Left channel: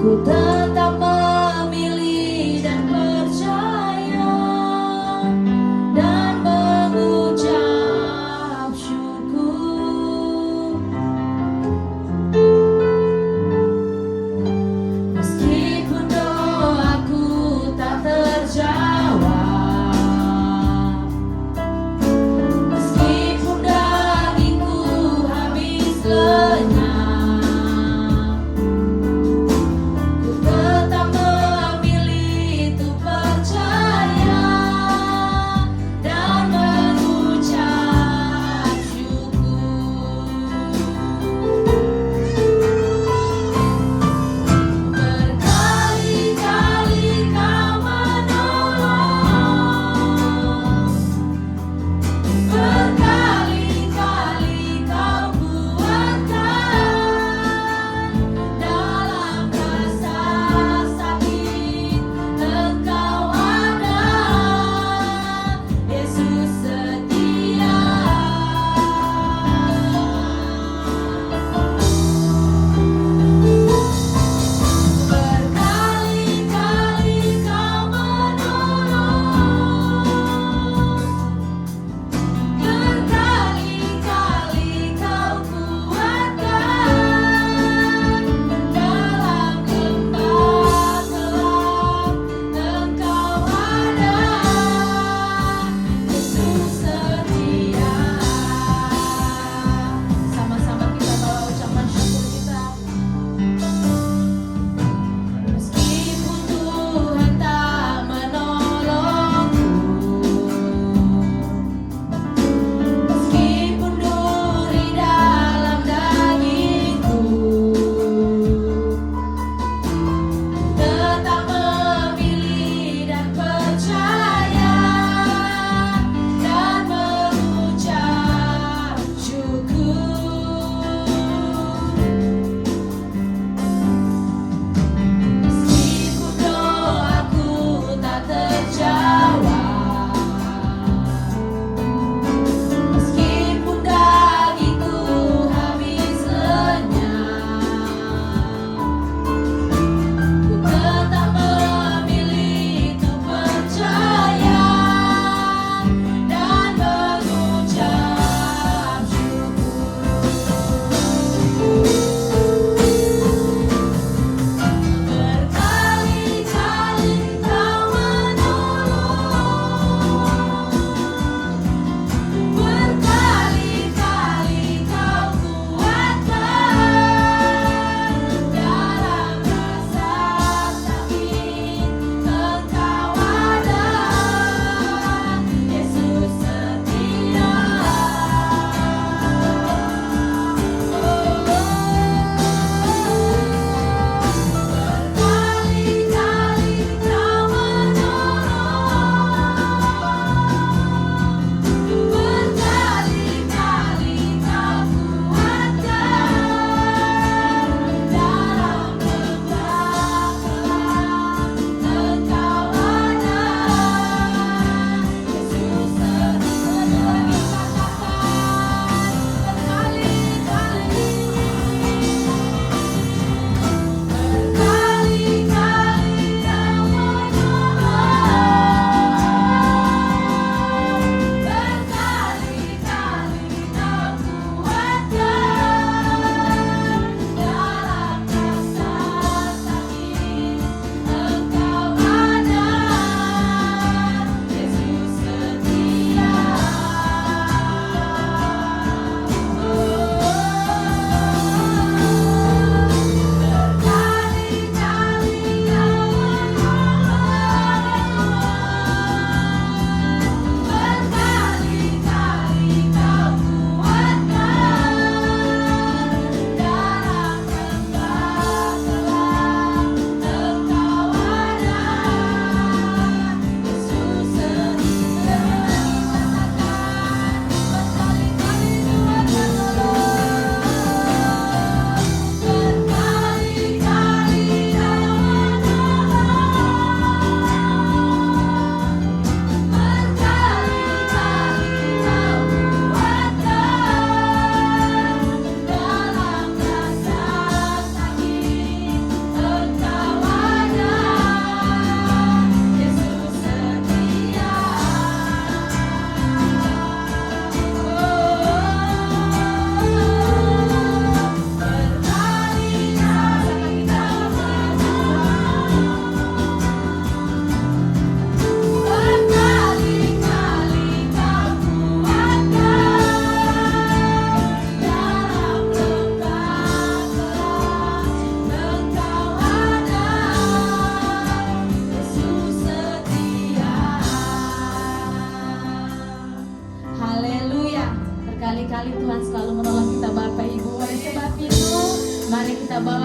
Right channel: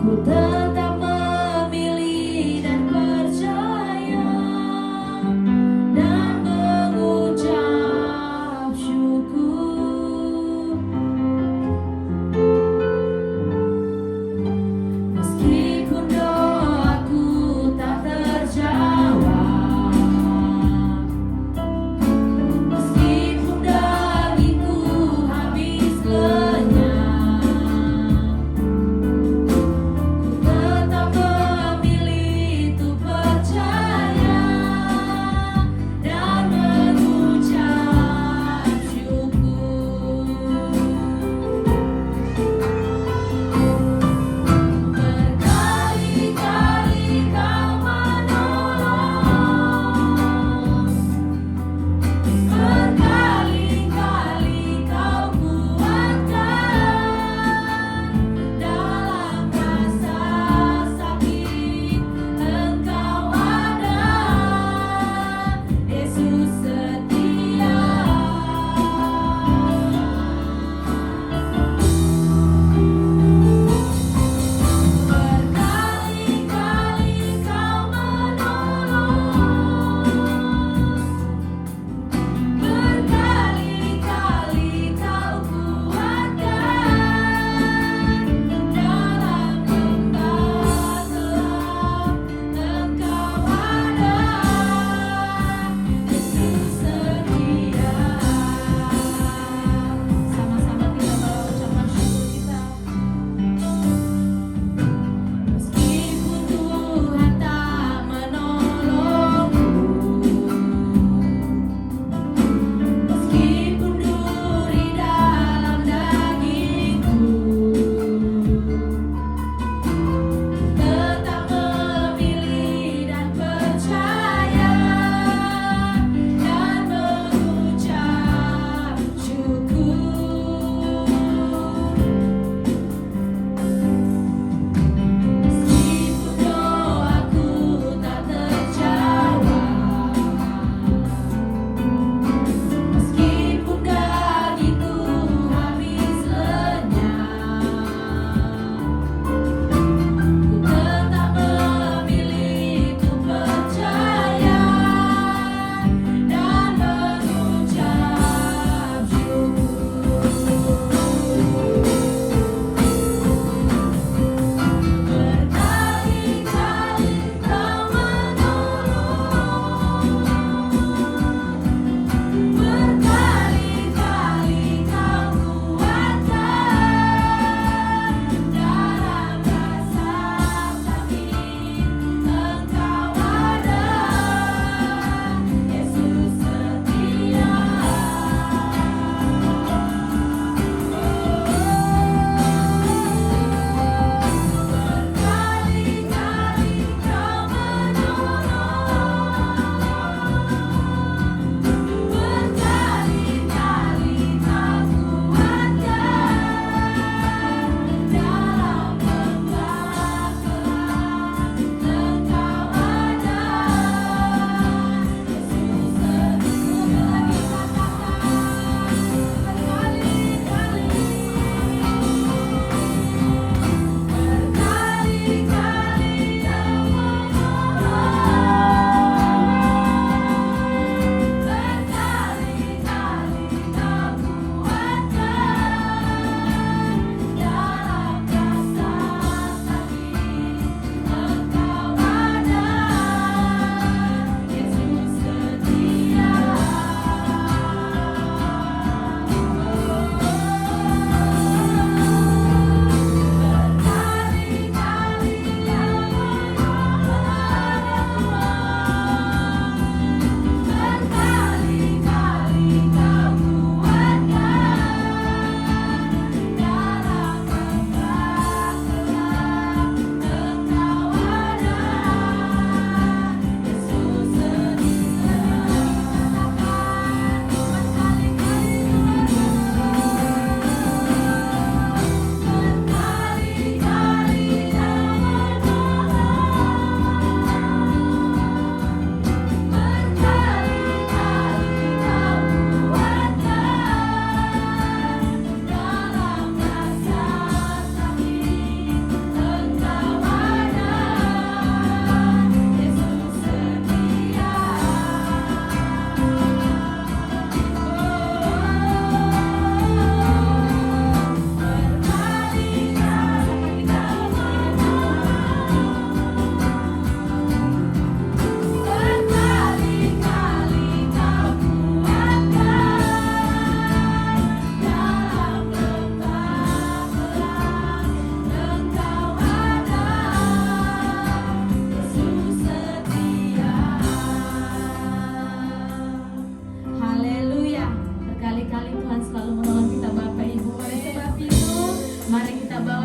Ku tetap memilih dan percaya dan mengucap syukur. Meskipun doaku tak terjawab, meskipun dagingku habis lenyap, ku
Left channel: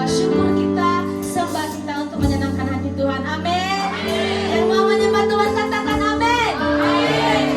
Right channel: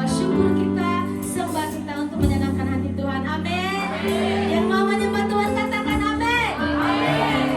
syukur kita, sembah kita untuk menyenangkan hati Tuhan. Amin. Yang mau menyembah Tuhan katakan amin.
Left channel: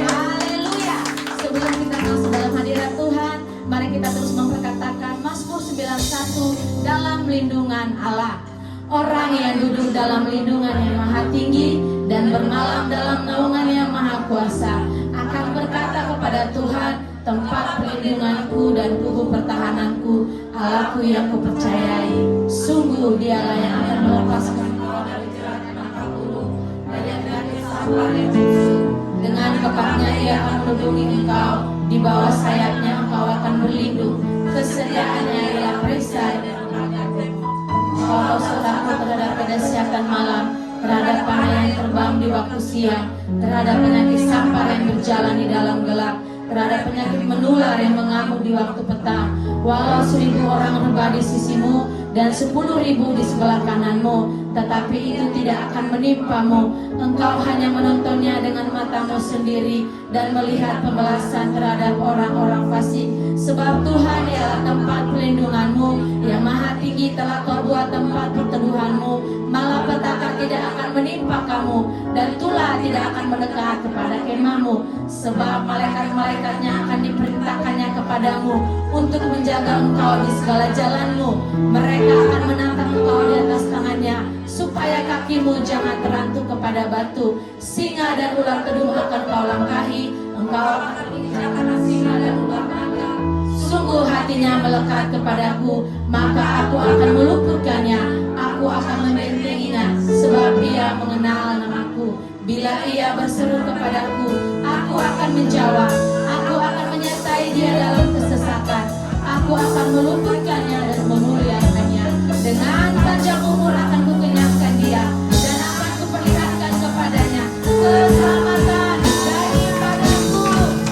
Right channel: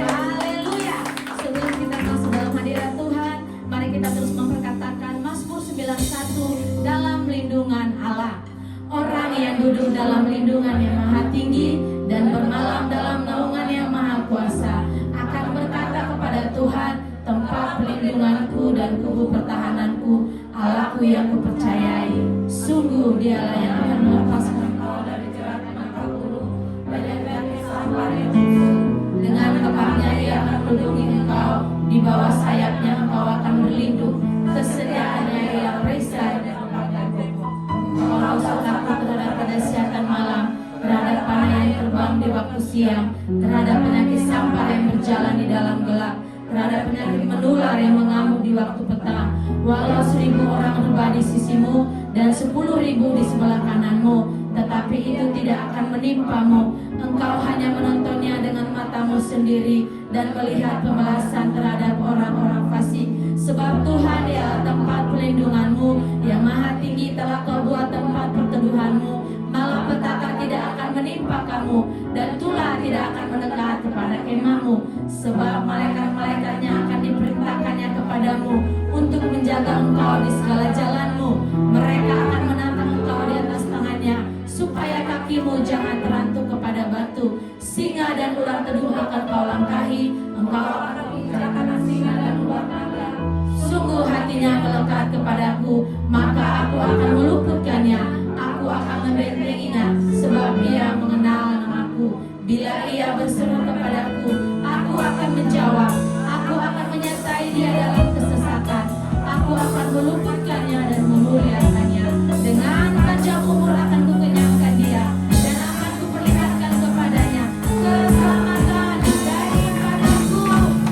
Haleluya. Sebelum kita masuk dalam hadirat Tuhan, mari kita terus memperkatakan Mazmur 91, dalam lindungan Allah. Orang yang duduk dalam lindungan yang maha tinggi dan bermalam dalam naungan yang maha kuasa akan berkata kepada Tuhan, tempat perlindunganku dan kubu pertahananku, Allahku yang kupercayai. Sungguh Dialah yang akan melepaskan engkau dari jerat mata burung dan dari sambar yang busuk. Dengan kepalanya Ia akan melindungi engkau, di bawah sayapnya engkau akan berlindung. Kesediaannya ialah perisai dan perlindunganmu. Engkau takut terhadap kedahsyatan malam, terhadap panah yang terbang di waktu siang, terhadap penyakit sampar yang berjalan di dalam gelap, terhadap penyakit menular yang mengamuk di waktu petang. Walau 1000 orang rebah di sisimu dan 10.000 di sebelah kananmu, tetapi itu tidak akan menimpamu. Engkau hanya menontonnya dengan matamu sendiri dan melihat pembalasan terhadap orang-orang fasik. Sebab Tuhan ialah tempat pelindunganmu, yang maha tinggi telah kau buat tempat perteduhanmu. Malapetaka tidak akan menimpa kamu, dan tulah tidak akan mendekat kepada kemahmu. Sebab malaikat-malaikatnya akan diperintahkannya kepadamu untuk menjaga engkau di segala jalanmu. Mereka akan menatang engkau di atas tangannya, supaya kakimu jangan terantuk kepada batu. Singa dan ular kedung akan kau langkahi, engkau akan menginjak anak singa dan ular naga. Sungguh hatinya melekat kepadaku, maka aku akan meluputkannya. Aku akan membentenginya, sebab dia mengenal namaku. Bila ia berseru kepadaku, aku akan menjawab. Aku akan menyertai dia dalam kesesatan. Aku akan meluputkannya dan memuliakannya. Dengan panjang umur akan kukenyangkan dia, dan akan kuperlihatkan kepadanya keselamatan daripadaku.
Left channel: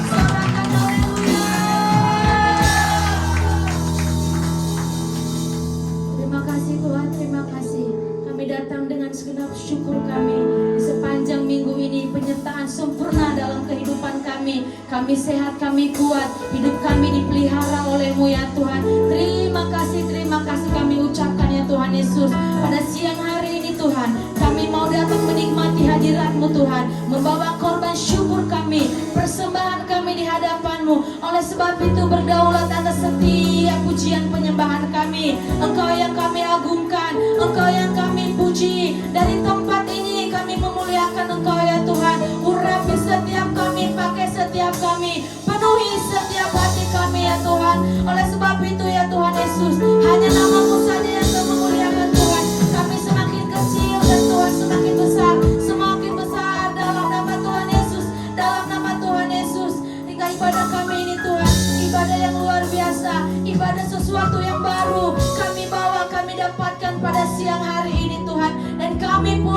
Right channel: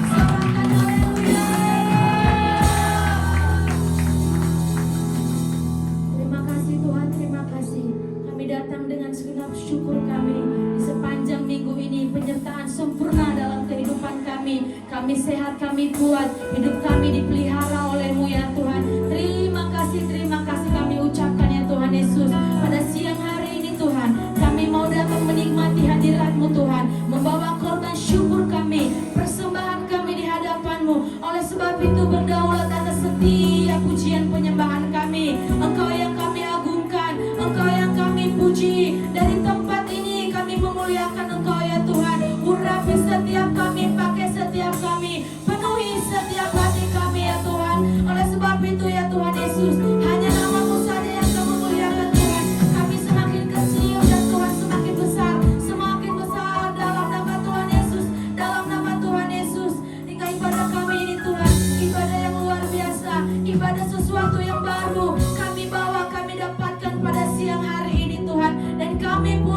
Sorakan haleluya. Terima kasih Tuhan, terima kasih. Kami datang dengan segenap syukur kami. Sepanjang minggu ini penyertaan sempurna dalam kehidupan kami. Kami sehat, kami kuat. Hidup kami dipelihara oleh-Mu ya Tuhan. Terima kasih kami ucapkan ya Tuhan Yesus. Pada siang hari ini Tuhan, kami mau datang menikmati hadirat-Mu Tuhan, membawa korban syukur kami, persembahan kami di hadapan-Mu. Oleh sebab itu berdaulat atas setiap pujian penyembahan kami. Engkau yang kami agungkan, Engkau yang kami puji. Dari tempat ini kami memuliakan Engkau ya Tuhan. Urapi setiap kami, pakai setiap kami, penuhi setiap hati kami ya Tuhan. Oleh sebab itu ya Tuhan Yesus, hanya nama-Mu saja yang kami muliakan Tuhan. Kami semakin kecil dan Tuhan semakin besar, semakin besar dalam nama Tuhan Yesus, dalam nama Tuhan Yesus. Hingga ibadah kami ini Tuhan, ibadah yang luar biasa, ibadah sesuatu yang baru kami bawa, kami dapatkan pada siang hari ini Tuhan. Dan kami pun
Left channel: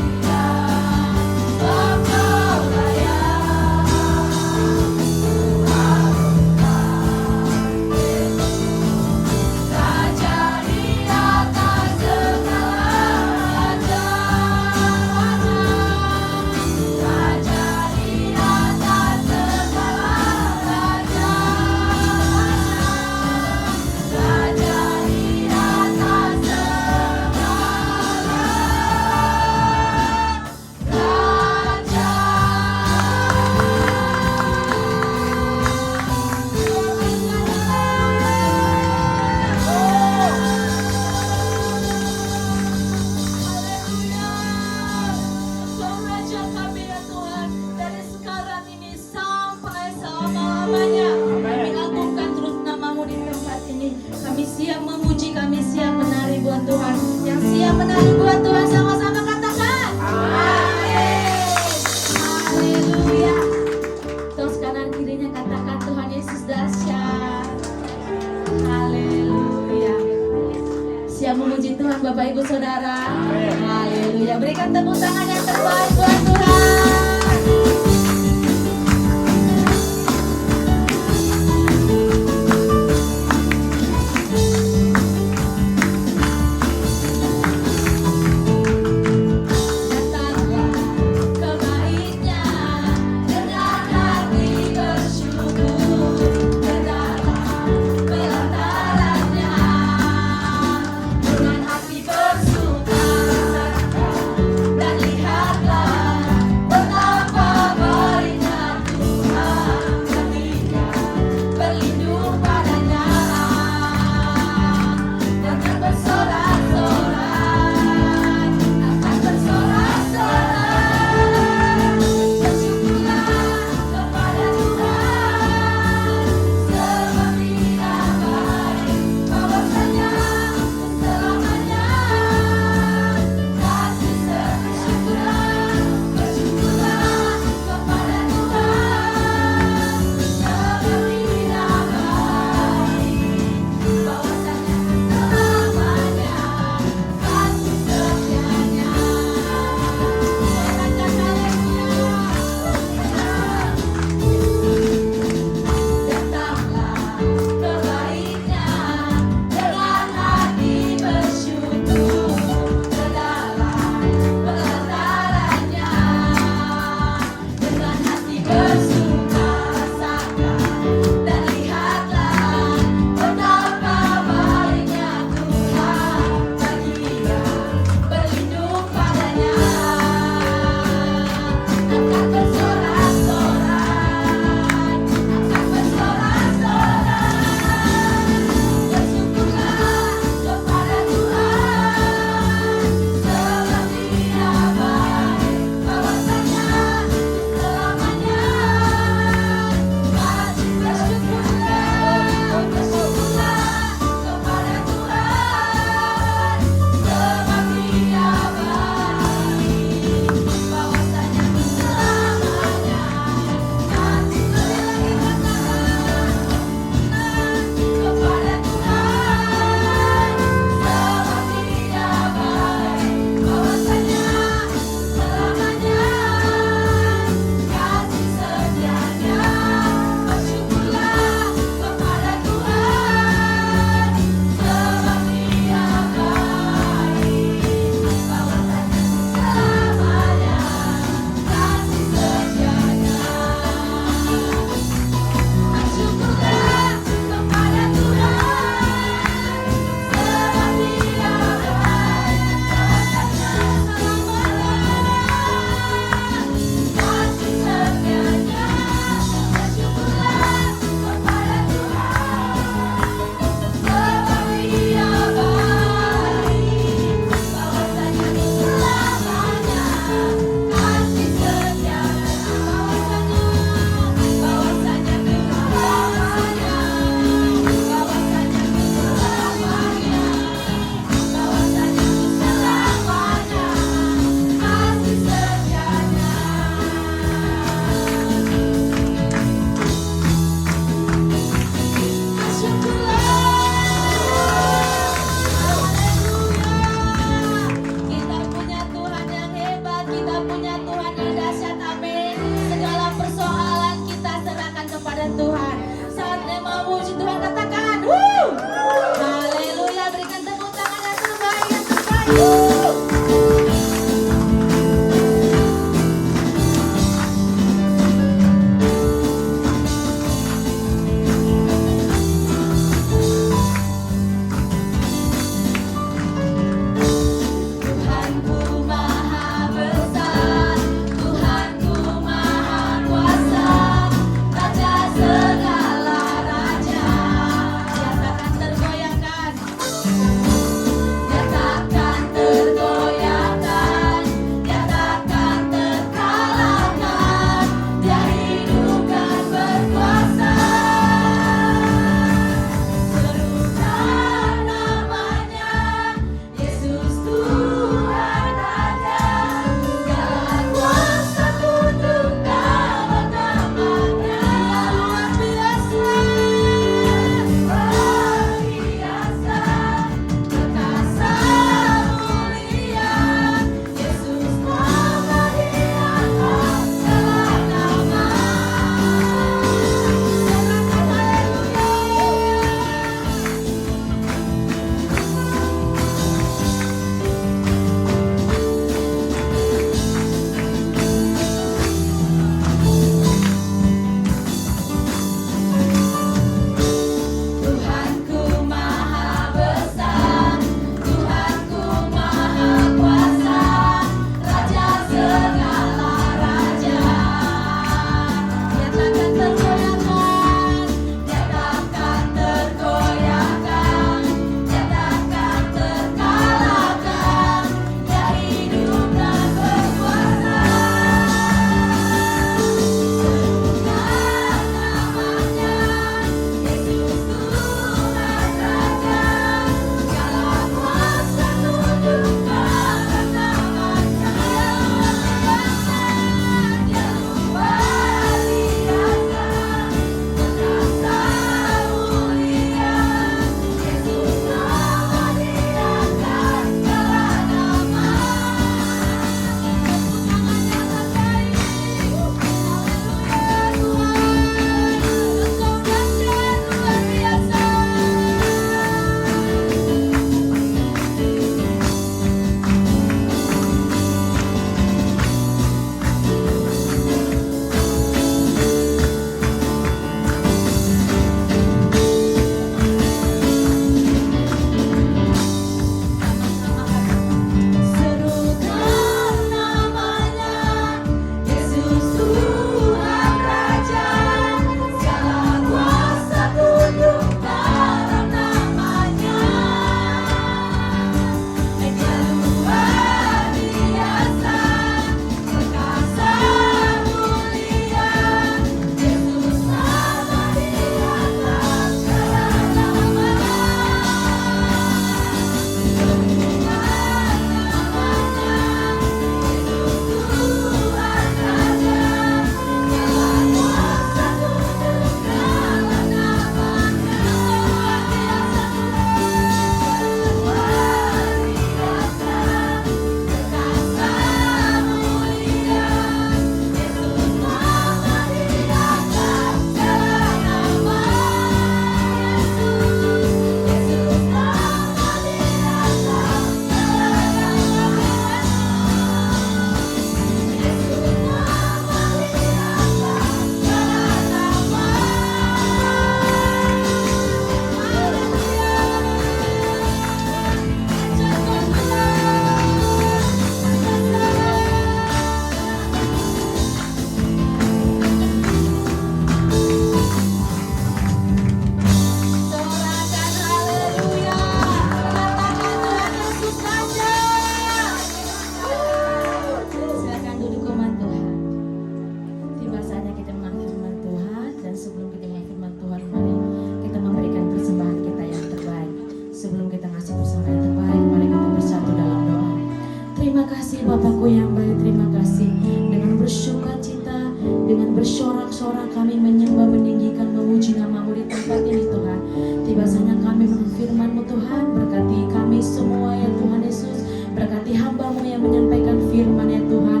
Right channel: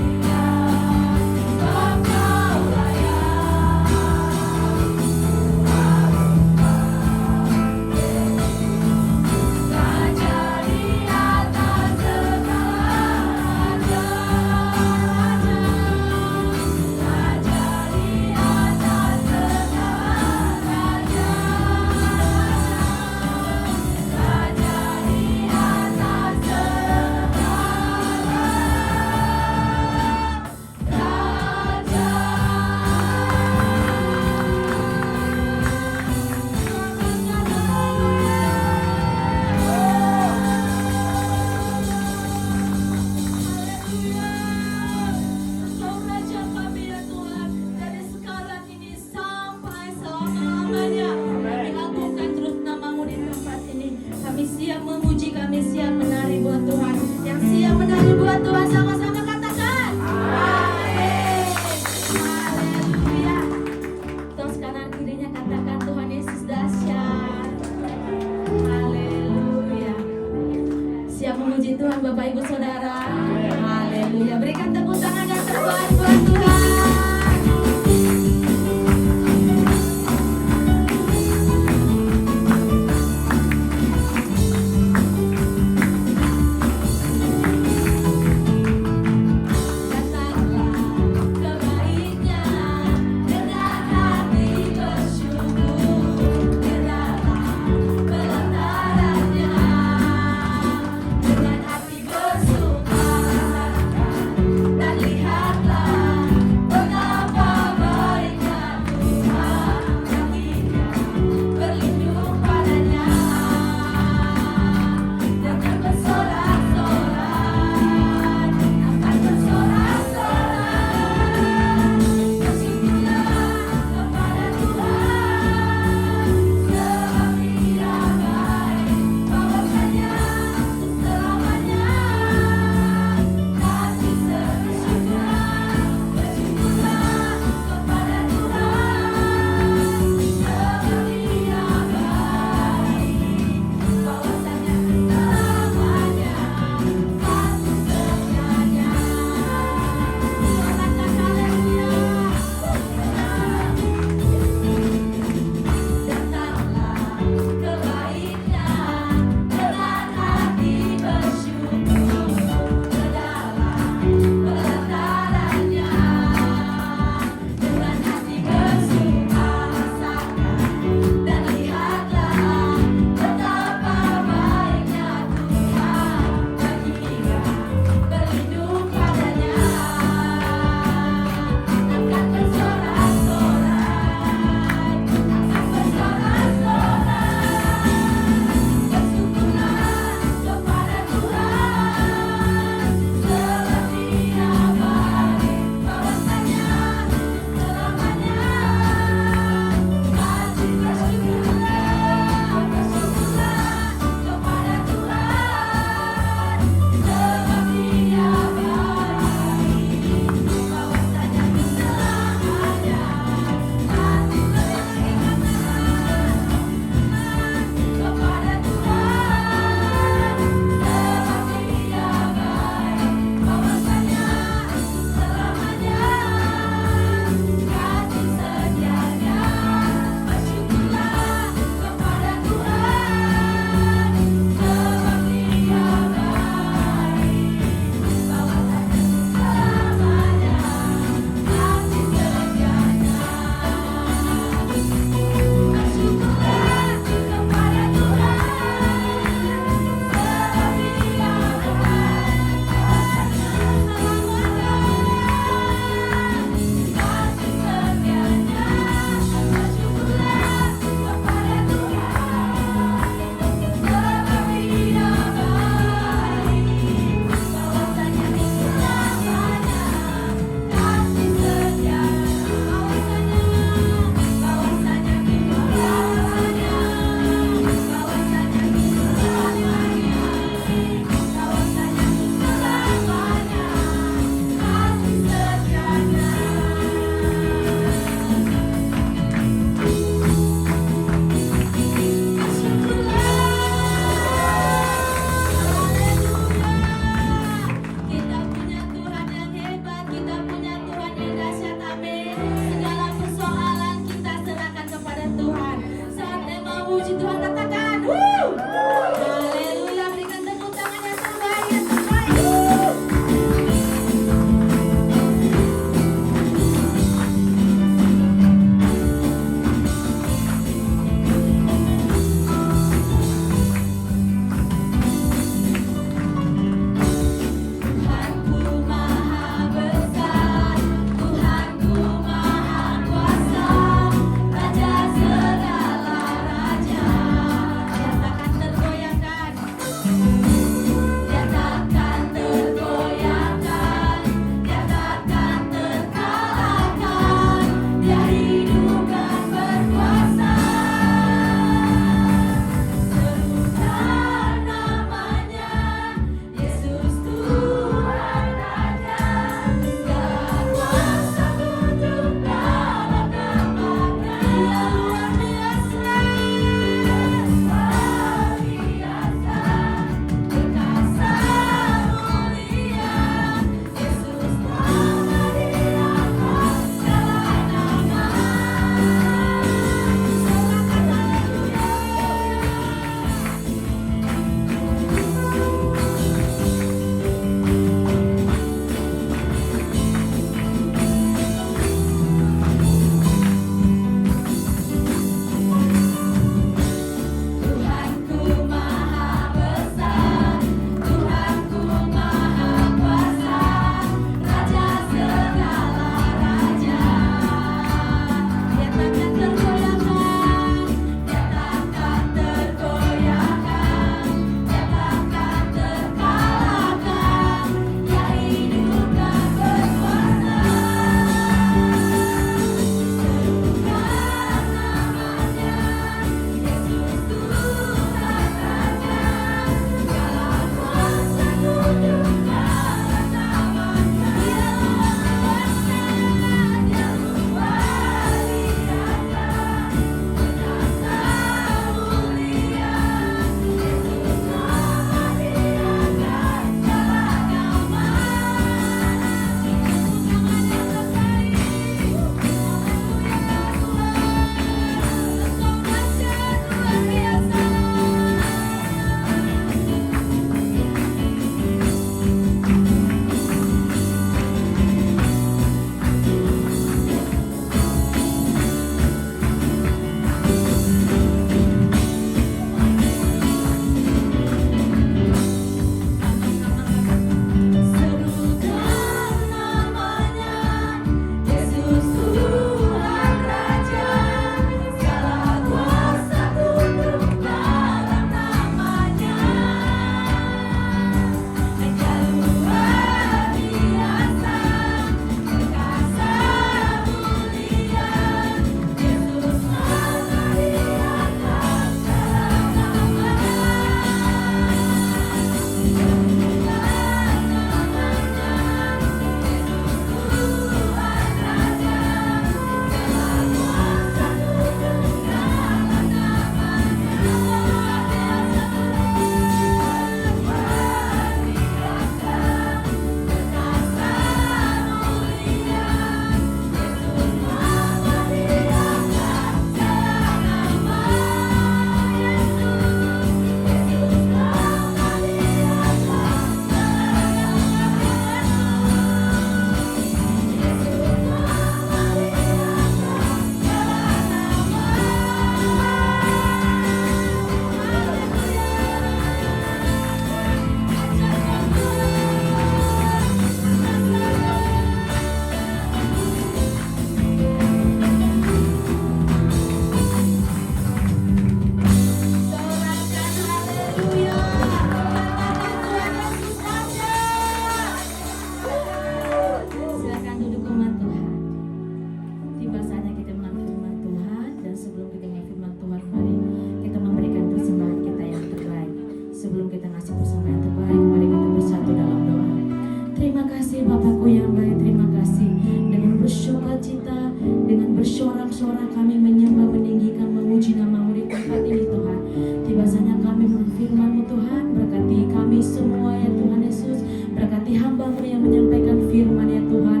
bersorak, kami menyembah, meninggikan, memuji nama-Mu di tempat ini Tuhan. Tiba saatnya kami menurut firman-Mu Tuhan. Berkati kami semua ya Tuhan Yesus. Berkati hamba-Mu yang menyampaikan firman ya Tuhan.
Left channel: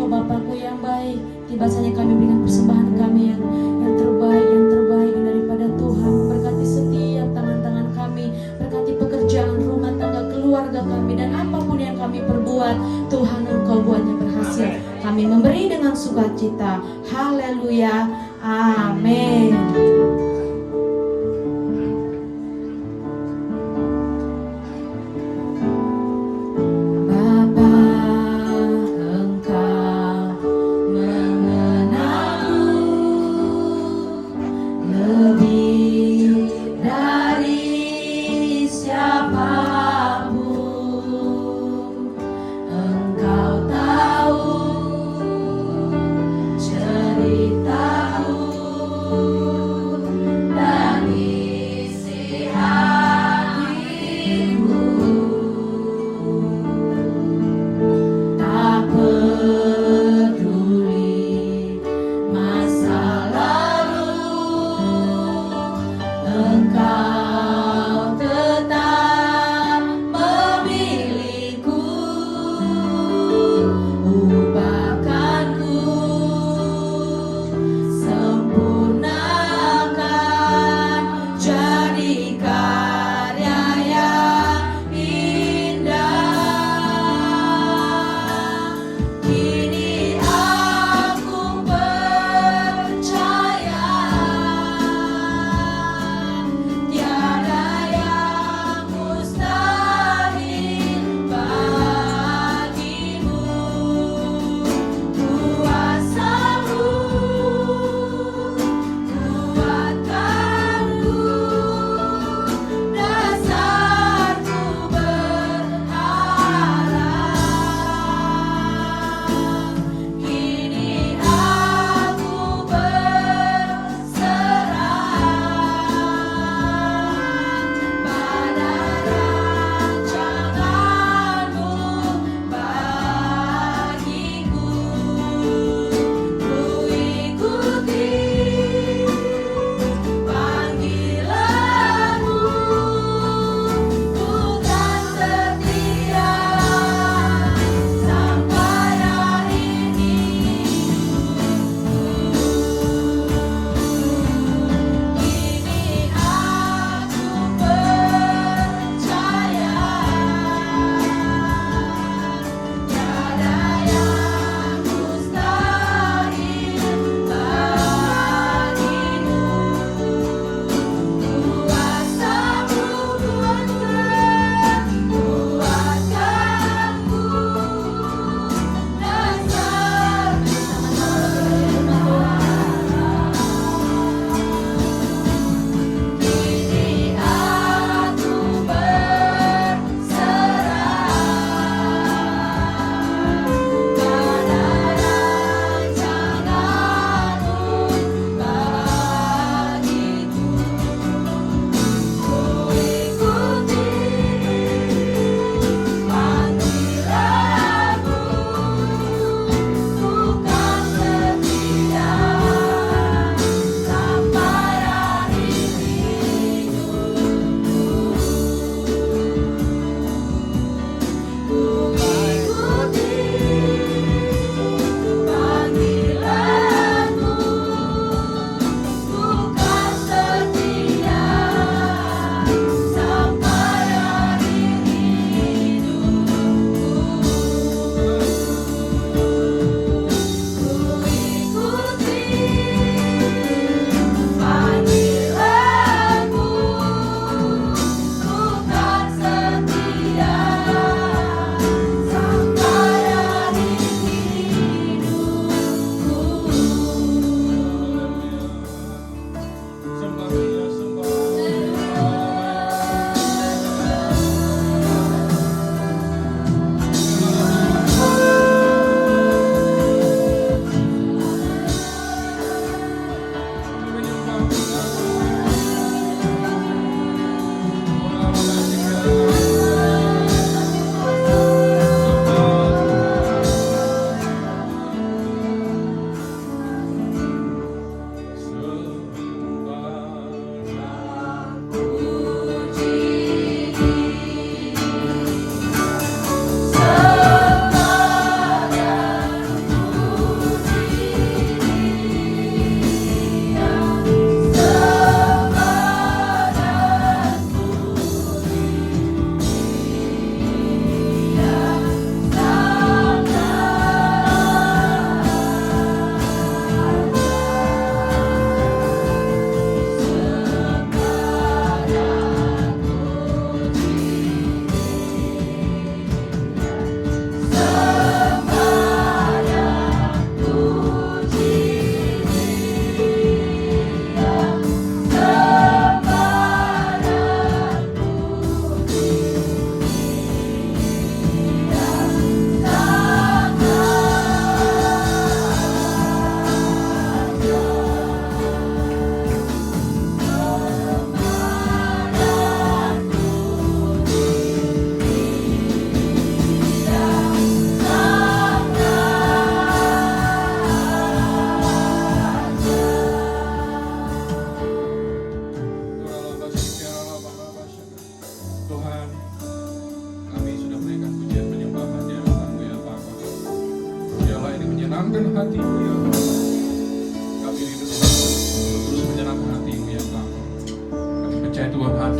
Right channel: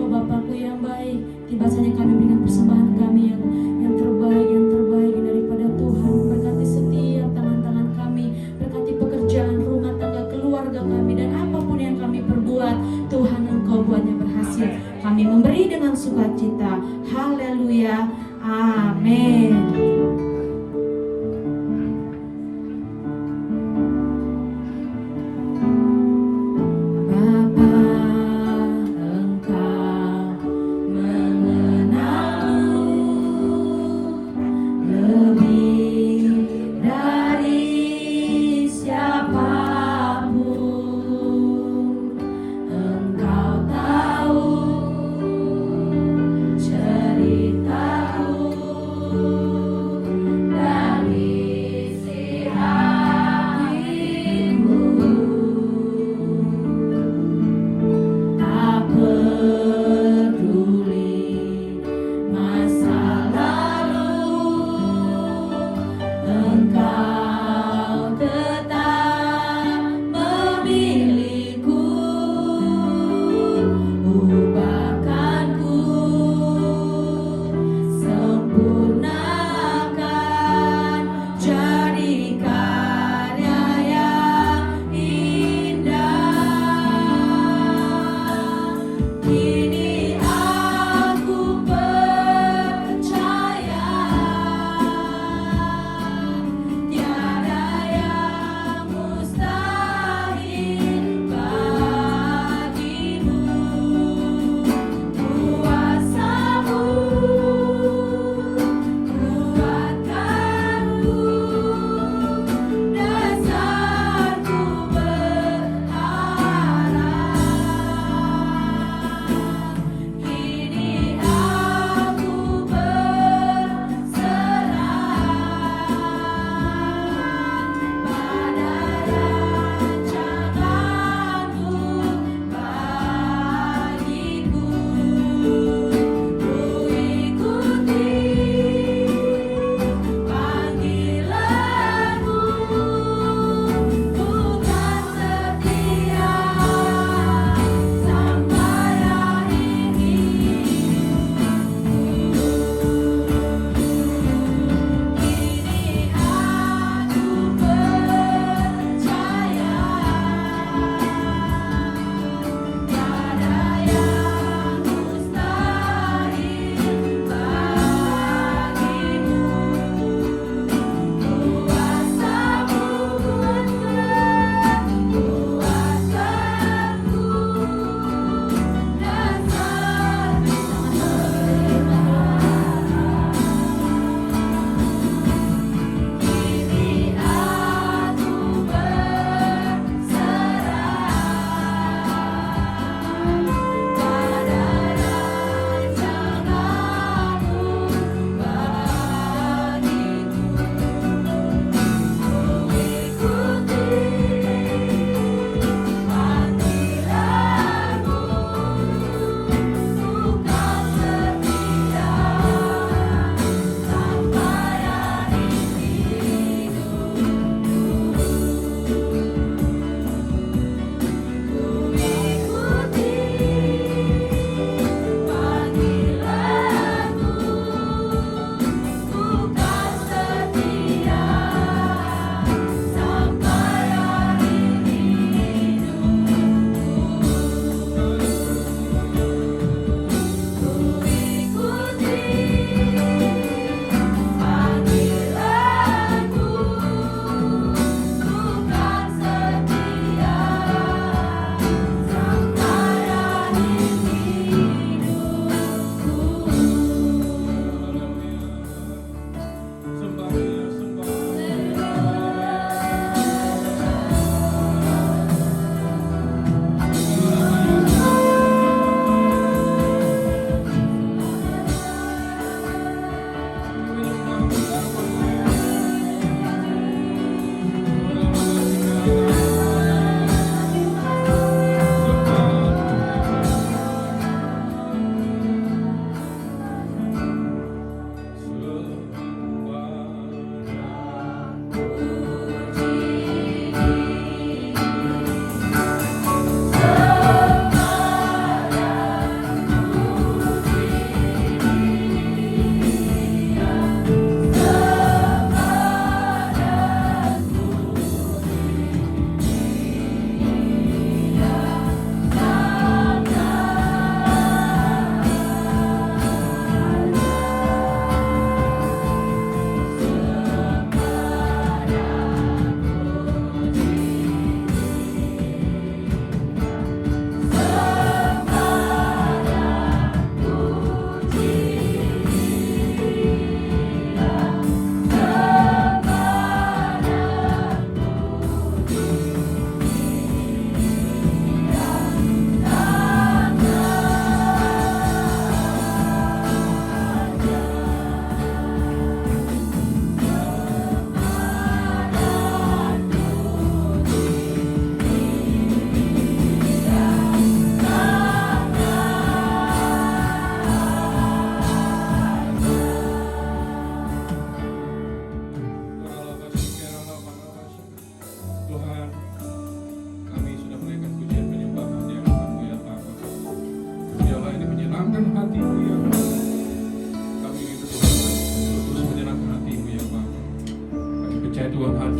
Oh Bapakku yang baik, tiba saatnya kami berikan persembahan kami yang terbaik daripada Tuhan. Berkati setiap tangan-tangan kami, berkati pekerjaan, rumah tangga, keluarga kami, dan apapun yang kami perbuat, Tuhan Engkau buatnya berhasil. Kami memberi dengan sukacita. Haleluya. Amin. Ceritaku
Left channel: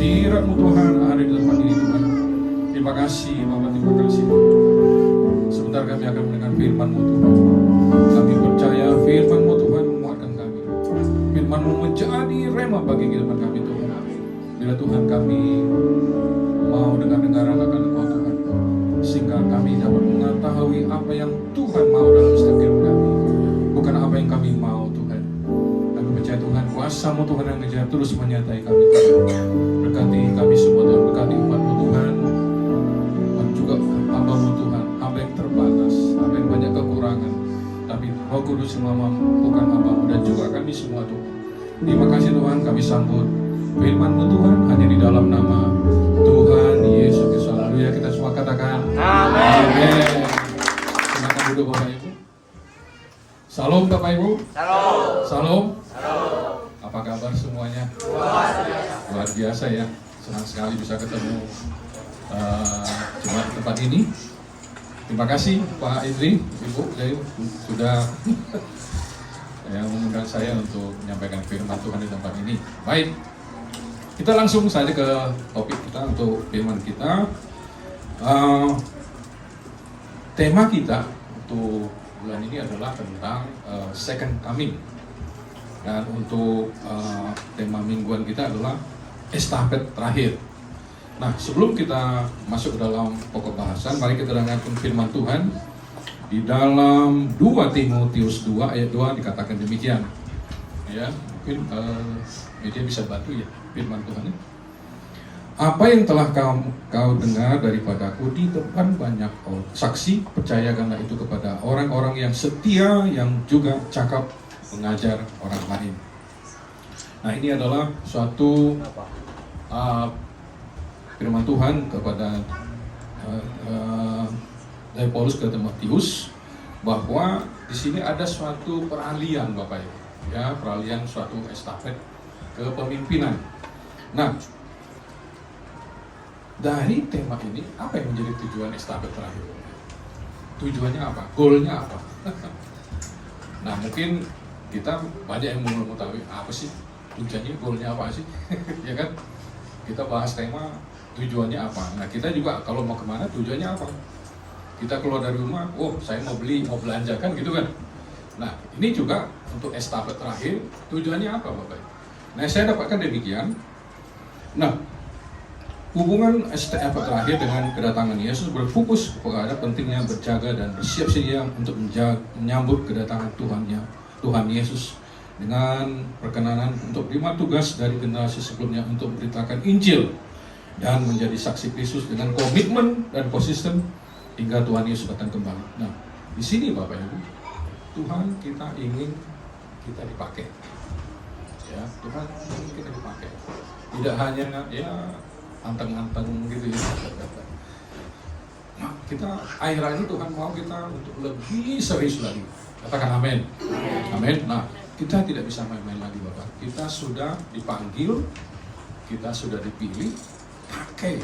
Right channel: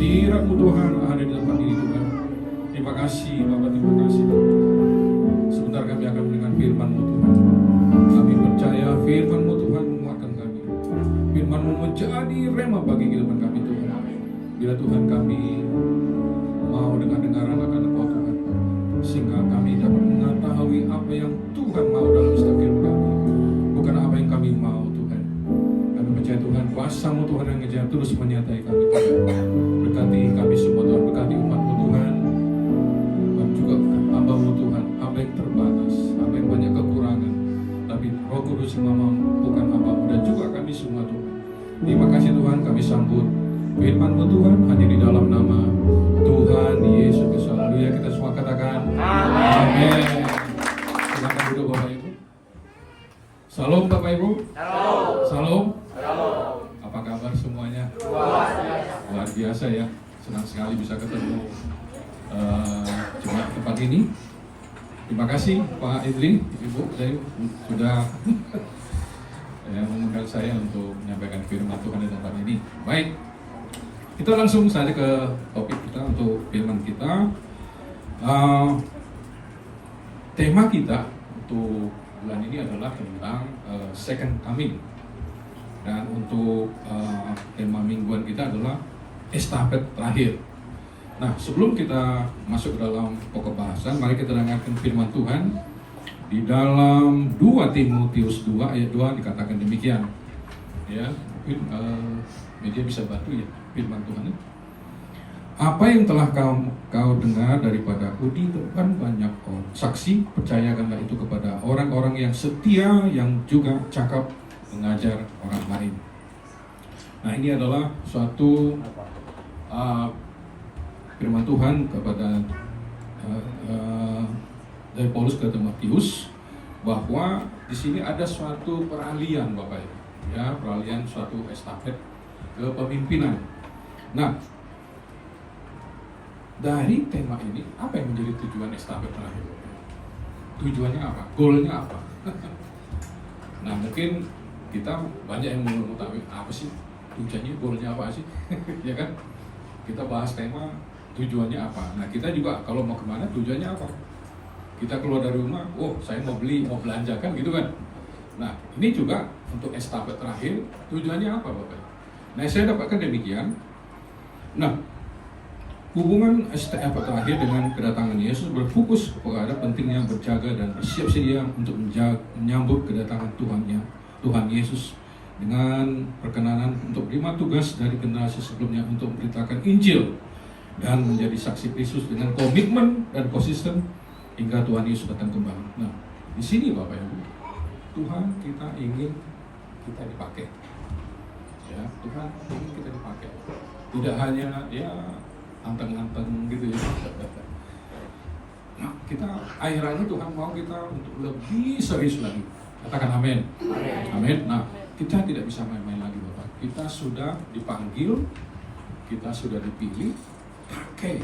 hadirat-Mu Tuhan ada di tempat ini Tuhan. Terima kasih Bapak, terima kasih Tuhan. Sebentar kami akan mendengar firman-Mu Tuhan. Kami percaya firman-Mu Tuhan menguatkan kami. Firman-Mu menjadi rema bagi kehidupan kami Tuhan. Bila Tuhan kami mau dengar-dengar akan Engkau Tuhan, sehingga kami dapat mengetahui apa yang Tuhan mau dalam setiap kehidupan kami, bukan apa yang kami mau Tuhan. Kami percaya Tuhan, kuasa-Mu Tuhan yang kerja terus menyertai kami Tuhan. Berkati kami semua Tuhan, berkati umat-Mu Tuhan, dan juga hamba-Mu Tuhan, hamba yang terbatas, hamba yang banyak kekurangan, tapi Roh Kudus yang mampukan hamba-Mu dan juga kami semua Tuhan. Terima kasih Tuhan, kami sambut firman-Mu Tuhan hanya di dalam nama Tuhan Yesus Kristus. Haleluya, kita semua katakan amin. Silakan duduk Bapak Ibu. Salam Bapak Ibu. Salam. Apa kabar semuanya? Luar biasa ya, senang sekali bisa ketemu jemaat tempat ini. Terima kasih Pak Idri, Ibu Jayu sudah mengundang saya untuk menyampaikan firman Tuhan di tempat ini. Baik, kita langsung saja ke topik kita untuk firman kita. Tema kita untuk bulan ini adalah tentang second coming, dan untuk tema mingguan kita adalah estafet terakhir. Nah, sebelum kita masuk ke dalam pokok bahasan, mari kita dengarkan firman Tuhan di dalam 2 Timotius 2 ayat 2 dikatakan demikian. Ya, mungkin media bisa bantu ya firman Tuhan ini. Apa yang telah kau dengar daripadaku di depan banyak saksi, percayakanlah itu kepada orang-orang yang setia, yang juga cakap mengajar orang lain. Nah, ini adalah suatu firman Tuhan kepada dari Paulus ke Timotius, bahwa di sini ada suatu peralihan Bapak Ibu, ya, peralihan suatu estafet kepemimpinan. Nah, dari tema ini, apa yang menjadi tujuan estafet terakhir? Tujuannya apa? Goalnya apa? Nah, mungkin kita banyak yang mau mengetahui apa sih tujuannya, goalnya apa sih? Ya kan? Kita bahas tema tujuannya apa. Nah, kita juga kalau mau kemana, tujuannya apa? Kita keluar dari rumah, oh saya mau beli, mau belanja kan gitu kan? Nah, ini juga untuk estafet terakhir, tujuannya apa Bapak? Nah, saya dapatkan demikian. Nah, hubungan estafet terakhir dengan kedatangan Yesus berfokus kepada pentingnya berjaga dan bersiap sedia untuk menyambut kedatangan Tuhan Yesus dengan perkenanan untuk menerima tugas dari generasi sebelumnya untuk memberitakan Injil dan menjadi saksi Kristus dengan komitmen dan konsisten hingga Tuhan Yesus datang kembali. Nah, di sini Bapak Ibu, Tuhan kita ingin kita dipakai. Ya, Tuhan ingin kita dipakai. Tidak hanya ya anteng-anteng gitu ya. Nah, kita akhirnya Tuhan mau kita untuk lebih serius lagi. Katakan amin. Amin. Nah, kita tidak bisa main-main lagi Bapak. Kita sudah dipanggil, kita sudah dipilih, pakai.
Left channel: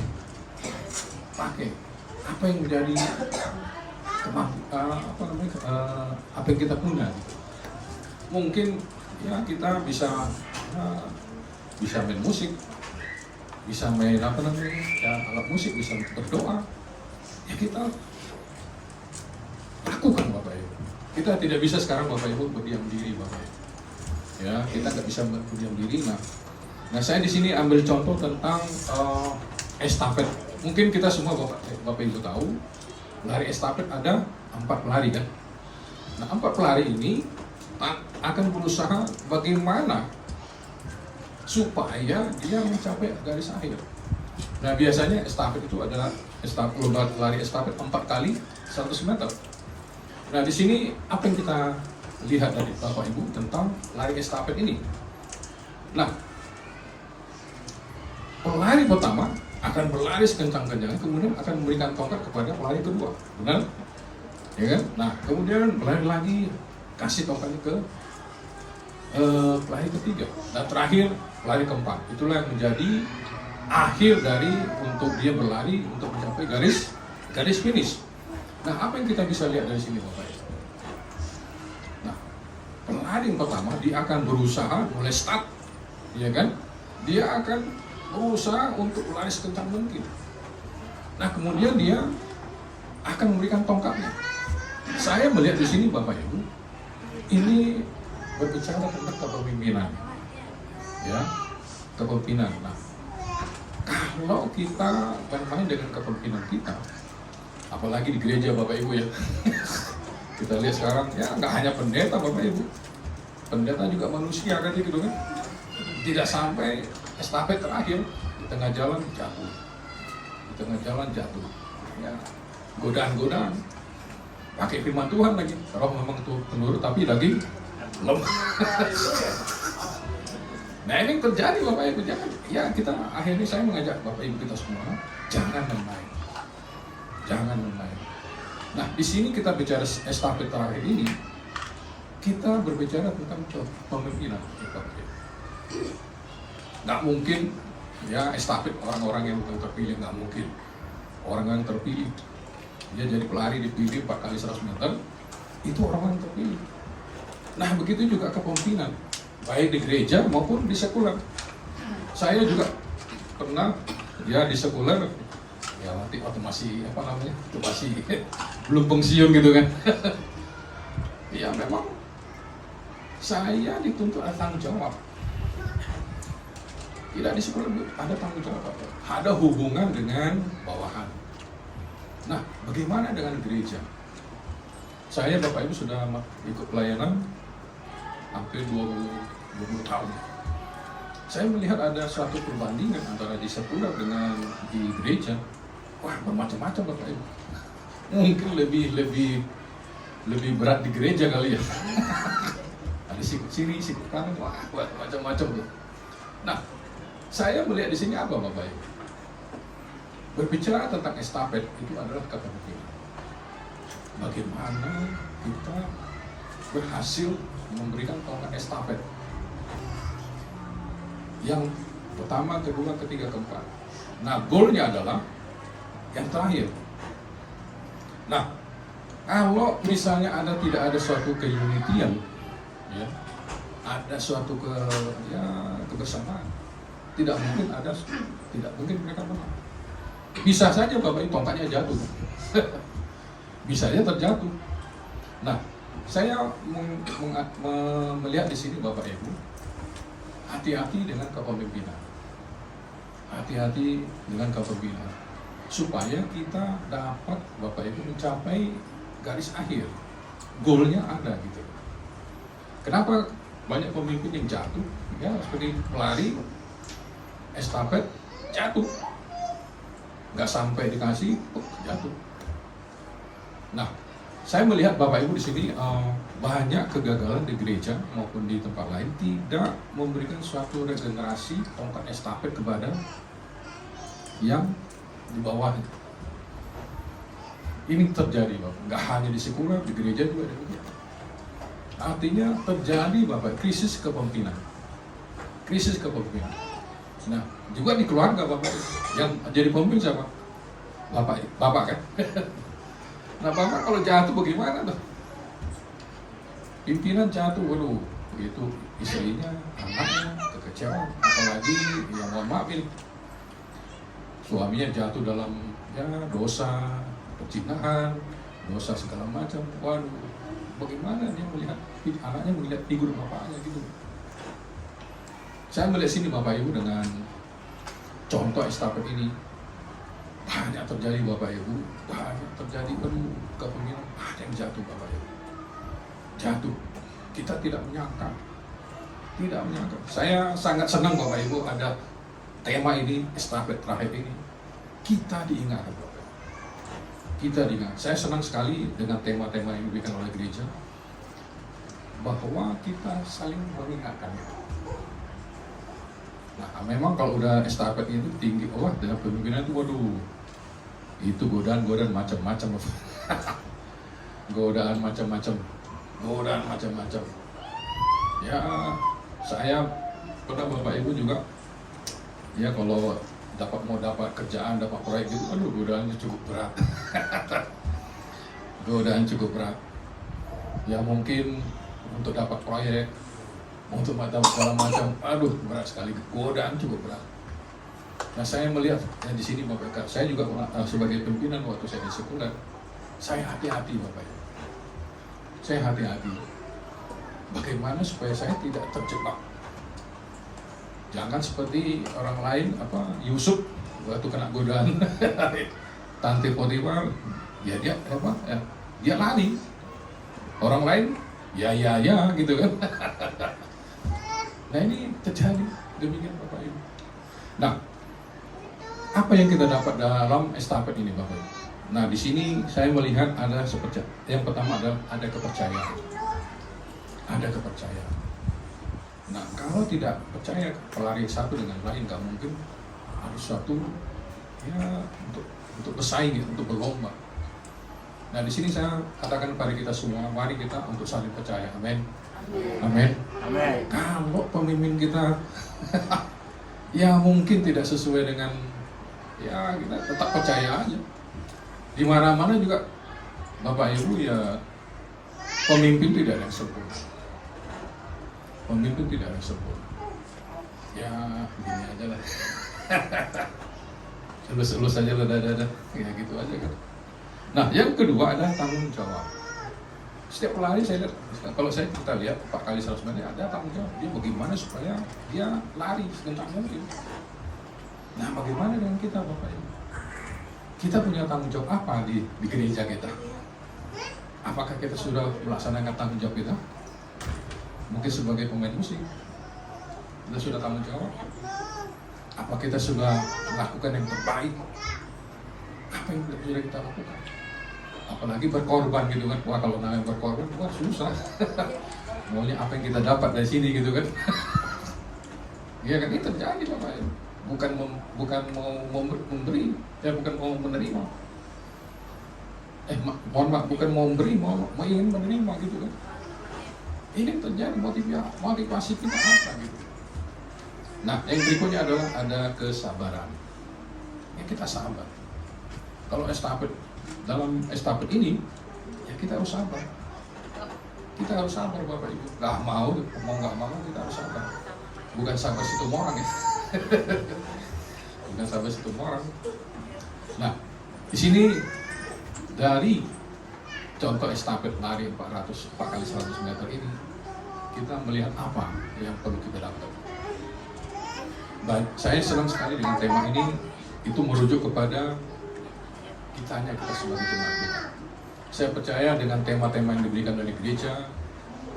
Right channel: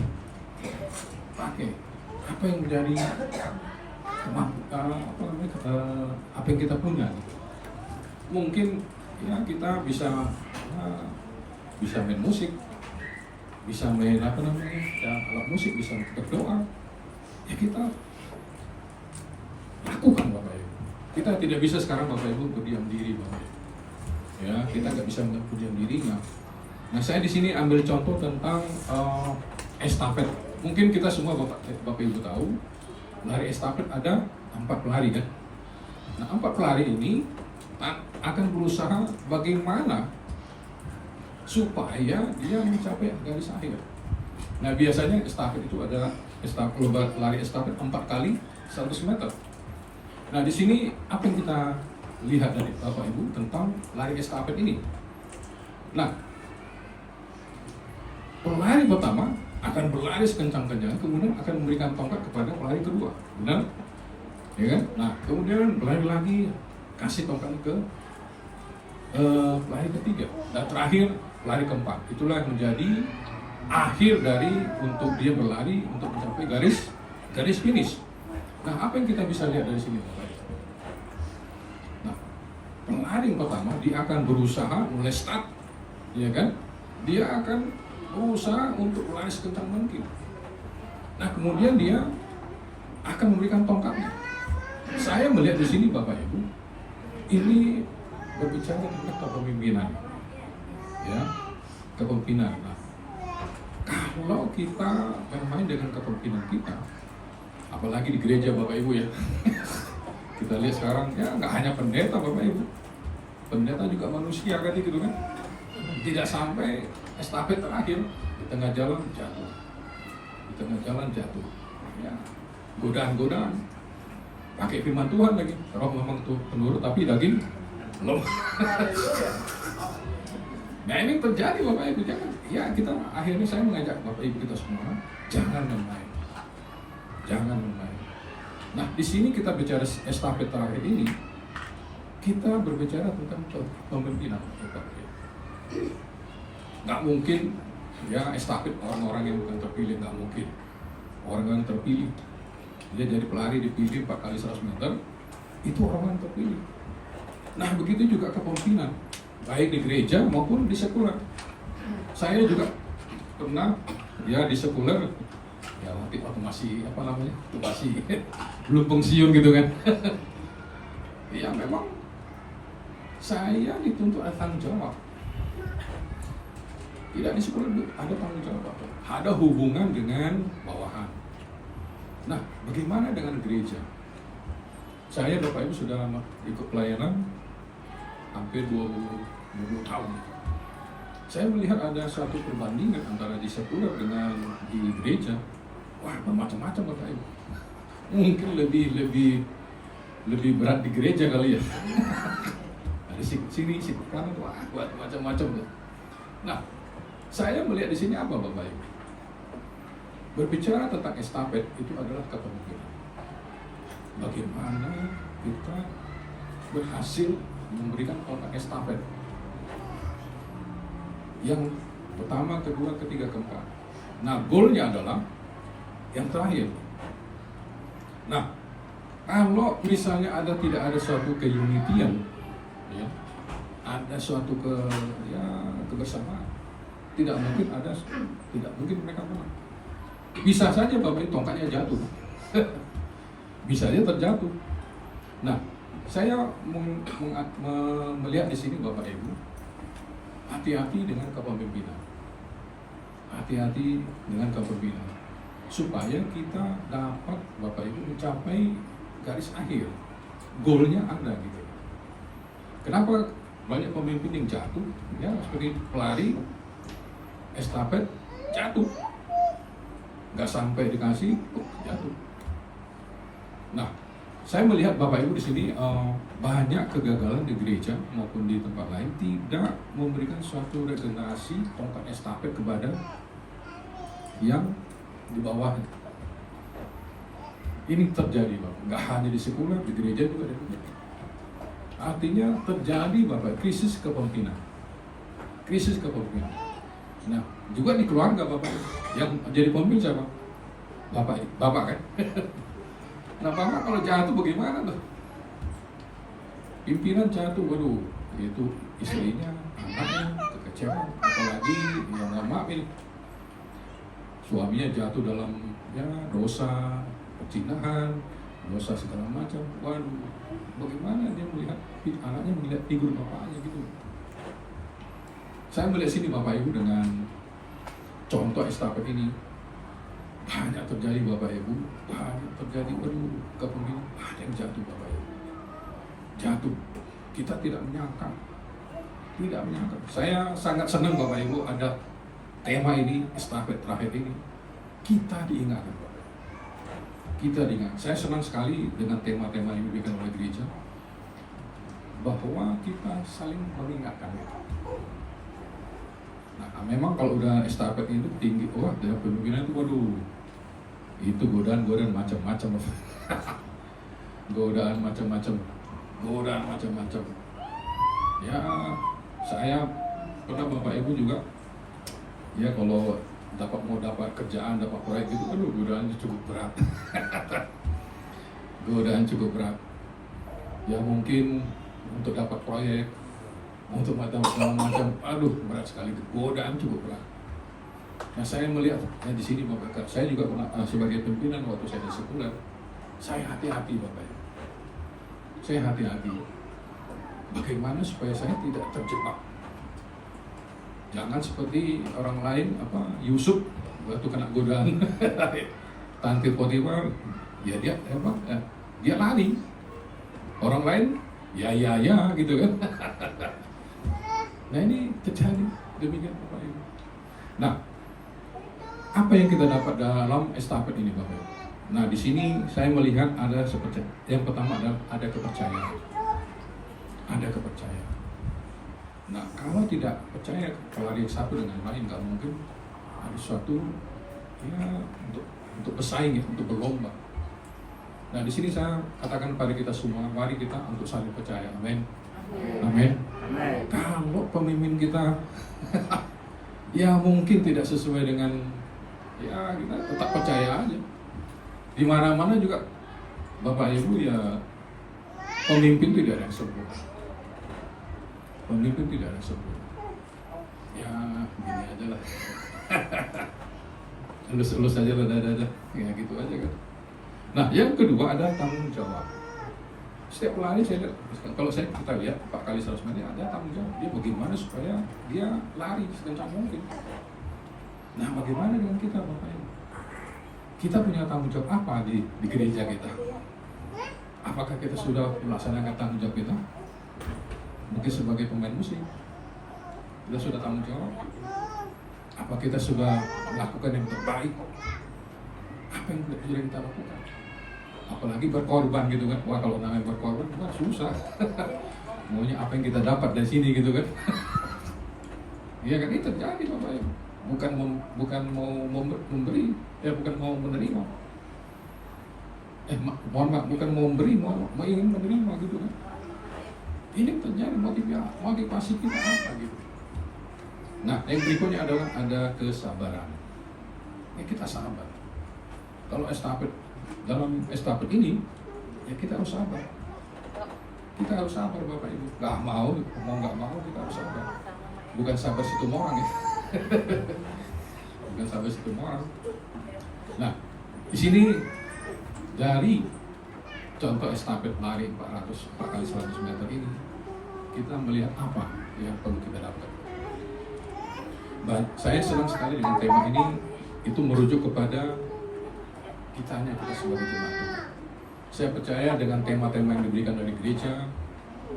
Apa yang menjadi apa yang kita punya. Mungkin ya kita bisa main musik, bisa main ya, alat musik, bisa berdoa, ya kita lakukan Bapak Ibu. Kita tidak bisa sekarang Bapak Ibu berdiam diri Bapak Ibu. Ya, kita nggak bisa berdiam diri. Nah saya di sini ambil contoh tentang estafet. Mungkin kita semua Bapak Ibu tahu, lari estafet ada 4 pelari kan. Nah 4 pelari ini akan berusaha bagaimana supaya dia mencapai garis akhir. Nah biasanya estafet itu adalah lari estafet 4 kali 100 meter. Nah di sini apa yang kita lihat dari Bapak Ibu tentang lari estafet ini? Nah, pelari pertama akan berlari sekencang-kencangnya, kemudian akan memberikan tongkat kepada pelari kedua, benar? Ya kan? Nah, kemudian berlari lagi, kasih tongkatnya ke pelari ketiga, dan terakhir pelari keempat. Itulah yang menjadi akhir dari untuk dia berlari untuk mencapai garis finish. Nah, apa yang kita bisa lihat dari sini, Bapak? Nah, pelari yang pertama dia akan berusaha mulai start, ya kan? Dia akan berusaha untuk lari sekencang mungkin. Nah kemudian dia akan memberikan tongkatnya. Saya melihat di sini Bapak Ibu, ini berbicara tentang kepemimpinan, ya, kepemimpinan. Nah, kalau kita main-main dengan kepemimpinan kita, apalagi di gereja Bapak Ibu ya, kita lihat sekarang ya nggak hanya pendeta Bapak Ibu, pendeta juga manusia kan gitu kan, tidak sampai estafet terakhir di tengah jalan jatuh, di tengah jalan jatuh, ya godaan-godaan, pakai firman Tuhan lagi, roh memang tuh penurut tapi lagi lemah. Nah ini terjadi Bapak Ibu, ya kita akhirnya saya mengajak Bapak Ibu kita semua jangan main-main, jangan main-main. Nah di sini kita bicara estafet terakhir ini, kita berbicara tentang pemimpinan Bapak Ibu. Nggak mungkin ya estafet orang-orang yang bukan terpilih, nggak mungkin. Orang yang terpilih, dia jadi pelari dipilih 4 kali 100 meter, itu orang yang terpilih. Nah begitu juga kepemimpinan, baik di gereja maupun di sekuler. Saya juga pernah ya di sekuler, ya waktu masih apa namanya, masih belum pensiun gitu kan. Ya memang saya dituntut ada tanggung jawab. Tidak di sekuler ada tanggung jawab, ada hubungan dengan bawahan. Nah, bagaimana dengan gereja? Saya Bapak Ibu sudah ikut pelayanan hampir 20 tahun. Saya melihat ada suatu perbandingan antara di sekuler dengan di gereja. Wah, bermacam-macam Bapak Ibu. Mungkin lebih berat di gereja kali ya. Ada sini, kanan, wah, macam-macam tuh. Nah, saya melihat di sini apa Bapak Ibu? Berbicara tentang estafet itu adalah kepemimpinan. Bagaimana kita berhasil memberikan tongkat estafet yang pertama, kedua, ketiga, keempat. Nah, goalnya adalah yang terakhir. Nah, kalau misalnya tidak ada suatu keunitian, ya, ada suatu kebersamaan, tidak mungkin mereka menang. Bisa saja Bapak Ibu tongkatnya jatuh, bisa saja terjatuh. Nah, saya melihat di sini Bapak Ibu, hati-hati dengan kepemimpinan, hati-hati dengan kepemimpinan, supaya kita dapat Bapak Ibu mencapai garis akhir, goalnya ada gitu. Kenapa banyak pemimpin yang jatuh? Ya seperti pelari estafet jatuh, nggak sampai dikasih, jatuh. Nah, saya melihat Bapak Ibu di sini banyak kegagalan di gereja maupun di tempat lain tidak memberikan suatu regenerasi tongkat estafet kepada yang di bawahnya. Ini terjadi Bapak, nggak hanya di sekuler, di gereja juga ada. Artinya terjadi Bapak krisis kepemimpinan, krisis kepemimpinan. Nah, juga di keluarga Bapak, yang jadi pemimpin siapa? Bapak kan? Nah, Bapak kalau jatuh bagaimana tuh? Pimpinan jatuh, waduh, itu istrinya, anaknya, kekecewaan, apalagi yang mohon maaf ini, suaminya jatuh dalam ya dosa perzinahan, dosa segala macam. Waduh, bagaimana dia melihat anaknya melihat figur bapaknya gitu. Saya melihat sini Bapak Ibu dengan contoh estafet ini banyak terjadi Bapak Ibu, banyak terjadi kepemimpinan, ada yang jatuh Bapak Ibu, jatuh. Kita tidak menyangka. Saya sangat senang Bapak Ibu ada tema ini, estafet terakhir ini. Kita diingat Bapak Ibu. Kita diingat. Saya senang sekali dengan tema-tema yang diberikan oleh gereja, bahwa kita saling mengingatkan. Nah, memang kalau udah estafet itu tinggi, wah dalam pemimpinan itu waduh, itu godaan macam-macam. godaan macam-macam. Ya, saya pernah Bapak Ibu juga, ya kalau mau dapat kerjaan, dapat proyek itu, aduh godaannya cukup berat. Godaan cukup berat. Ya mungkin untuk dapat proyek, untuk dapat segala macam, aduh berat sekali, godaan cukup berat. Nah, saya melihat di sini Bapak, saya juga sebagai pimpinan waktu saya di sekuler, saya hati-hati Bapak. Saya hati-hati. Bagaimana supaya saya tidak terjebak? Jangan seperti orang lain, Yusuf waktu kena godaan Tante Potifar, dia lari. Orang lain, ya gitu kan. Nah, ini terjadi demikian Bapak Ibu. Nah, apa yang kita dapat dalam estafet ini Bapak Ibu? Nah, di sini saya melihat ada seperti yang pertama ada kepercayaan. Ada kepercayaan. Nah, kalau tidak percaya pelari satu dengan lain, nggak mungkin harus suatu ya untuk bersaing ya, untuk berlomba. Nah, di sini saya katakan kepada kita semua, mari kita untuk saling percaya. Amin. Amin. Amin. Kalau pemimpin kita ya mungkin tidak sesuai dengan ya kita tetap percaya aja. Di mana-mana juga Bapak Ibu ya pemimpin tidak ada yang sempurna. Pemimpin tidak ada yang sempurna. Ya gini aja lah. Elus-elus aja lah, dada, ya gitu aja kan. Nah, yang kedua ada tanggung jawab. Setiap pelari saya lihat, kalau kita lihat 4 kali 100 meter ada tanggung jawab. Dia bagaimana supaya dia lari sekencang mungkin. Nah, bagaimana dengan kita Bapak Ibu? Kita punya tanggung jawab apa di gereja kita? Apakah kita sudah melaksanakan tanggung jawab kita? Mungkin sebagai pemain musik, kita sudah tanggung jawab. Apa kita sudah melakukan yang terbaik? Apa yang sudah kita lakukan? Apalagi berkorban gitu kan. Wah, kalau namanya berkorban itu kan susah. Maunya apa yang kita dapat dari sini gitu kan. Ya kan, itu terjadi Bapak Ibu. Bukan mau memberi, ya bukan mau menerima. Mohon maaf, bukan mau memberi, mau ingin menerima gitu kan. Ini terjadi motivasi kita apa gitu. Nah, yang berikutnya adalah ada kesabaran. Ya, kita sabar. Kalau dalam estafet ini, ya kita harus sabar. Kita harus sabar Bapak Ibu. Nggak mau kita harus sabar. Bukan sabar situ orang ya. Bukan sabar situ orang. Nah, di sini dari contoh estafet lari 4 kali 100 meter ini, kita melihat apa yang perlu kita dapat. Saya senang sekali dengan tema ini, itu merujuk kepada kita sebagai jemaat Tuhan. Saya percaya dengan tema-tema yang diberikan dari gereja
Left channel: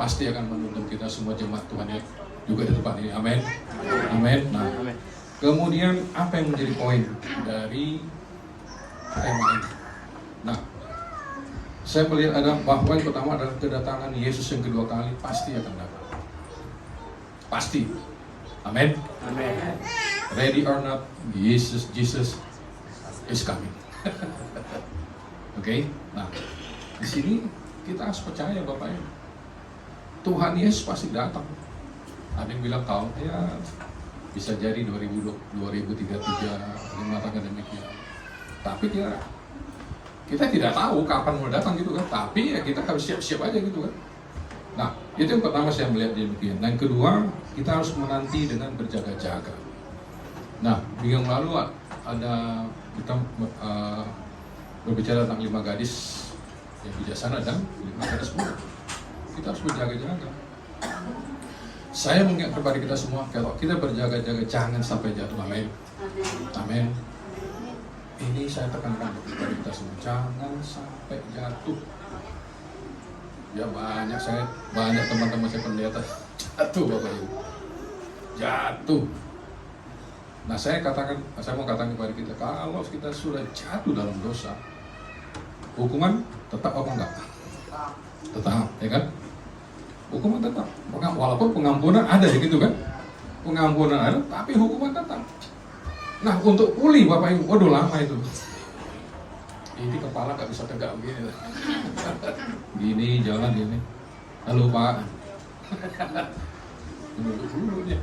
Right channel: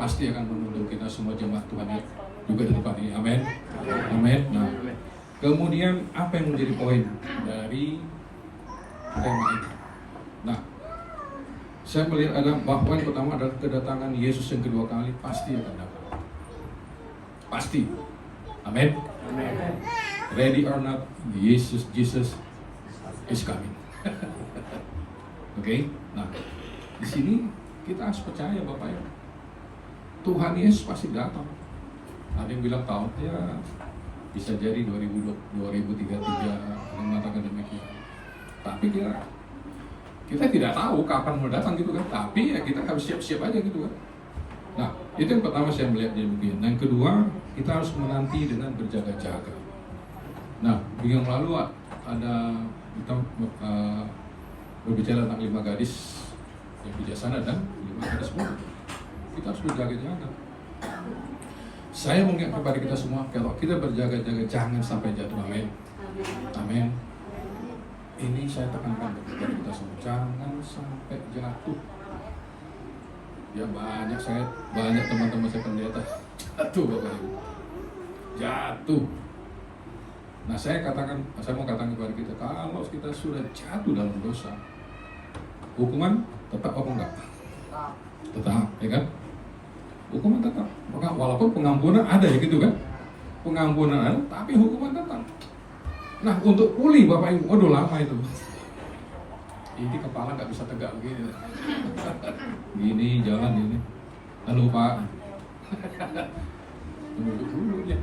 pasti akan menuntun kita semua jemaat Tuhan ya, juga di tempat ini. Amin. Amin. Nah, kemudian apa yang menjadi poin dari tema ini? Nah, saya melihat ada bahwa yang pertama adalah kedatangan Yesus yang kedua kali pasti akan datang. Pasti. Amin. Amin. Ready or not, Jesus is coming. Oke, nah di sini kita harus percaya Bapak ya, Tuhan Yesus pasti datang. Ada yang bilang tahun ya bisa jadi 2033 mengatakan demikian. Tapi kita tidak tahu kapan mau datang gitu kan. Tapi ya kita harus siap-siap aja gitu kan. Nah, itu yang pertama saya melihat demikian. Yang kedua, kita harus menanti dengan berjaga-jaga. Nah, minggu yang lalu kita berbicara tentang 5 gadis yang bijaksana dan 5 gadis muda. Kita harus berjaga-jaga. Saya mungkin kepada kita semua, kalau kita berjaga-jaga jangan sampai jatuh. Amin. Amin. Ini saya tekankan kepada kita semua, jangan sampai jatuh. Ya banyak teman-teman saya pendeta jatuh Bapak Ibu. Jatuh. Nah, saya mau katakan kepada kita, kalau kita sudah jatuh dalam dosa, hukuman tetap apa enggak? Tetap, ya kan? Hukuman tetap. Walaupun pengampunan ada ya gitu kan? Pengampunan ada, tapi hukuman tetap. Nah, untuk pulih Bapak Ibu, waduh lama itu. Ini kepala nggak bisa tegak begini. Gini, jalan gini. Halo Pak. Duduk dulu ya.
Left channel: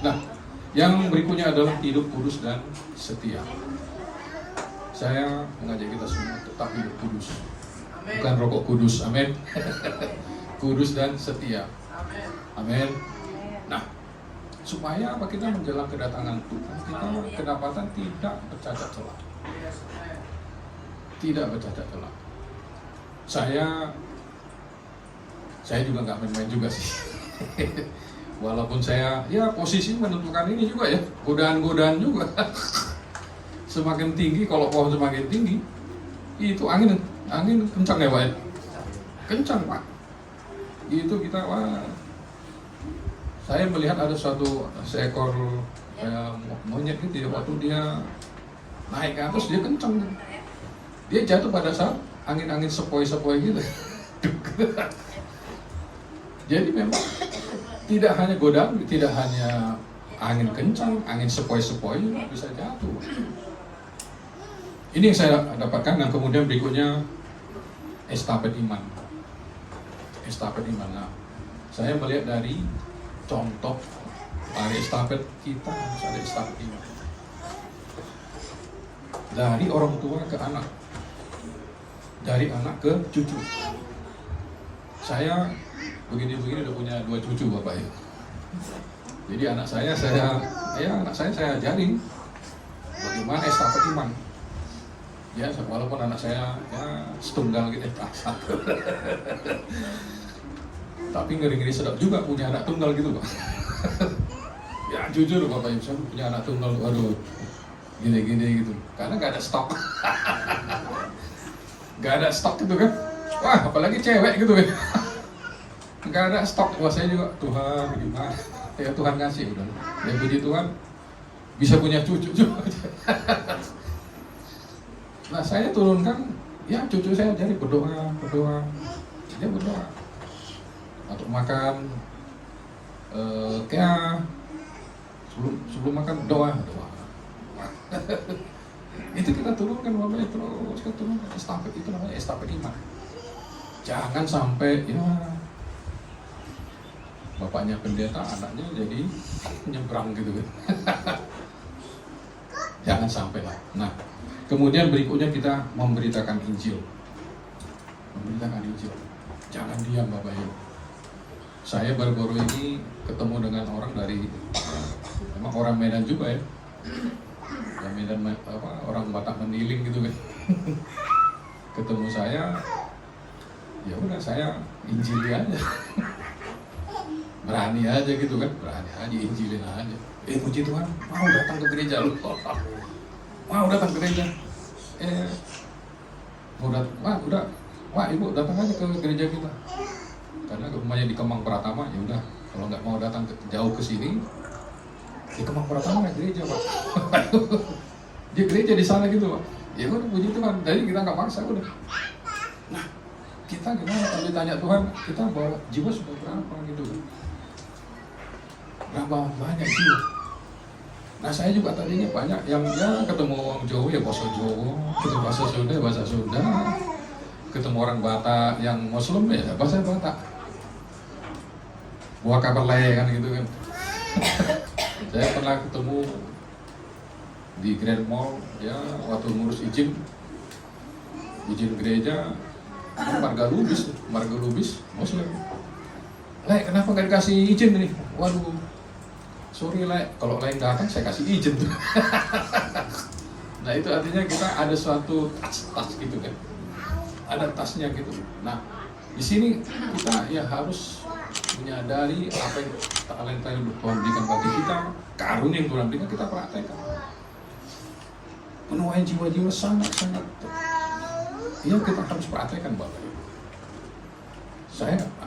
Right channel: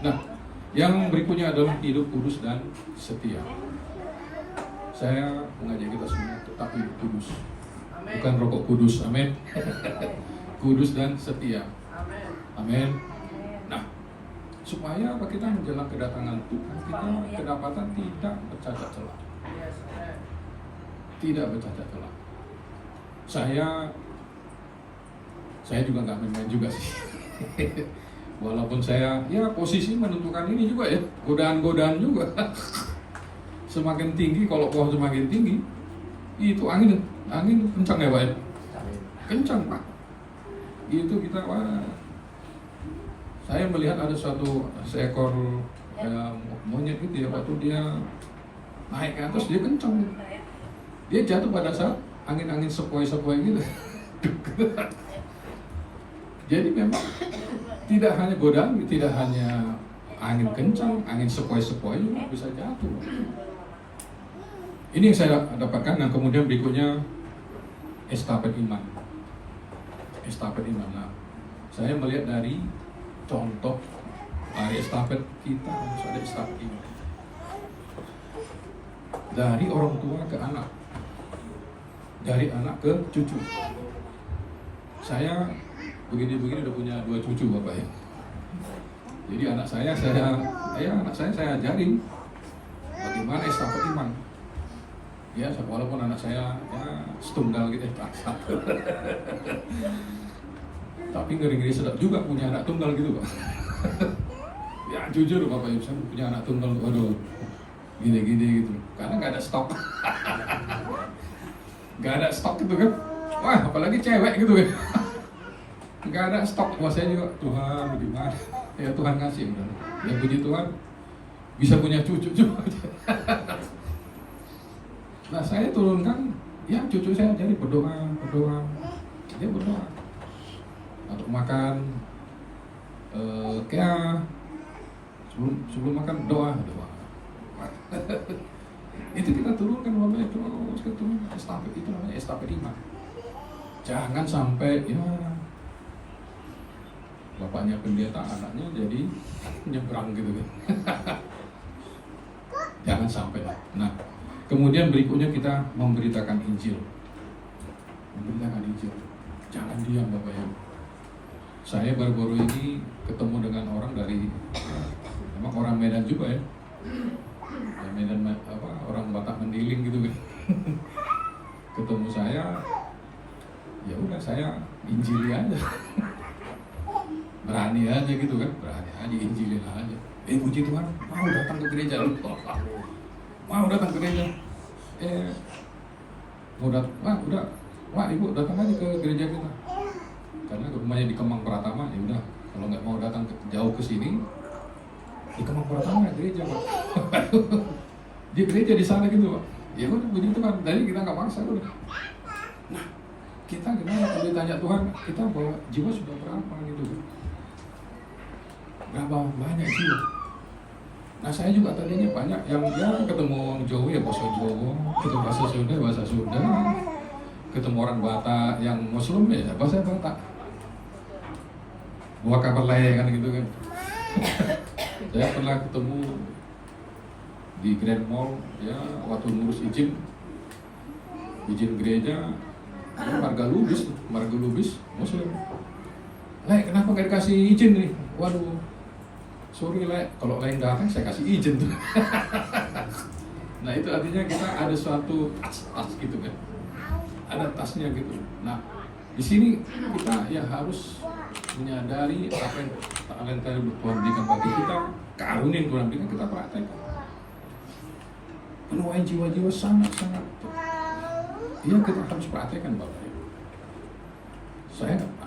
Nah, yang berikutnya adalah hidup kudus dan setia. Saya mengajak kita semua tetap hidup kudus. Bukan rokok kudus, amin. Kudus dan setia. Amin. Nah, supaya apa, kita menjelang kedatangan Tuhan kita kedapatan tidak bercacat celah. Tidak bercacat celah. Saya juga nggak main-main juga sih. Walaupun saya ya posisi menentukan ini juga ya, godaan-godaan juga. Semakin tinggi, kalau pohon semakin tinggi, itu angin kencang ya Pak ya? Kencang Pak. Itu kita, wah, saya melihat ada seekor monyet gitu ya, waktu dia naik ke atas dia kencang. Dia jatuh pada saat angin-angin sepoi-sepoi gitu. Jadi memang tidak hanya godaan, tidak hanya angin kencang, angin sepoi-sepoi juga bisa jatuh. Ini yang saya dapatkan. Dan kemudian berikutnya estafet iman. Estafet iman. Nah, saya melihat dari contoh estafet kita harus ada estafet iman. Dari orang tua ke anak, dari anak ke cucu. Saya begini-begini udah punya 2 cucu Bapak ya. Jadi anak saya ajarin bagaimana estafet iman. Ya, walaupun anak saya ya setunggal gitu, satu. Tapi ngeri-ngeri sedap juga punya anak tunggal gitu Pak. Ya jujur Bapak Ibu, saya punya anak tunggal, waduh, gini-gini gitu. Karena nggak ada stok. Nggak ada stok gitu kan. Wah, apalagi cewek gitu kan. Nggak ada stok. Wah, saya juga, Tuhan gimana? Ya Tuhan ngasih udah. Ya puji Tuhan bisa punya cucu juga. Nah, saya turunkan, ya cucu saya jadi berdoa. Dia berdoa untuk makan, kayak sebelum makan doa. Itu kita turunkan Bapak itu, kita turunkan estafet, itu namanya estafet iman. Jangan sampai ya bapaknya pendeta, anaknya jadi nyebrang gitu kan. Jangan sampai lah. Nah, kemudian berikutnya kita memberitakan Injil. Memberitakan Injil. Jangan diam Bapak Ibu. Saya baru-baru ini ketemu dengan orang dari, memang orang Medan juga ya. Ya Medan orang Batak Mendiling gitu kan. Ketemu saya, ya udah saya injili aja. Berani aja gitu kan, berani aja injilin aja. Puji Tuhan, mau datang ke gereja lu. Mau datang ke gereja. Ibu datang aja ke gereja kita. Karena rumahnya di Kemang Pratama, ya udah. Kalau nggak mau datang jauh ke sini, di Kemang Pratama gereja Pak. Dia gereja di sana gitu Pak. Ya udah puji Tuhan. Jadi kita nggak paksa udah. Nah, kita gimana kalau ditanya Tuhan, kita bawa jiwa sudah berapa gitu? Berapa banyak jiwa? Nah, saya juga tadinya banyak yang ketemu orang Jawa ya bahasa Jawa, ketemu bahasa Sunda, ketemu orang Batak yang Muslim ya bahasa Batak. Buah kabar kan gitu kan. Saya pernah ketemu di Grand Mall ya waktu ngurus izin gereja, marga lubis Muslim. Kenapa nggak dikasih izin nih? Waduh, sorry kalau lain datang saya kasih izin tuh. Nah itu artinya kita ada suatu tas gitu kan, ada tasnya gitu. Nah di sini kita ya harus menyadari apa yang talenta yang Tuhan berikan bagi kita, karunia yang Tuhan berikan kita praktekkan. Menuai jiwa-jiwa sangat-sangat. Ya kita harus praktekkan Bapak.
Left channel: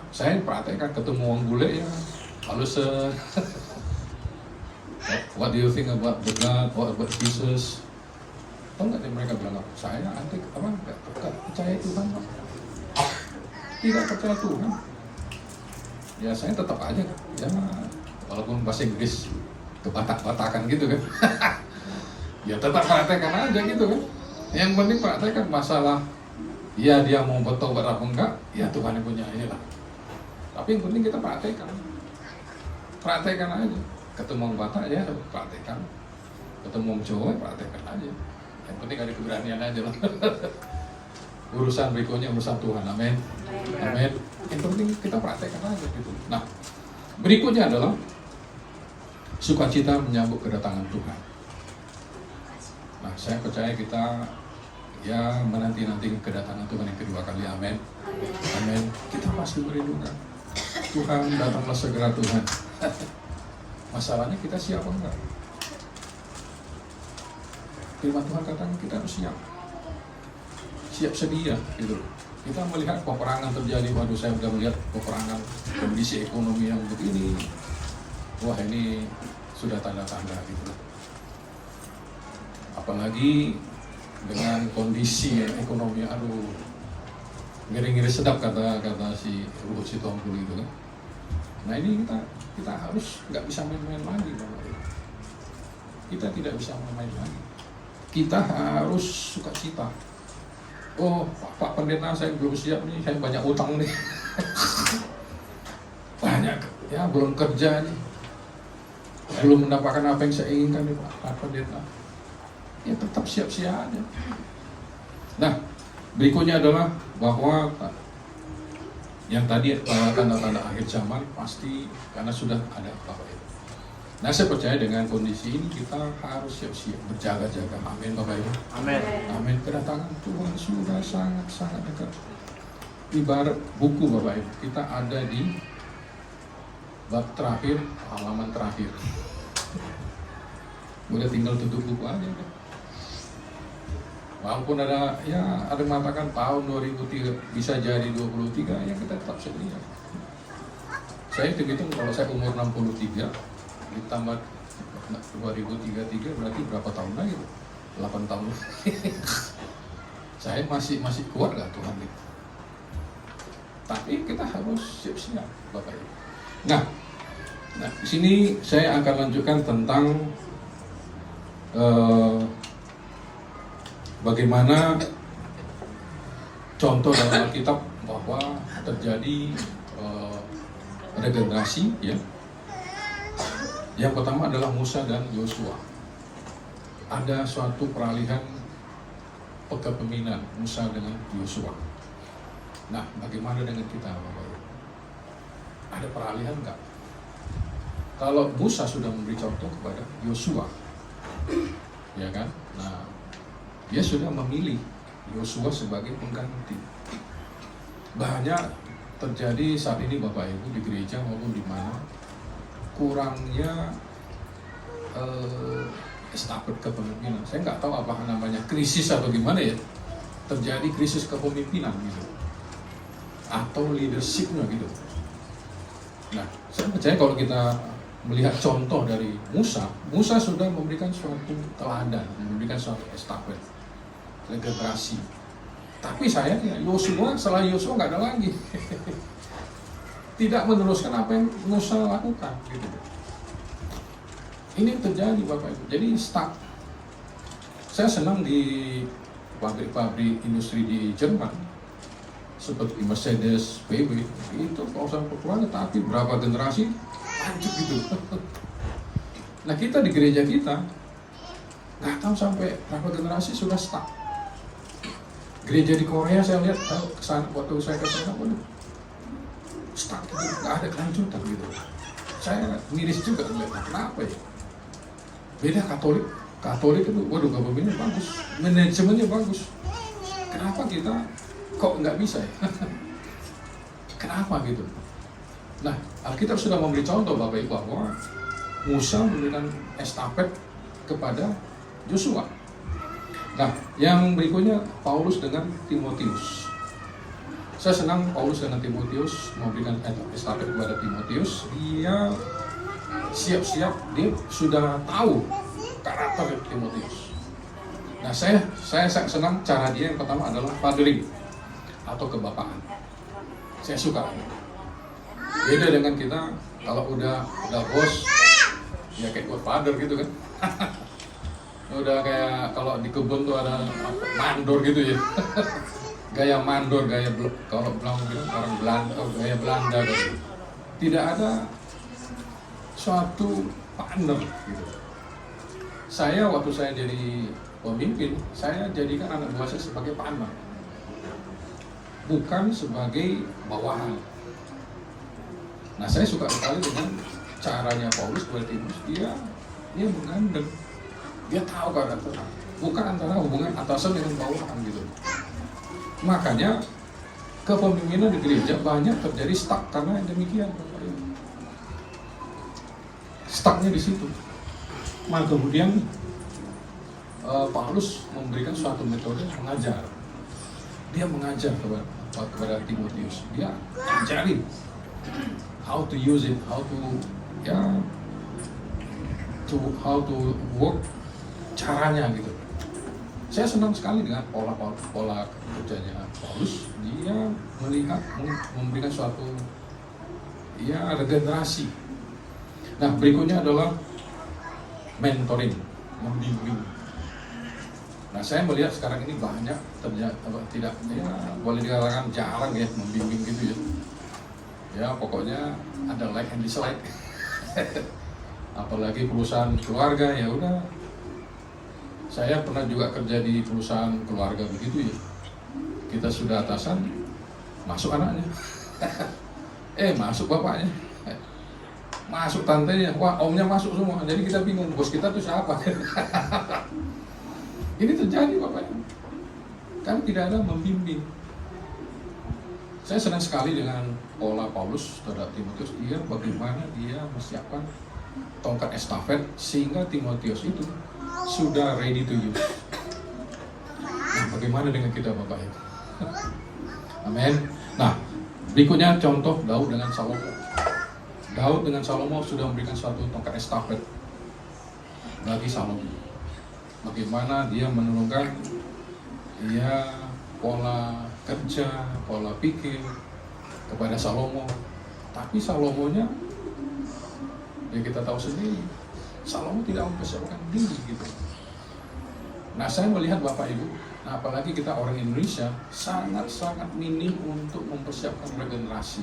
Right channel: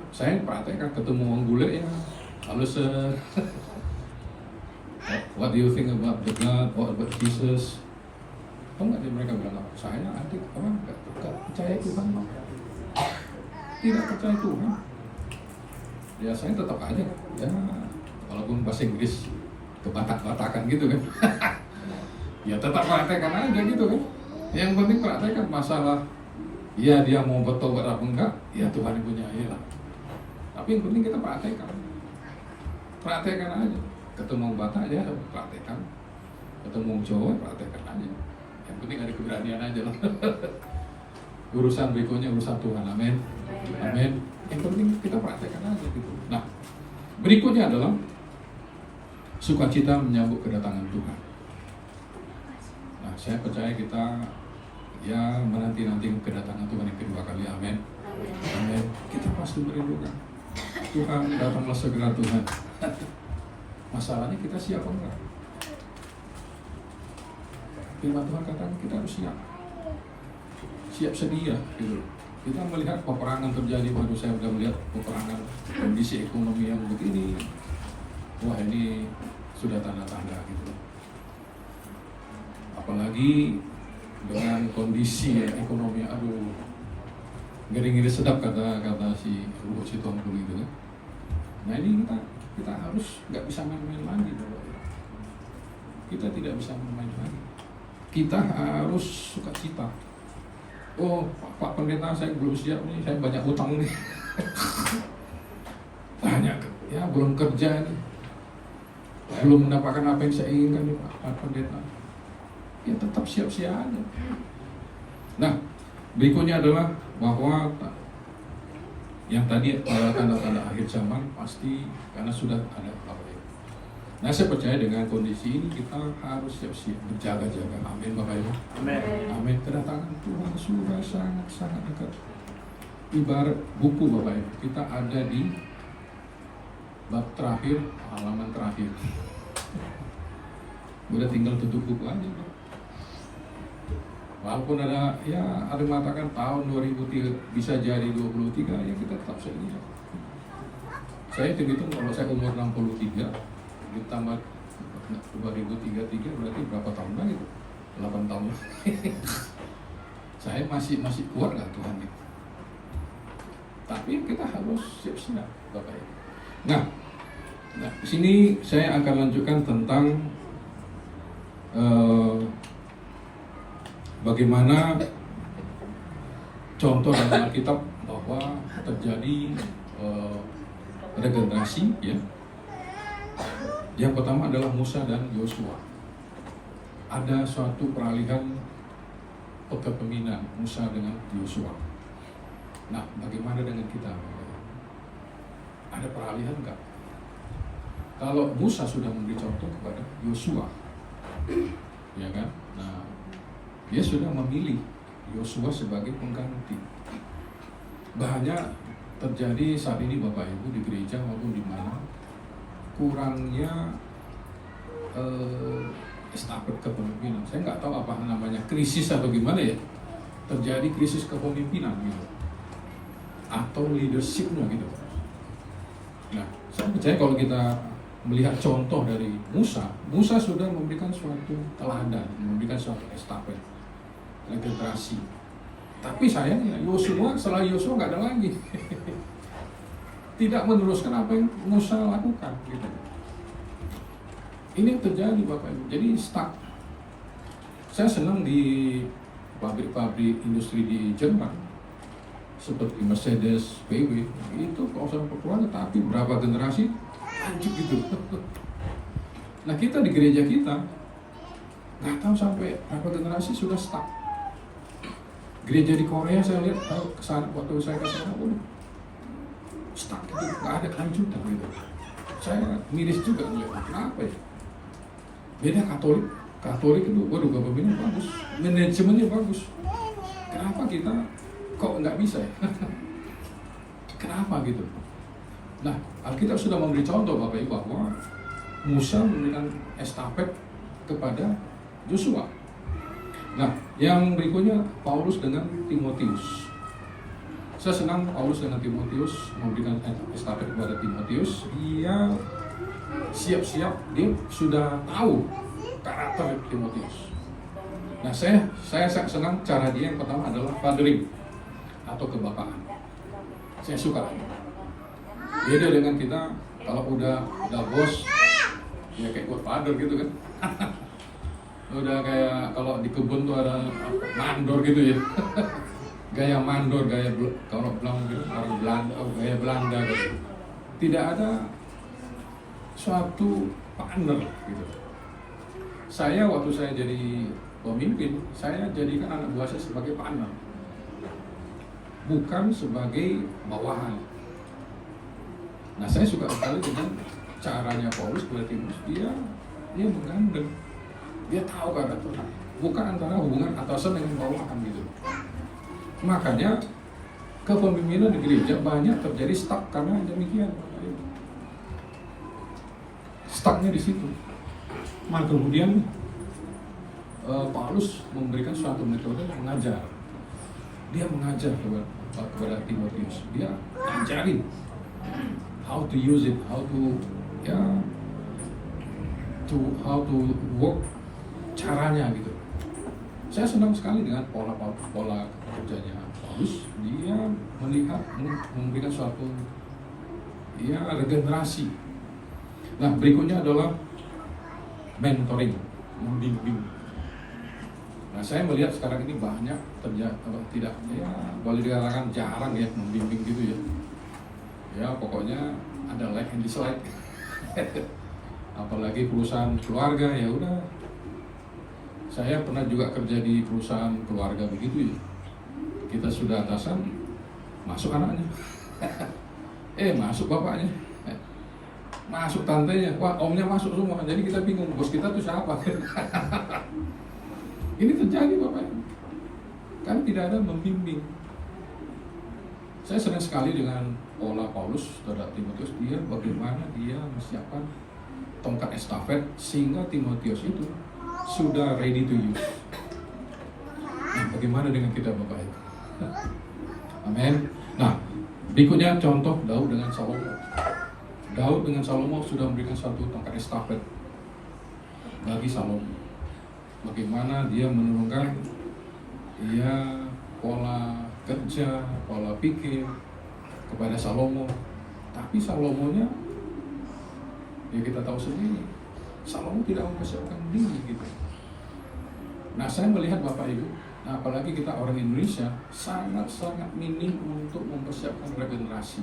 Saya praktekkan ketemu orang bule ya, halus. What do you think about the God? What about Jesus? Tahu nggak mereka bilang apa? Saya nanti nggak percaya Tuhan, tidak percaya Tuhan. Ya saya tetap aja, ya walaupun bahasa Inggris kebatak-batakan gitu kan. Ya tetap praktekkan aja gitu kan. Yang penting praktekkan masalah. Ya dia mau bertobat apa enggak? Ya Tuhan yang punya lah. Tapi yang penting kita praktekkan aja. Ketemu Batak ya praktekkan, ketemu Jawa praktekkan aja. Yang penting ada keberanian aja lah. Urusan berikutnya urusan Tuhan, amin. Yang penting kita praktekkan aja gitu. Nah berikutnya adalah sukacita menyambut kedatangan Tuhan. Nah, saya percaya kita ya menanti-nanti kedatangan Tuhan yang kedua kali. Amin. Amin. Kita pasti merindukan Tuhan, datanglah segera Tuhan. Masalahnya kita siap atau enggak? Firman Tuhan katanya kita harus siap sedia gitu. Kita melihat peperangan terjadi, waktu saya sudah melihat peperangan, kondisi ekonomi yang begini, wah ini sudah tanda-tanda gitu. Apalagi dengan kondisi ekonomi, aduh, ngeri-ngeri sedap kata si Luhut Sitompul itu kan. Nah ini kita harus nggak bisa main-main lagi, Bapak. Kita tidak bisa main-main lagi. Kita harus sukacita. Oh, Pak Pendeta, saya belum siap nih, saya banyak utang nih. Banyak, ya belum kerja nih. Belum mendapatkan apa yang saya inginkan nih Pak Pendeta. Ya tetap siap-siap aja. Nah, berikutnya adalah bahwa yang tadi pada tanda-tanda akhir zaman pasti karena sudah ada Bapak. Nah, saya percaya dengan kondisi ini kita harus siap-siap berjaga-jaga. Amin, Bapak Ibu. Amin. Amin. Kedatangan Tuhan sudah sangat-sangat dekat. Ibarat buku, Bapak Ibu, kita ada di bab terakhir, halaman terakhir. Udah tinggal tutup buku aja. Walaupun ada yang mengatakan tahun 2003 bisa jadi 23, ya kita tetap sedia. Saya hitung kalau saya umur 63 ditambah 2033 berarti berapa tahun lagi? 8 tahun. Saya masih kuat lah Tuhan gitu. Tapi kita harus siap-siap, Bapak Ibu. Nah, di sini saya akan lanjutkan tentang bagaimana contoh dalam Alkitab bahwa terjadi regenerasi, ya. Yang pertama adalah Musa dan Yosua. Ada suatu peralihan kepemimpinan Musa dengan Yosua. Nah, bagaimana dengan kita? Ada peralihan enggak? Kalau Musa sudah memberi contoh kepada Yosua, ya kan? Nah, dia sudah memilih Yosua sebagai pengganti. Banyak terjadi saat ini Bapak Ibu di gereja maupun di mana kurangnya estafet kepemimpinan. Saya nggak tahu apa namanya, krisis atau gimana ya. Terjadi krisis kepemimpinan gitu, atau leadershipnya gitu. Nah, saya percaya kalau kita melihat contoh dari Musa sudah memberikan suatu teladan, memberikan suatu estafet, regenerasi. Tapi sayangnya Yosua, setelah Yosua nggak ada lagi. Tidak meneruskan apa yang Musa lakukan gitu. Ini terjadi Bapak Ibu, jadi stuck. Saya senang di pabrik-pabrik industri di Jerman seperti Mercedes, BMW, itu perusahaan populer, tapi berapa generasi lanjut gitu. Nah, kita di gereja kita nggak tahu sampai berapa generasi sudah stuck. Gereja di Korea saya lihat, kesana waktu saya ke sana, waduh, stuck gitu, nggak ada kelanjutan gitu. Saya miris juga melihat, kenapa ya? Beda Katolik itu, waduh, kepemimpinan bagus, manajemennya bagus. Kenapa kita kok nggak bisa ya? Kenapa gitu? Nah, Alkitab sudah memberi contoh Bapak Ibu bahwa Musa memberikan estafet kepada Yosua. Nah, yang berikutnya Paulus dengan Timotius. Saya senang Paulus dengan Timotius memberikan estafet kepada Timotius. Dia siap-siap, dia sudah tahu karakter Timotius. Nah, saya sangat senang cara dia. Yang pertama adalah fathering atau kebapaan. Saya suka. Beda dengan kita, kalau udah bos, ya kayak godfather gitu kan. Udah kayak kalau di kebun tuh ada mandor gitu ya. Gaya mandor, kalau orang Belanda, gaya Belanda gitu. Tidak ada suatu partner gitu. Saya waktu saya jadi pemimpin, saya jadikan anak buah saya sebagai partner, bukan sebagai bawahan. Nah, saya suka sekali dengan caranya Paulus kepada Timotius, dia menggandeng, dia tahu karakter, bukan antara hubungan atasan dengan bawahan gitu. Makanya kepemimpinan di gereja banyak terjadi stuck karena demikian. Stucknya di situ. Maka kemudian Paulus memberikan suatu metode mengajar. Dia mengajar kepada Timotius. Dia ajarin how to use it, how to work, caranya gitu. Saya senang sekali dengan pola kerjanya Paulus. Dia melihat, memberikan suatu regenerasi. Nah, berikutnya adalah mentoring, membimbing. Nah, saya melihat sekarang ini banyak tidak boleh dikatakan jarang ya membimbing gitu ya. Ya pokoknya ada like and dislike. Apalagi perusahaan keluarga, ya udah. Saya pernah juga kerja di perusahaan keluarga begitu ya. Kita sudah atasan, masuk anaknya. Masuk bapaknya. Masuk tantenya, wah omnya masuk semua. Jadi kita bingung, bos kita tuh siapa? Ini terjadi Bapak Ibu, kan tidak ada membimbing. Saya senang sekali dengan pola Paulus terhadap Timotius. Dia bagaimana dia menyiapkan tongkat estafet sehingga Timotius itu sudah ready to use. Nah, bagaimana dengan kita Bapak Ibu? Amin. Nah, berikutnya contoh Daud dengan Salomo. Daud dengan Salomo sudah memberikan suatu tongkat estafet bagi Salomo. Bagaimana dia menurunkan pola kerja, pola pikir kepada Salomo. Tapi Salomonya, ya kita tahu sendiri, Salomo tidak mempersiapkan diri gitu. Nah, saya melihat Bapak Ibu, apalagi kita orang Indonesia, sangat-sangat minim untuk mempersiapkan regenerasi.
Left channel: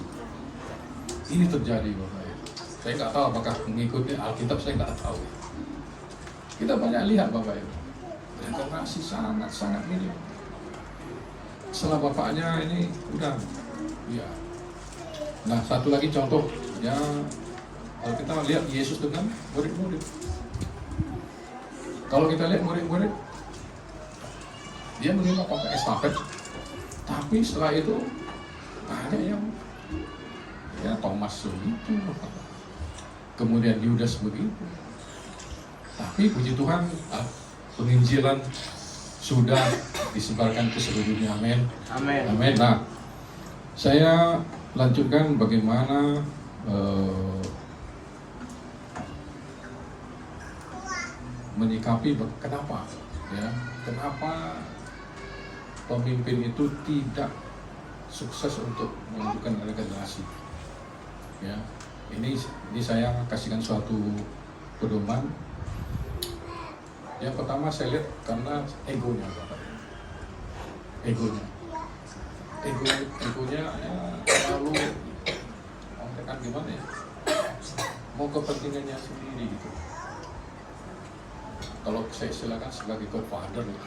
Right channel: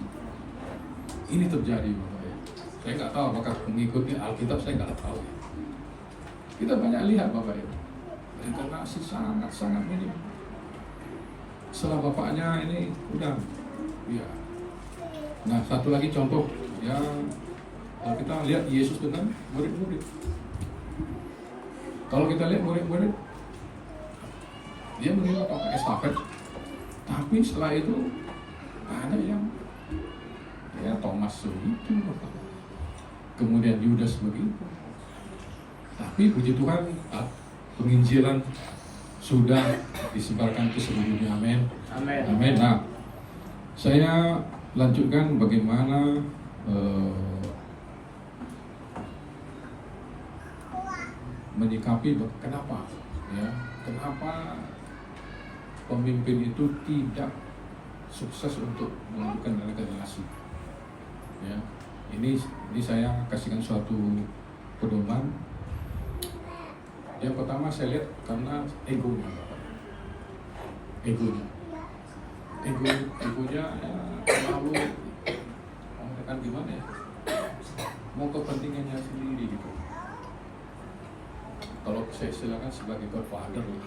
Ini terjadi Bapak Ibu. Saya nggak tahu apakah mengikuti Alkitab, saya nggak tahu. Kita banyak lihat Bapak Ibu, regenerasi sangat-sangat minim. Setelah bapaknya ini udah, ya. Nah, satu lagi contoh, ya kalau kita lihat Yesus dengan murid-murid. Kalau kita lihat murid-murid, dia menerima tongkat estafet, tapi setelah itu ada yang Thomas begitu, kemudian Yudas begitu. Tapi puji Tuhan, penginjilan sudah disebarkan ke seluruh dunia. Amin. Amin. Amin. Nah, saya lanjutkan bagaimana menyikapi kenapa pemimpin itu tidak sukses untuk melakukan regenerasi. Ya, ini saya kasihkan suatu pedoman. Yang pertama saya lihat karena egonya terlalu mengatakan gimana ya, mau kepentingannya sendiri gitu. Kalau saya silakan sebagai godfather ya.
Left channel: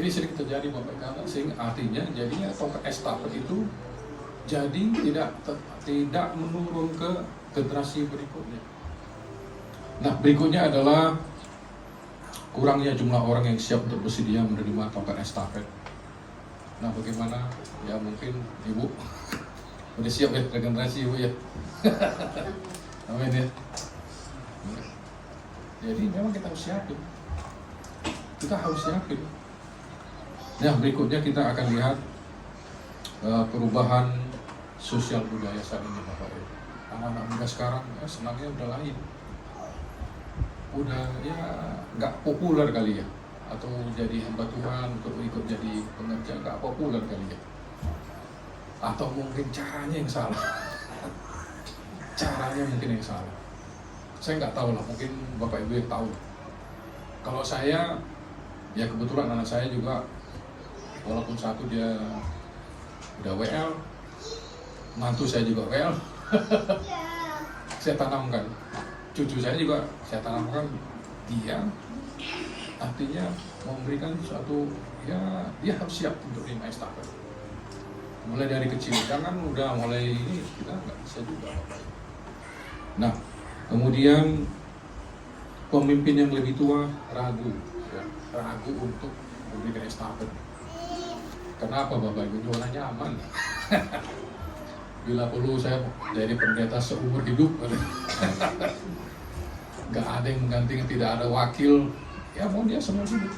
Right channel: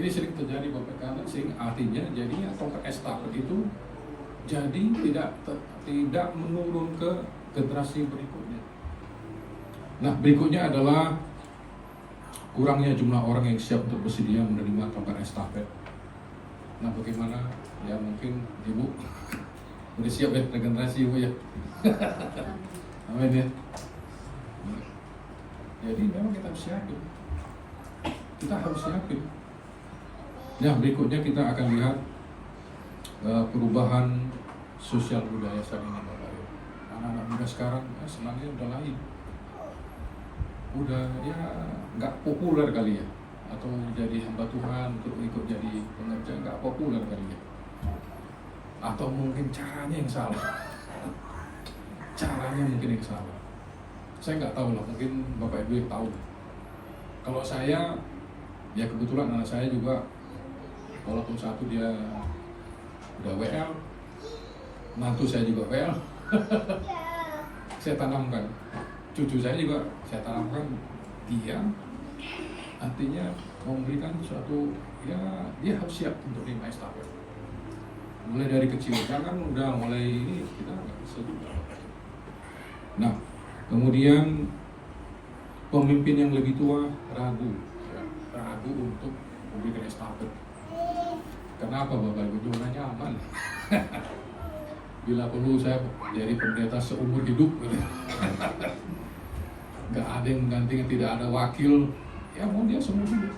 Ini sering terjadi Bapak, karena sehingga artinya jadinya tongkat estafet itu jadi tidak menurun ke generasi berikutnya. Nah, berikutnya adalah kurangnya jumlah orang yang siap untuk bersedia menerima tongkat estafet. Nah, bagaimana? Ya mungkin Ibu udah siap ya regenerasi Ibu ya. Amin ya. Jadi memang kita harus siapin. Kita harus siapin. Nah, berikutnya kita akan lihat perubahan sosial budaya saat ini Bapak Ibu. Anak-anak muda sekarang senangnya udah lain. Udah ya nggak populer kali ya, atau jadi hamba Tuhan untuk ikut jadi pengerja nggak populer kali ya, atau mungkin caranya yang salah. Caranya mungkin yang salah, saya nggak tahu lah, mungkin Bapak Ibu yang tahu. Kalau saya ya kebetulan anak saya juga, walaupun satu dia udah WL, mantu saya juga WL. Saya tanamkan, cucu saya juga saya tanamkan, dia artinya memberikan suatu, ya dia harus siap untuk lima estafet. Mulai dari kecil, jangan udah mulai ini kita nggak bisa juga. Nah, kemudian pemimpin yang lebih tua ragu, ya, ragu untuk memberikan estafet. Kenapa Bapak Ibu? Jualan nyaman. Bila perlu saya jadi pendeta seumur hidup, nggak ada yang menggantikan, tidak ada wakil, ya mau dia seumur hidup.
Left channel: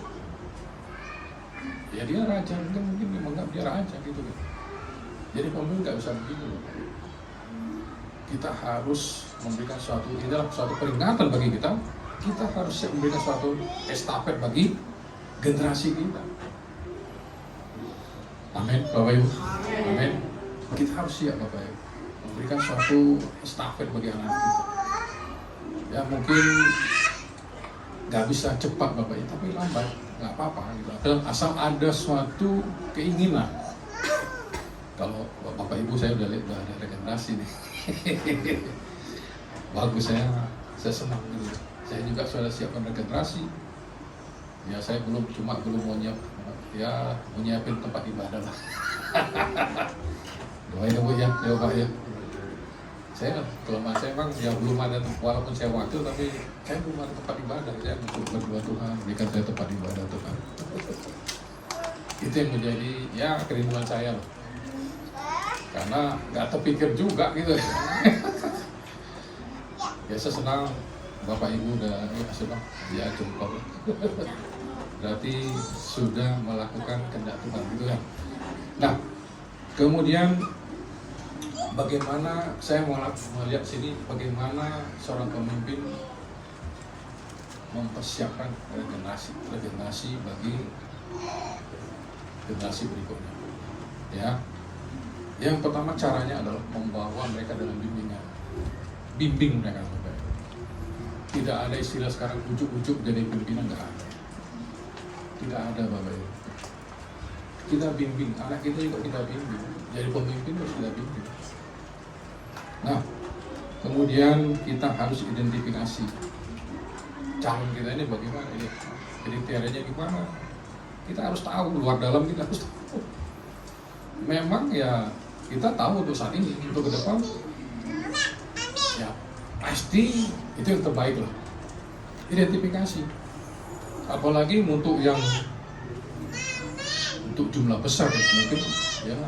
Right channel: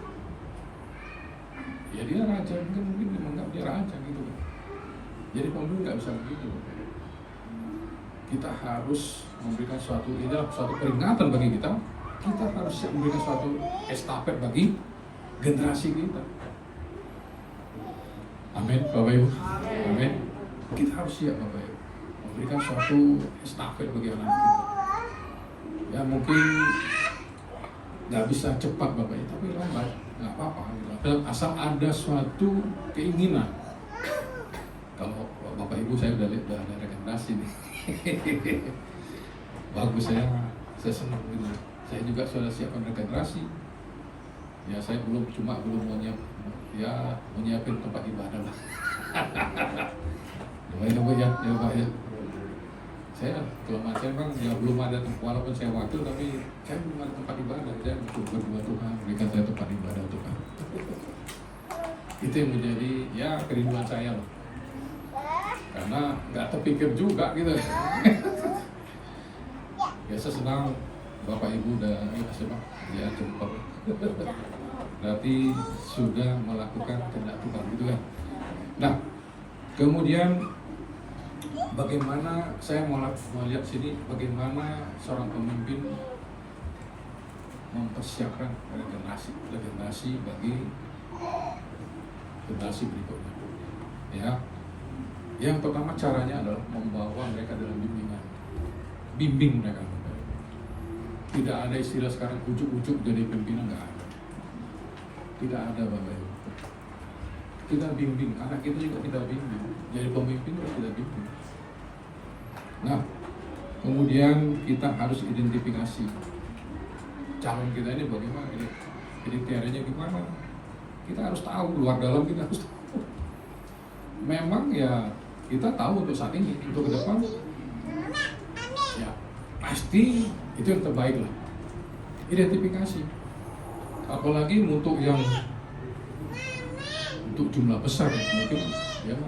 Ya dia raja, mungkin menganggap dia raja gitu kan. Jadi pemimpin nggak bisa begitu. Kita harus memberikan suatu, ini adalah suatu peringatan bagi kita. Kita harus siap memberikan suatu estafet bagi generasi kita. Amin, Bapak Ibu. Amin. Kita harus siap Bapak Ibu memberikan suatu estafet bagi anak kita. Ya mungkin nggak bisa cepat Bapak Ibu, tapi lambat nggak apa-apa gitu. Asal ada suatu keinginan. Kalau Bapak Ibu saya udah lihat dari regenerasi nih. Bagus, saya senang gitu. Saya juga sudah siapkan regenerasi. Ya saya belum mau menyiapin tempat ibadah lah. Doain Bu ya, Pak ya. Saya kelemahan saya memang ya belum ada, walaupun saya wakil tapi saya belum ada tempat ibadah. Saya berdoa Tuhan berikan saya tempat ibadah Tuhan. Itu yang menjadi ya kerinduan saya loh. Karena nggak terpikir juga gitu. Biasa senang Bapak Ibu udah ya senang ya jempol. Berarti sudah melakukan kehendak Tuhan gitu kan. Nah, kemudian bagaimana saya melihat sini bagaimana seorang pemimpin mempersiapkan regenerasi bagi generasi berikutnya. Ya. Yang pertama caranya adalah membawa mereka dalam bimbingan. Bimbing mereka Bapak. Tidak ada istilah sekarang ujuk-ujuk jadi pimpinan, nggak ada. Tidak ada Bapak. Kita bimbing, anak kita juga kita bimbing. Jadi pemimpin harus kita bimbing. Nah, kemudian kita harus identifikasi calon kita ini bagaimana ya, kriterianya gimana. Kita harus tahu, luar dalam kita harus tahu. Memang ya kita tahu untuk saat ini, untuk ke depan ya pasti itu yang terbaik lah. Identifikasi, apalagi untuk jumlah besar mungkin ya,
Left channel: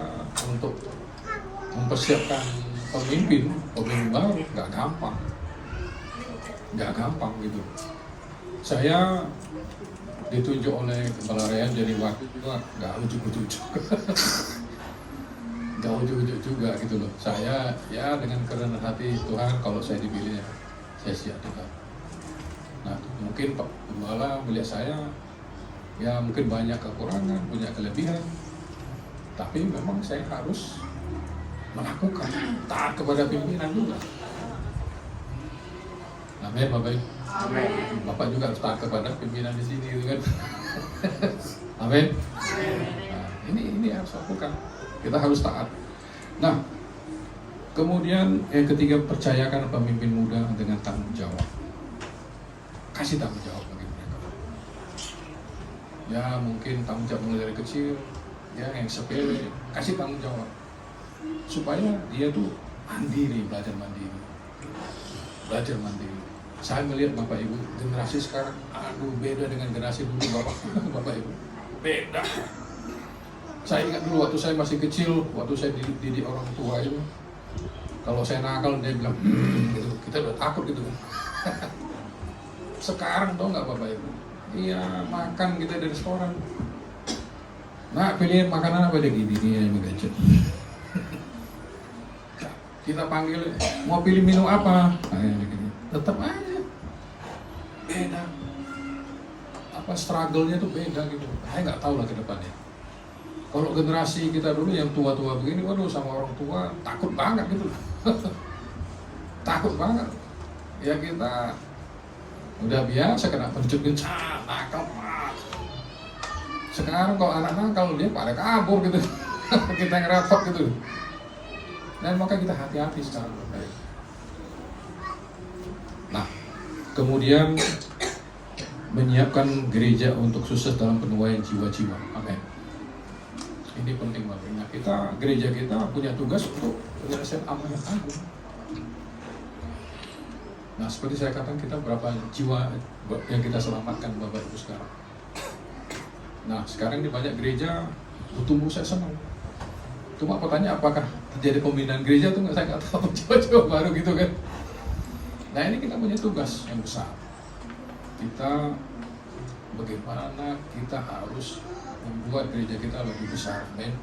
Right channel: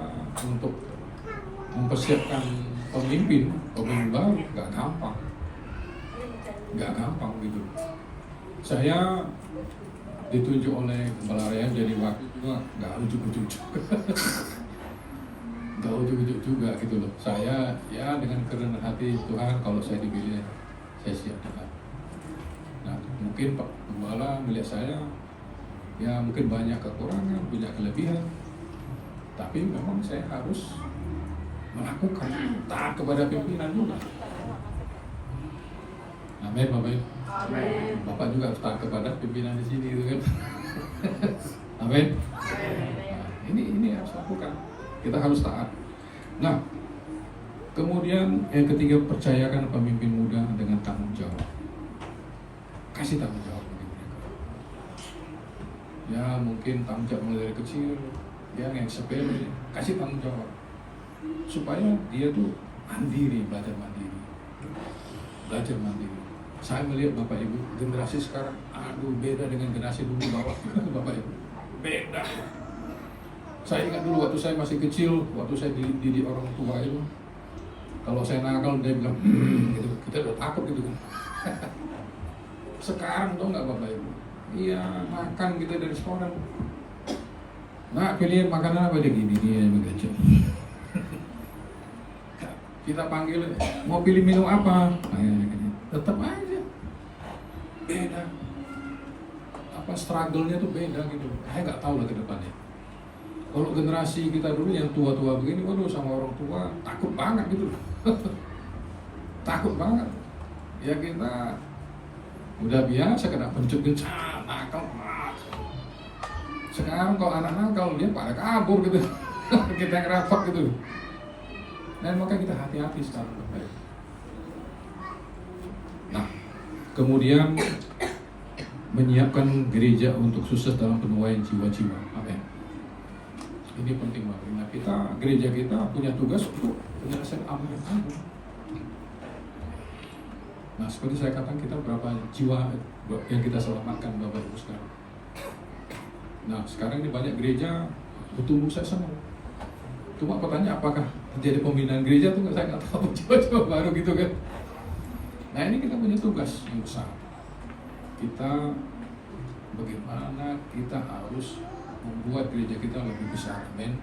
untuk mempersiapkan pemimpin baru nggak gampang gitu. Saya ditunjuk oleh Kepala Rayan jadi wakil juga nggak ujuk-ujuk juga gitu loh. Saya ya dengan kerendahan hati Tuhan, kalau saya dipilih saya siap Tuhan. Nah mungkin Pak Gembala melihat saya ya mungkin banyak kekurangan, punya kelebihan, tapi memang saya harus melakukan taat kepada pimpinan juga. Amin Bapak Ibu. Bapak juga harus taat kepada pimpinan di sini gitu kan. Amin. Nah, ini harus lakukan. Kita harus taat. Nah, kemudian yang ketiga, percayakan pemimpin muda dengan tanggung jawab. Kasih tanggung jawab bagi mereka. Ya mungkin tanggung jawab mulai dari kecil, ya yang sepele, kasih tanggung jawab supaya dia tuh belajar mandiri. Saya melihat Bapak Ibu, generasi sekarang, beda dengan generasi dulu Bapak Ibu, beda. Saya ingat dulu waktu saya masih kecil, waktu saya dididik orang tua itu, kalau saya nakal dia bilang, gitu. Kita udah takut gitu. Sekarang tau nggak Bapak Ibu? Iya, makan kita dari restoran. Nah, pilih makanan apa gini yang gadget. Kita panggil, mau pilih minum apa? Tetap aja beda. Struggle-nya tuh beda gitu. Saya nggak tahu lah ke depannya. Kalau generasi kita dulu yang tua-tua begini, waduh sama orang tua takut banget gitu. Takut banget. Ya kita udah biasa kena berjut-jut, nakal. Sekarang kalau anak nakal dia pada kabur gitu. Kita ngerapot gitu. Dan maka kita hati-hati sekarang. Nah, kemudian menyiapkan gereja untuk sukses dalam penuaian jiwa-jiwa. Amin. Ini penting banget. Nah, gereja kita punya tugas untuk menyelesaikan amanat agung. Nah, seperti saya katakan, kita berapa jiwa yang kita selamatkan Bapak Ibu sekarang. Nah, sekarang ini banyak gereja bertumbuh, saya senang. Cuma aku tanya apakah terjadi pemindahan gereja itu saya nggak tahu, coba-coba baru gitu kan. Nah, ini kita punya tugas yang besar. Kita bagaimana kita harus membuat gereja kita lebih besar, amin.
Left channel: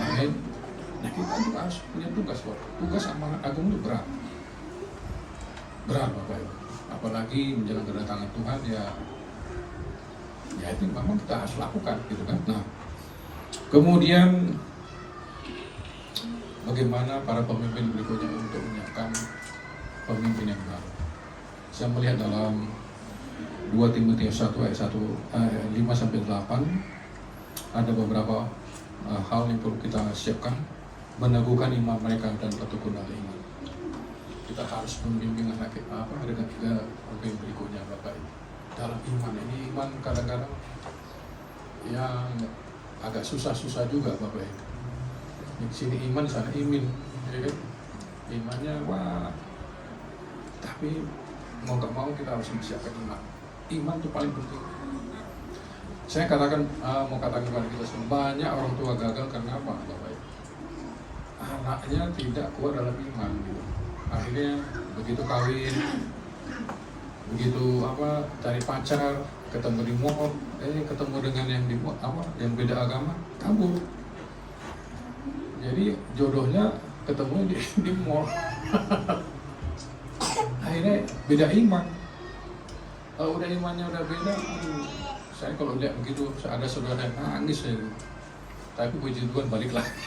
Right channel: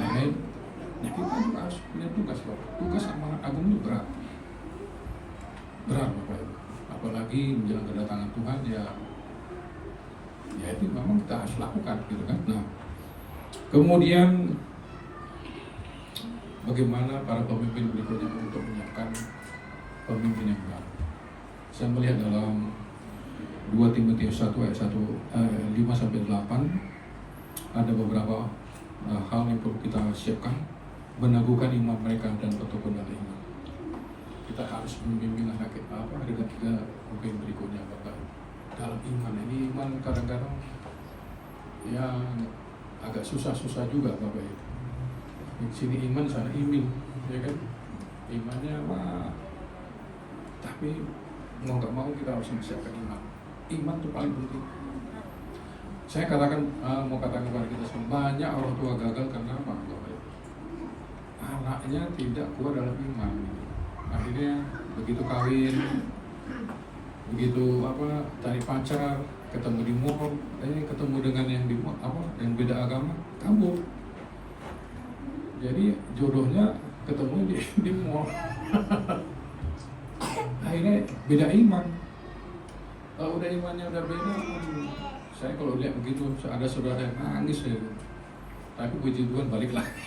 Amin. Nah, kita juga harus punya tugas, Bapak. Tugas amanat agung itu berat. Berat, Bapak. Apalagi menjelang kedatangan Tuhan, ya itu memang kita harus lakukan, gitu kan. Nah, kemudian bagaimana para pemimpin berikutnya untuk menyiapkan pemimpin yang baru. Saya melihat dalam 2 Timotius 1 ayat 5-8 ada beberapa hal yang perlu kita siapkan, meneguhkan iman mereka dan ketekun dari iman. Kita harus membimbing mereka ke pemimpin berikutnya, Bapak. Dalam iman ini, iman kadang-kadang yang agak susah-susah juga, Bapak. Di sini iman, sana imin, ya kan? Imannya wah, tapi mau nggak mau kita harus mempersiapkan iman. Iman itu paling penting. Saya katakan, mau katakan kepada kita semua, banyak orang tua gagal karena apa, Bapak? Anaknya tidak kuat dalam iman. Gitu. Akhirnya begitu kawin, begitu cari pacar, ketemu di mall, ketemu dengan yang beda agama, kabur. Jadi jodohnya ketemu di mall. Akhirnya beda iman. Kalau udah imannya udah beda, saya kalau lihat begitu, ada saudara yang nangis ya. Tapi puji Tuhan balik lagi.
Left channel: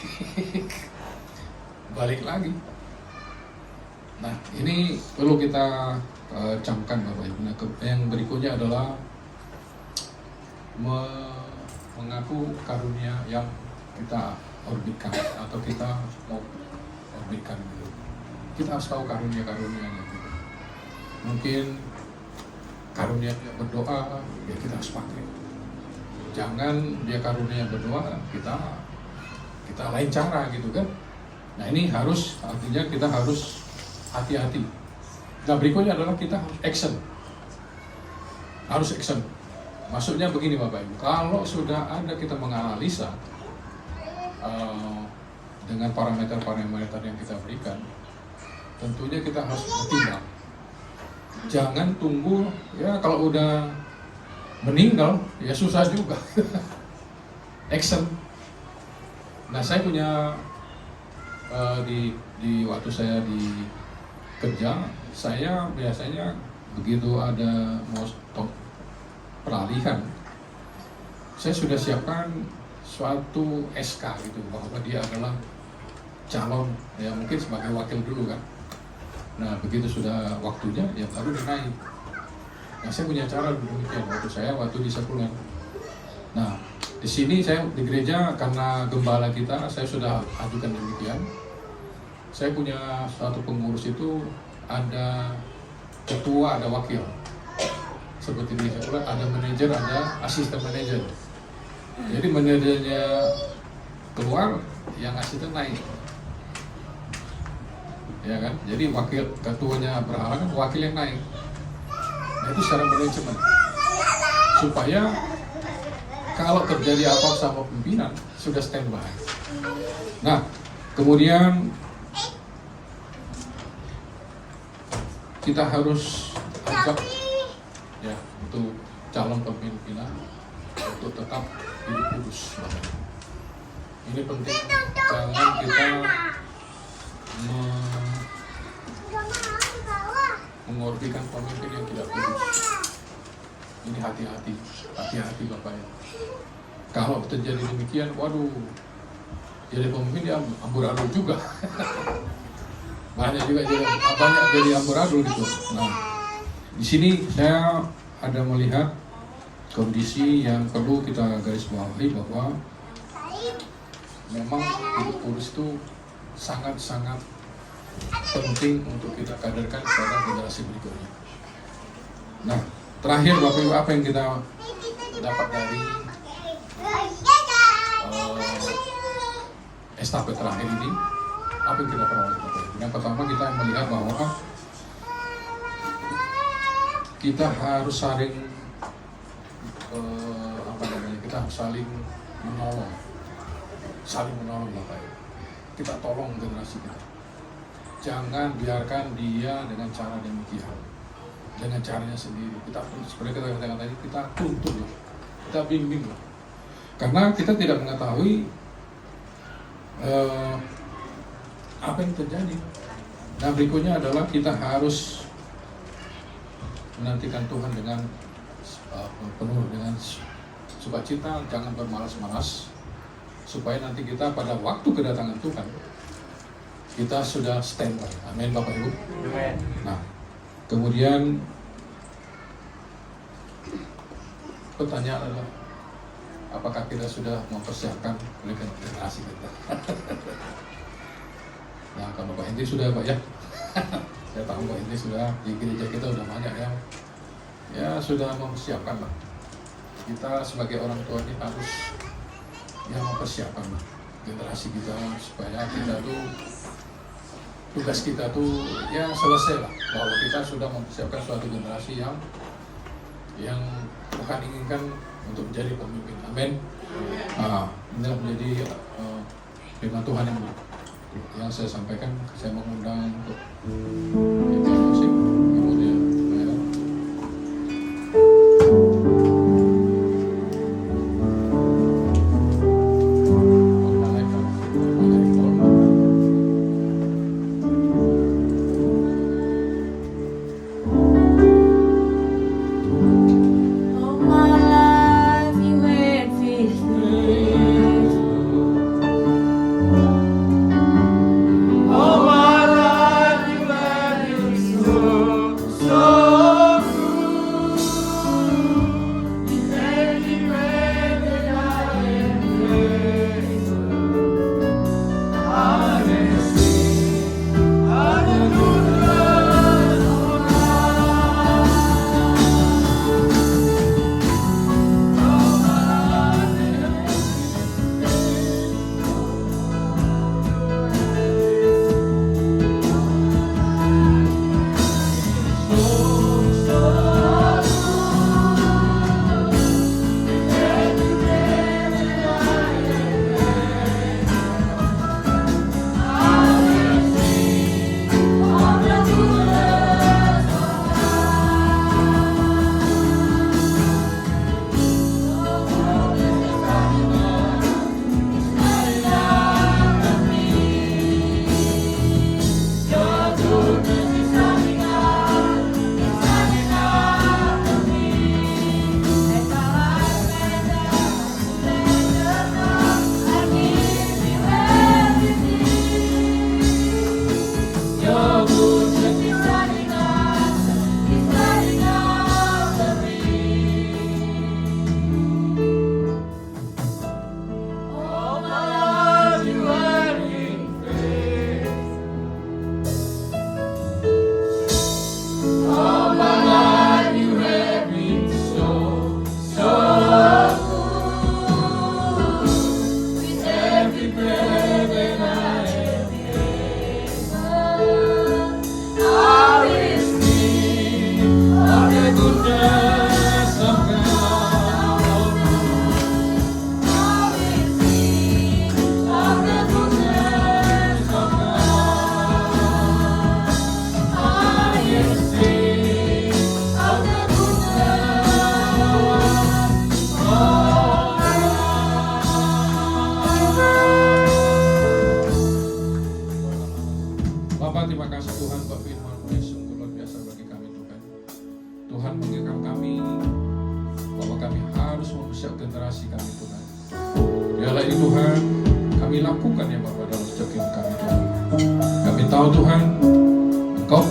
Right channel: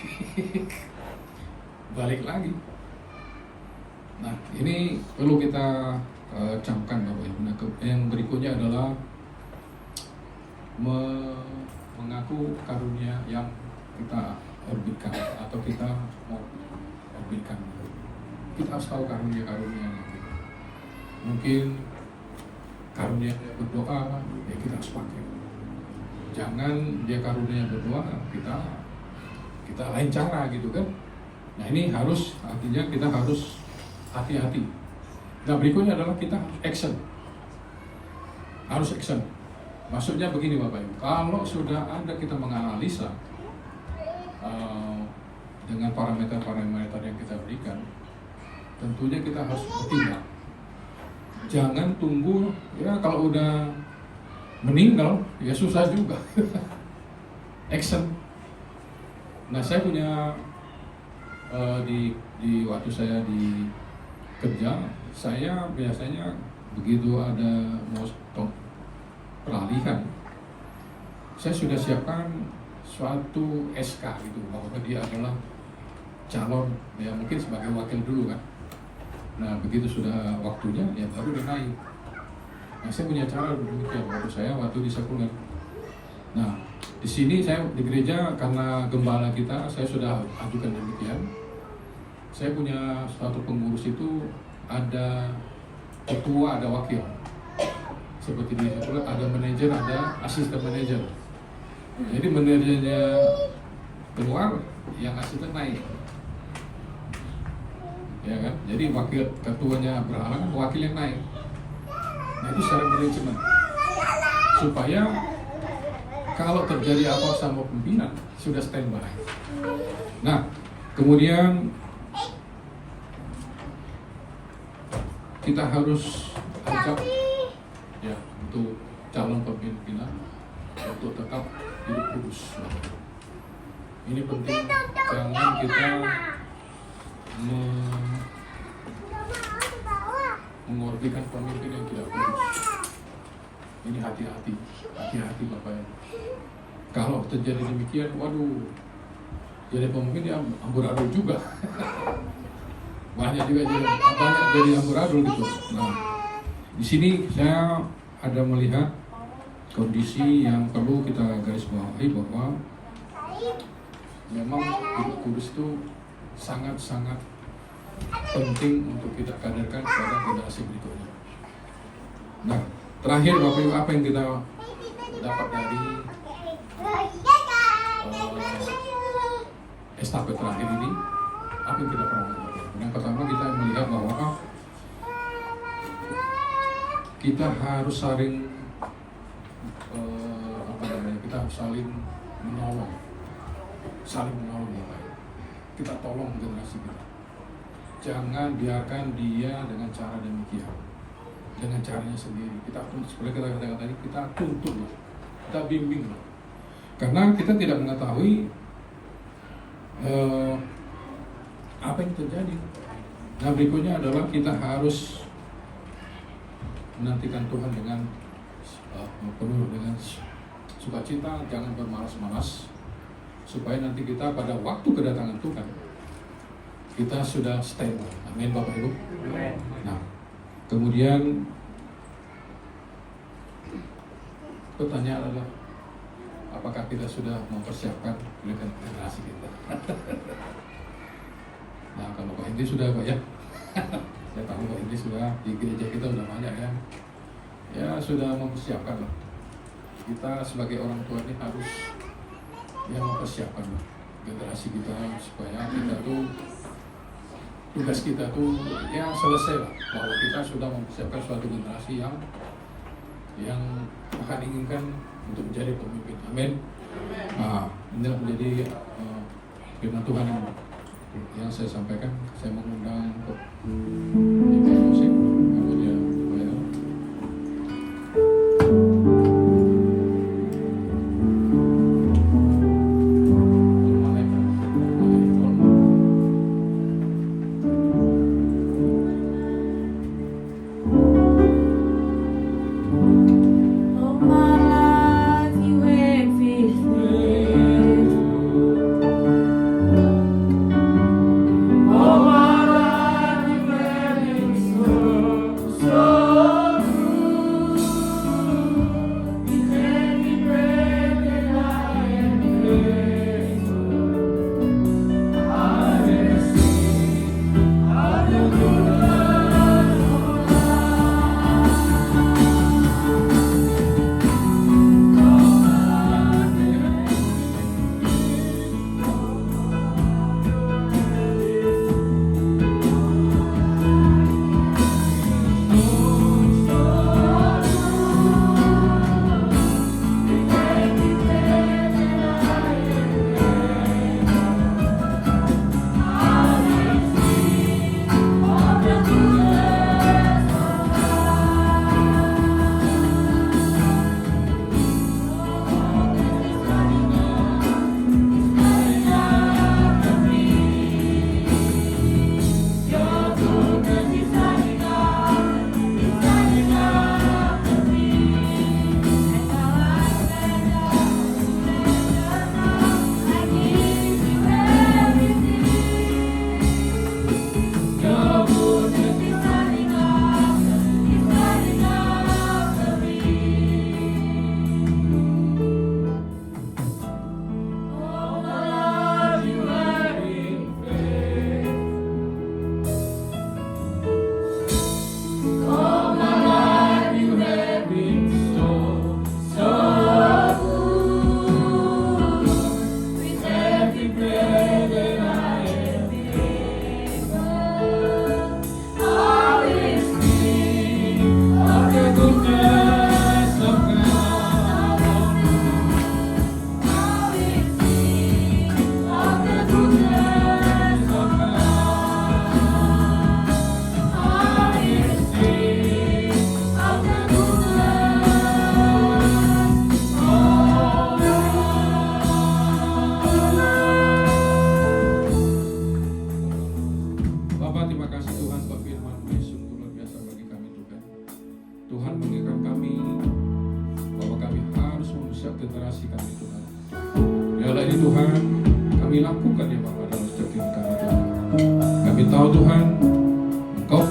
Balik lagi. Nah, ini perlu kita camkan, Bapak Ibu. Nah, yang berikutnya adalah mengaku karunia yang kita orbitkan atau kita mau orbitkan. Kita harus tahu karunia-karunia. Mungkin karunia dia berdoa, ya kita harus pakai. Jangan dia karunia berdoa, kita lain cara gitu kan. Nah, ini artinya kita harus hati-hati. Nah, berikutnya adalah kita harus action. Harus action. Maksudnya begini, Bapak Ibu, kalau sudah ada kita menganalisa dengan parameter-parameter yang kita berikan, tentunya kita harus bertindak. Jangan tunggu, ya kalau udah meninggal, ya susah juga. Action. Nah, saya punya di waktu saya di kerja, saya biasanya begitu ada mau stop peralihan, saya sudah siapkan suatu SK itu bahwa dia adalah calon, ya mungkin sebagai wakil dulu kan. Nah, begitu sudah waktunya, ya baru dia naik. Nah, saya punya cara demikian waktu di Sekulen. Nah, di sini saya di gereja karena gembala kita, saya sudah ajukan demikian. Saya punya suatu pengurus itu ada ketua, ada wakil. Seperti di Sekulen ada manajer, ada asisten manajer. Jadi manajernya keluar, yang asisten naik. Ya kan? Jadi wakil ketuanya berhalangan, wakil yang naik. Nah, itu secara manajemen. Supaya kalau terjadi apa sama pimpinan sudah standby. Nah, kemudian kita harus ajak ya untuk calon pimpinan untuk tetap hidup kudus. Ini penting, jangan kita mengorbikan pemimpin yang tidak kudus. Ini hati-hati Bapak. Kalau terjadi demikian, waduh, jadi pemimpin dia amburadul juga. banyak jadi amburadul itu. Nah, di sini saya ada melihat kondisi yang perlu kita garis bawahi bahwa memang hidup kudus itu sangat-sangat penting untuk kita kaderkan kepada generasi berikutnya. Nah, terakhir Bapak Ibu, apa yang kita dapat dari estafet terakhir ini? Apa yang kita peroleh? Yang pertama, kita melihat bahwa kita harus saling kita harus saling menolong Bapak. Kita tolong generasi kita. Jangan biarkan dia dengan cara demikian, dengan caranya sendiri. Kita seperti kita katakan tadi, kita tuntun, kita bimbing, karena kita tidak mengetahui apa yang terjadi. Nah, berikutnya adalah kita harus menantikan Tuhan dengan penuh dengan sukacita, jangan bermalas-malas, supaya nanti kita pada waktu kedatangan Tuhan kita sudah standby. Amin, Bapak Ibu. Amin. Nah, kemudian pertanyaan adalah, apakah kita sudah mempersiapkan generasi kita? Nah, kalau Pak Hendri sudah banyak, saya tahu Pak Hendri sudah di gereja kita sudah banyak ya sudah mempersiapkan lah. Kita sebagai orang tua ini harus mempersiapkan lah generasi kita, supaya kita tuh tugas kita tuh ya selesai lah, bahwa kita sudah mempersiapkan suatu generasi yang Tuhan inginkan untuk menjadi pemimpin. Amin. Ini menjadi firman Tuhan yang saya sampaikan. Saya mengundang untuk musik, kemudian ya.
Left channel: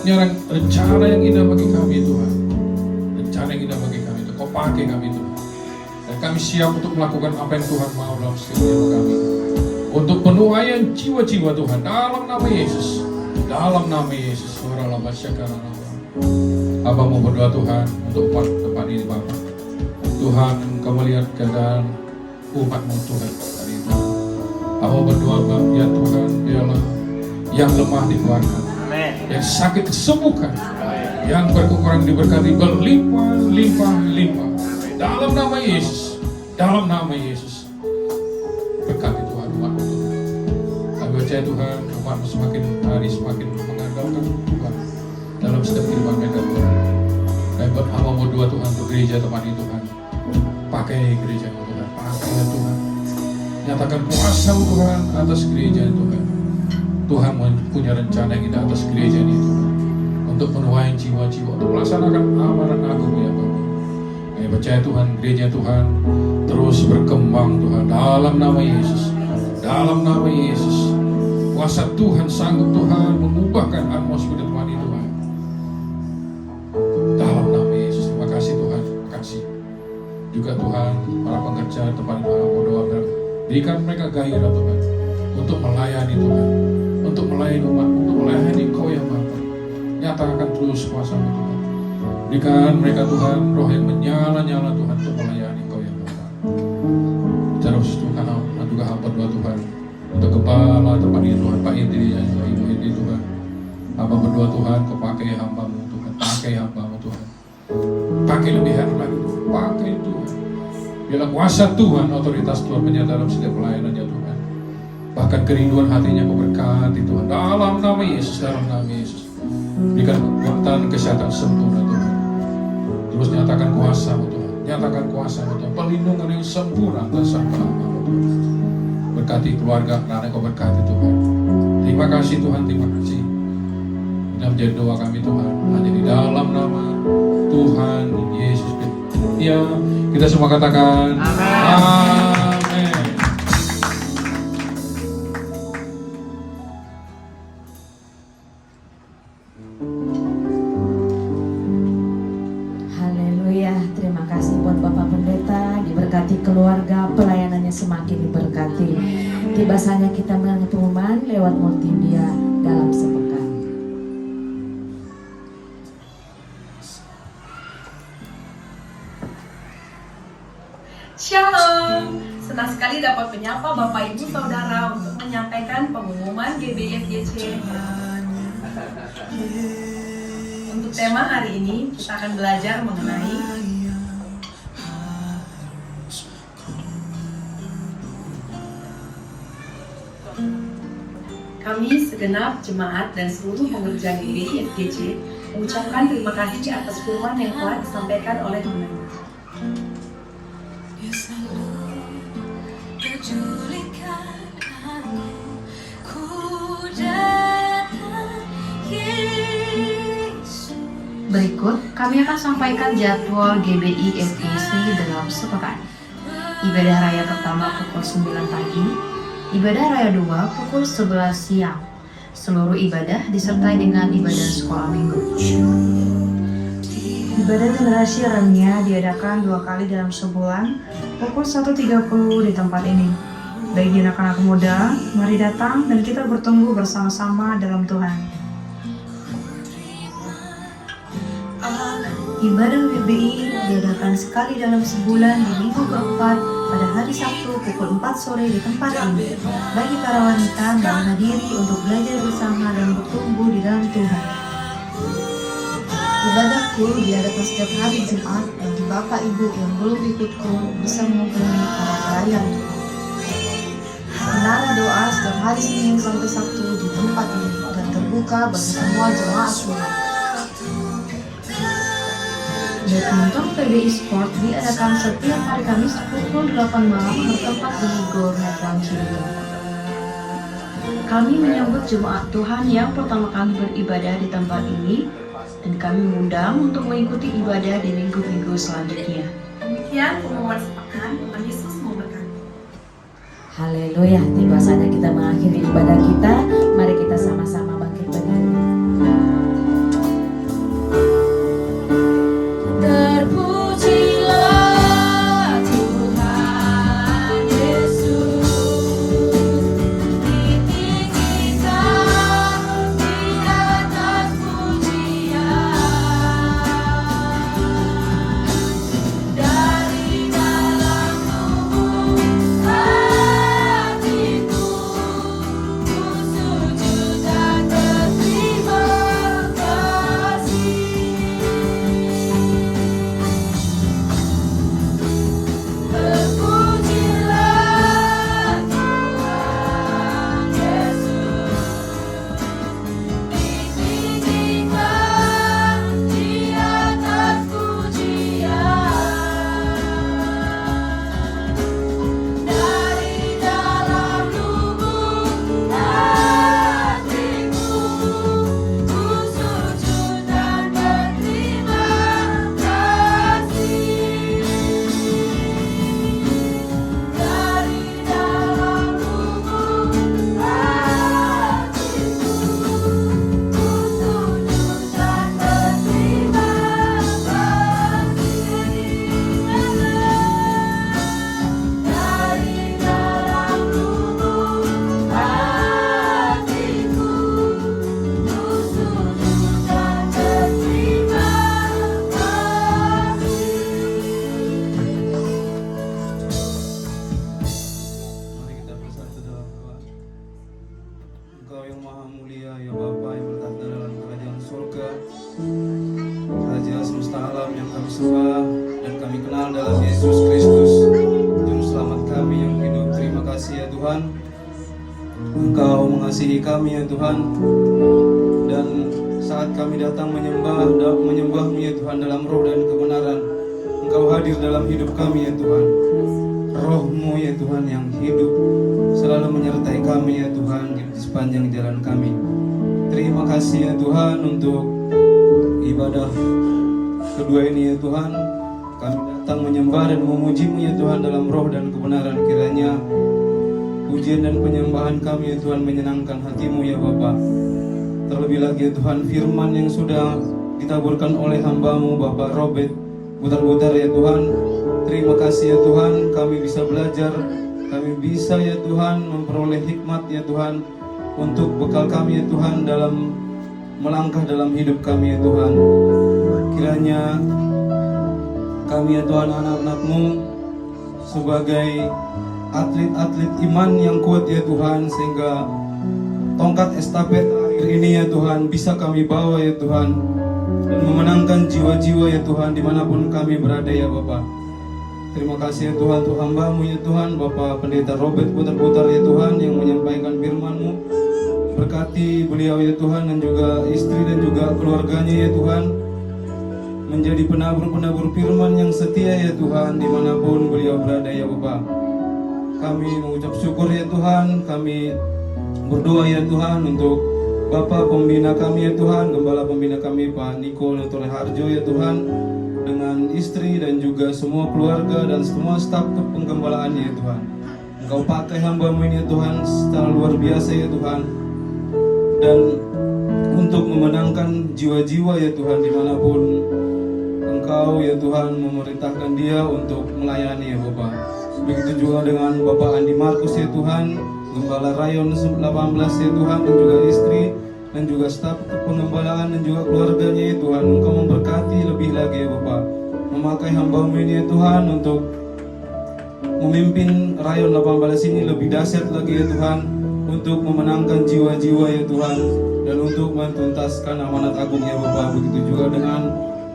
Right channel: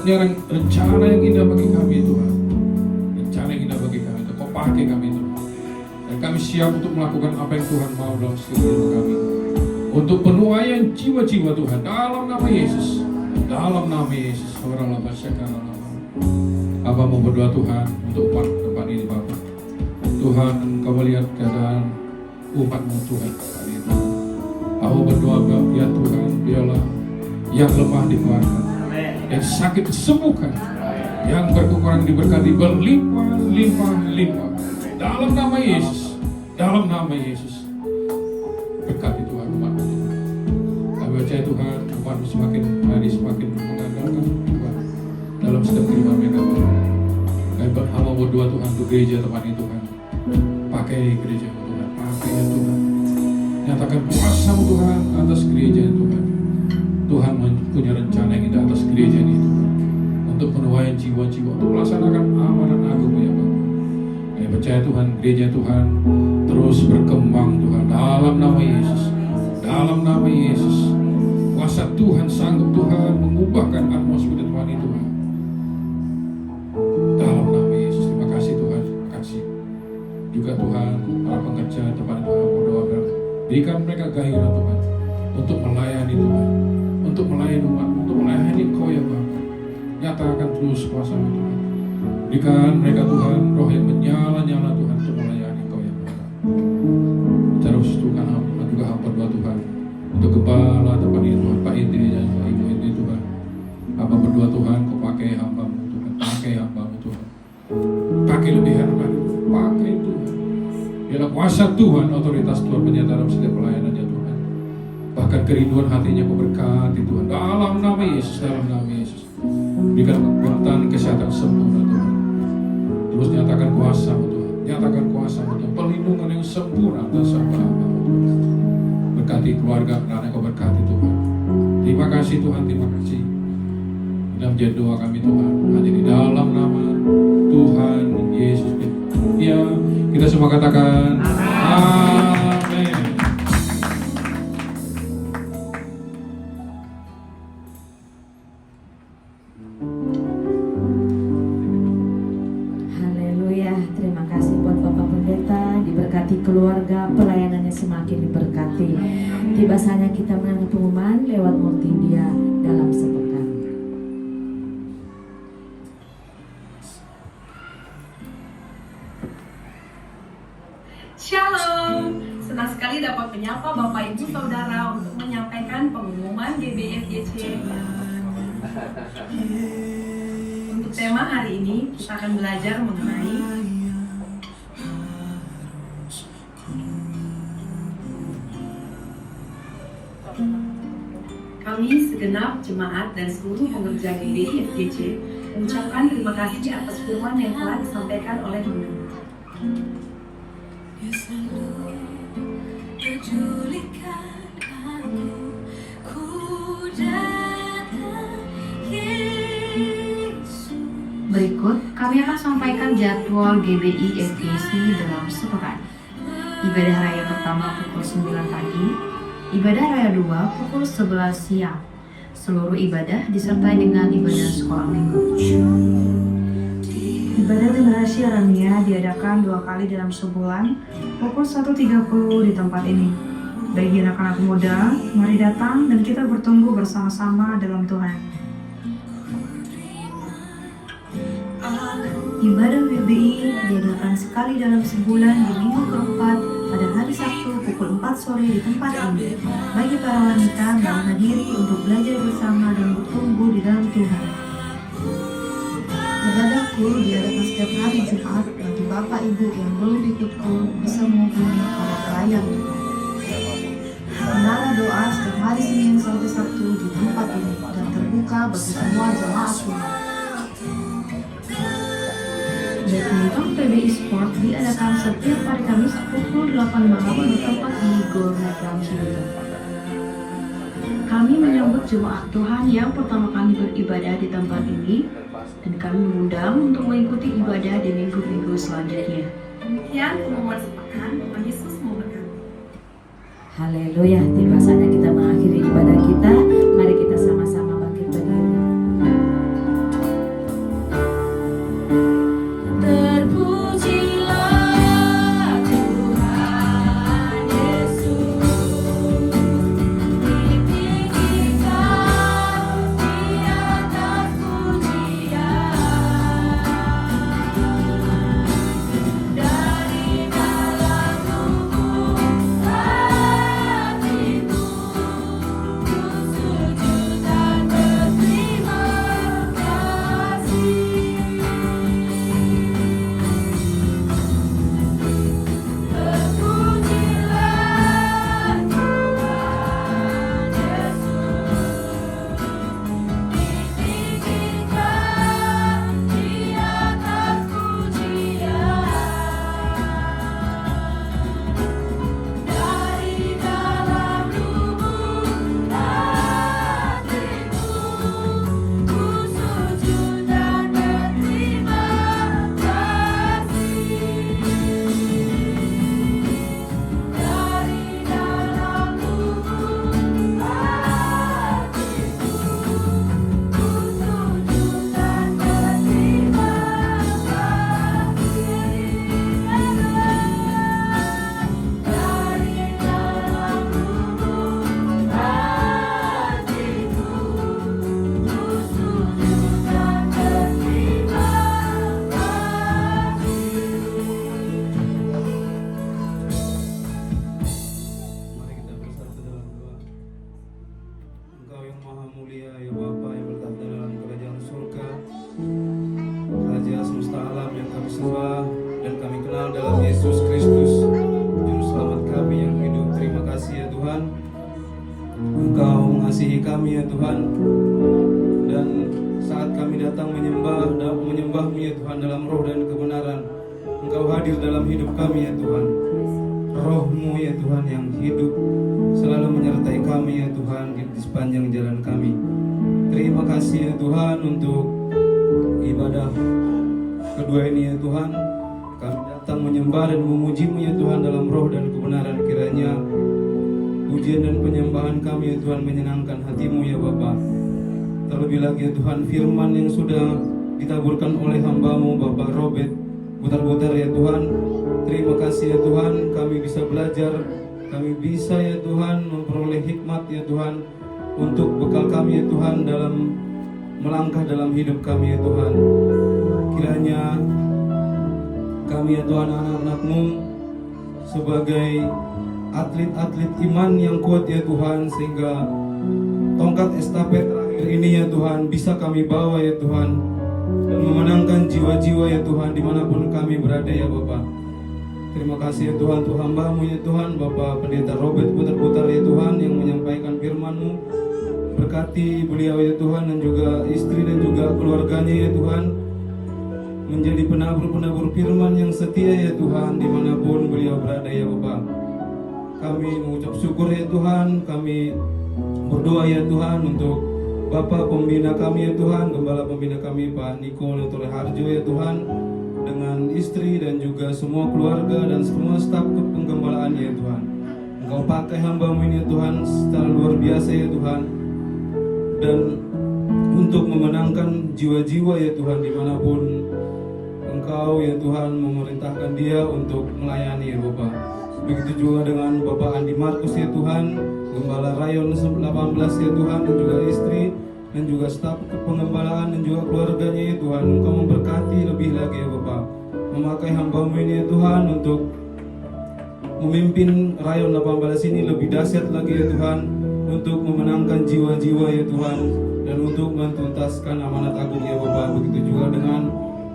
punya rencana yang indah bagi kami Tuhan. Rencana yang indah bagi kami Tuhan. Kau pakai kami Tuhan. Dan kami siap untuk melakukan apa yang Tuhan mau dalam setiap hidup kami. Untuk penuaian jiwa-jiwa Tuhan dalam nama Yesus. Dalam nama Yesus. Abah mau berdoa Tuhan untuk tempat ini Bapak. Tuhan, Kau melihat keadaan umat-Mu Tuhan hari ini. Abah berdoa ya Tuhan, biarlah yang lemah dikuatkan, yang sakit disembuhkan, yang berkekurangan diberkati berlimpah. Dalam nama Yesus, dalam nama Yesus. Berkati Tuhan umat-Mu Tuhan. Kami percaya Tuhan, umat-Mu semakin hari semakin mengandalkan Tuhan dalam setiap kehidupan mereka Tuhan. Kami berdoa Tuhan untuk gereja tempat ini Tuhan. Pakai gereja Tuhan, pakai ya Tuhan. Nyatakan kuasa Tuhan atas gereja Tuhan. Tuhan punya rencana yang indah atas gereja ini Tuhan, untuk menuai jiwa-jiwa, untuk melaksanakan amanat agung ya Tuhan. Kami percaya Tuhan, gereja Tuhan terus berkembang Tuhan dalam nama Yesus. Dalam nama Yesus, kuasa Tuhan sanggup Tuhan mengubahkan atmosfer Tuhan itu Tuhan. Dalam nama Yesus, terima kasih Tuhan, terima kasih. Juga Tuhan, para pekerja tempat Tuhan berdoa, berikan mereka gairah Tuhan untuk melayani Tuhan, untuk melayani umat, untuk melayani Kau ya Bapa. Nyatakan terus kuasa-Mu Tuhan. Berikan mereka Tuhan roh yang menyala-nyala Tuhan untuk melayani Kau ya Bapa. Terus Tuhan, juga hamba doa Tuhan untuk kepala tempat ini Tuhan, Pak Indri dan Ibu Indri Tuhan. Hamba berdoa Tuhan, Kau pakai hamba-Mu Tuhan, pakai hamba-Mu Tuhan. Pakai lebih hebat lagi Tuhan, pakai Tuhan. Biarlah kuasa Tuhan, otoritas Tuhan menyertai dalam setiap pelayanannya Tuhan. Bahkan kerinduan hatinya Kau berkati Tuhan, dalam nama Yesus, dalam nama Yesus. Berikan kekuatan kesehatan sempurna Tuhan. Terus nyatakan kuasa-Mu Tuhan, nyatakan kuasa-Mu Tuhan, perlindungan yang sempurna atas hamba-Mu Tuhan. Berkati keluarga, anak-anak Kau berkati Tuhan. Terima kasih Tuhan, terima kasih. Ini menjadi doa kami Tuhan, hanya di dalam nama Tuhan Yesus Kristus. Ya, kita semua katakan amin. Haleluya, terima kasih buat Bapak Pendeta, diberkati keluarga, pelayanannya semakin diberkati. Tiba saatnya kita mendengar pengumuman lewat multimedia dalam sepekan. Shalom, senang sekali dapat menyapa Bapak Ibu Saudara untuk menyampaikan pengumuman GBFGC. Untuk tema hari ini kita akan belajar mengenai kami segenap jemaat dan seluruh pengerja GBFGC mengucapkan terima kasih atas firman yang telah disampaikan oleh pemerintah. Berikut kami akan sampaikan jadwal GBI FGC dalam sepekan. Ibadah raya pertama pukul 9 pagi, ibadah raya 2 pukul 11 siang. Seluruh ibadah disertai dengan ibadah sekolah minggu. Ibadah generasi lainnya diadakan 2 kali dalam sebulan pukul 1.30 di tempat ini. Bagi anak-anak muda, mari datang dan kita bertumbuh bersama-sama dalam Tuhan. Ibadah GBI diadakan sekali dalam sebulan di minggu keempat pada hari Sabtu pukul 4 sore di tempat ini. Bagi para wanita, mau hadiri untuk belajar bersama dan bertumbuh di dalam Tuhan. Ibadah kul diadakan setiap hari Jumat bagi Bapak Ibu yang belum ikut kul bisa menghubungi para pelayan. Menara doa setiap hari Senin sampai Sabtu di tempat ini dan terbuka bagi semua jemaat Tuhan. Badminton PBI Sport diadakan setiap hari Kamis pukul 8 malam di tempat ini Gor Metro Cibubur. Kami menyambut jemaat Tuhan yang pertama kali beribadah di tempat ini dan kami mengundang untuk mengikuti ibadah di minggu-minggu selanjutnya. Demikian pengumuman sepekan, Tuhan Yesus memberkati. Haleluya, tiba saatnya kita mengakhiri ibadah kita. Mari kita sama-sama bangkit berdiri. Terpujilah Tuhan Yesus, pimpin kita di atas pujian. Dari dalam lubuk hatiku, ku sembah dan kami kenal dalam Yesus Kristus, Juru Selamat kami yang hidup. Terima kasih ya Tuhan, Engkau mengasihi kami ya Tuhan. Dan saat kami datang menyembah-Mu ya Tuhan dalam roh dan kebenaran, Engkau hadir dalam hidup kami ya Tuhan. Roh-Mu ya Tuhan yang hidup selalu menyertai kami ya Tuhan di sepanjang jalan kami. Terima kasih ya Tuhan untuk ibadah kedua ini ya Tuhan. Kami datang menyembah dan memuji-Mu ya Tuhan dalam roh dan kebenaran. Kiranya pujian dan penyembahan kami ya Tuhan menyenangkan hati-Mu ya Bapa. Terlebih lagi ya Tuhan, firman yang sudah ditaburkan oleh hamba-Mu Bapak Robert Butar-Butar ya Tuhan. Terima kasih ya Tuhan, kami bisa belajar, kami bisa ya Tuhan memperoleh hikmat ya Tuhan untuk bekal kami ya Tuhan dalam melangkah dalam hidup kami ya Tuhan. Kiranya kami ya Tuhan anak-anak-Mu sebagai atlet-atlet iman yang kuat ya Tuhan, sehingga tongkat estafet terakhir ini ya Tuhan bisa kami bawa ya Tuhan dan memenangkan jiwa-jiwa ya Tuhan dimanapun kami berada ya Bapak. Terima kasih ya Tuhan untuk hamba-Mu ya Tuhan, Bapak Pendeta Robert Butar-Butar ya Tuhan yang menyampaikan firman-Mu. Berkati beliau ya Tuhan dan juga istri dan juga keluarganya ya Tuhan, menjadi penabur-penabur firman yang setia ya Tuhan dimanapun beliau berada ya Bapak. Kami mengucap syukur ya Tuhan, kami berdoa ya Tuhan untuk Bapak pembina kami ya Tuhan, Gembala pembina kami Pak Niko Notore Harjo ya Tuhan, dengan istri dan juga semua keluarga dan semua staf penggembalaannya ya Tuhan. Engkau pakai hamba-Mu ini ya Tuhan secara luar biasa ya Tuhan, dan untuk memenangkan jiwa-jiwa ya Tuhan dimanapun Engkau ya Tuhan memerintahkan dia untuk melayani ya Bapak. Begitu juga dengan Bapak Andi Markus ya Tuhan, Gembala Rayon 18 ya Tuhan, dan juga istri dan juga staf pengembalaan dan juga keluarganya ya Tuhan. Engkau memberkati lebih lagi ya Bapak, memakai hamba-Mu ini ya Tuhan untuk memimpin Rayon 18 ini lebih dahsyat lagi ya Tuhan, untuk memenangkan jiwa-jiwa ya Tuhan dan untuk menuntaskan amanat agung ya Bapak. Begitu juga dengan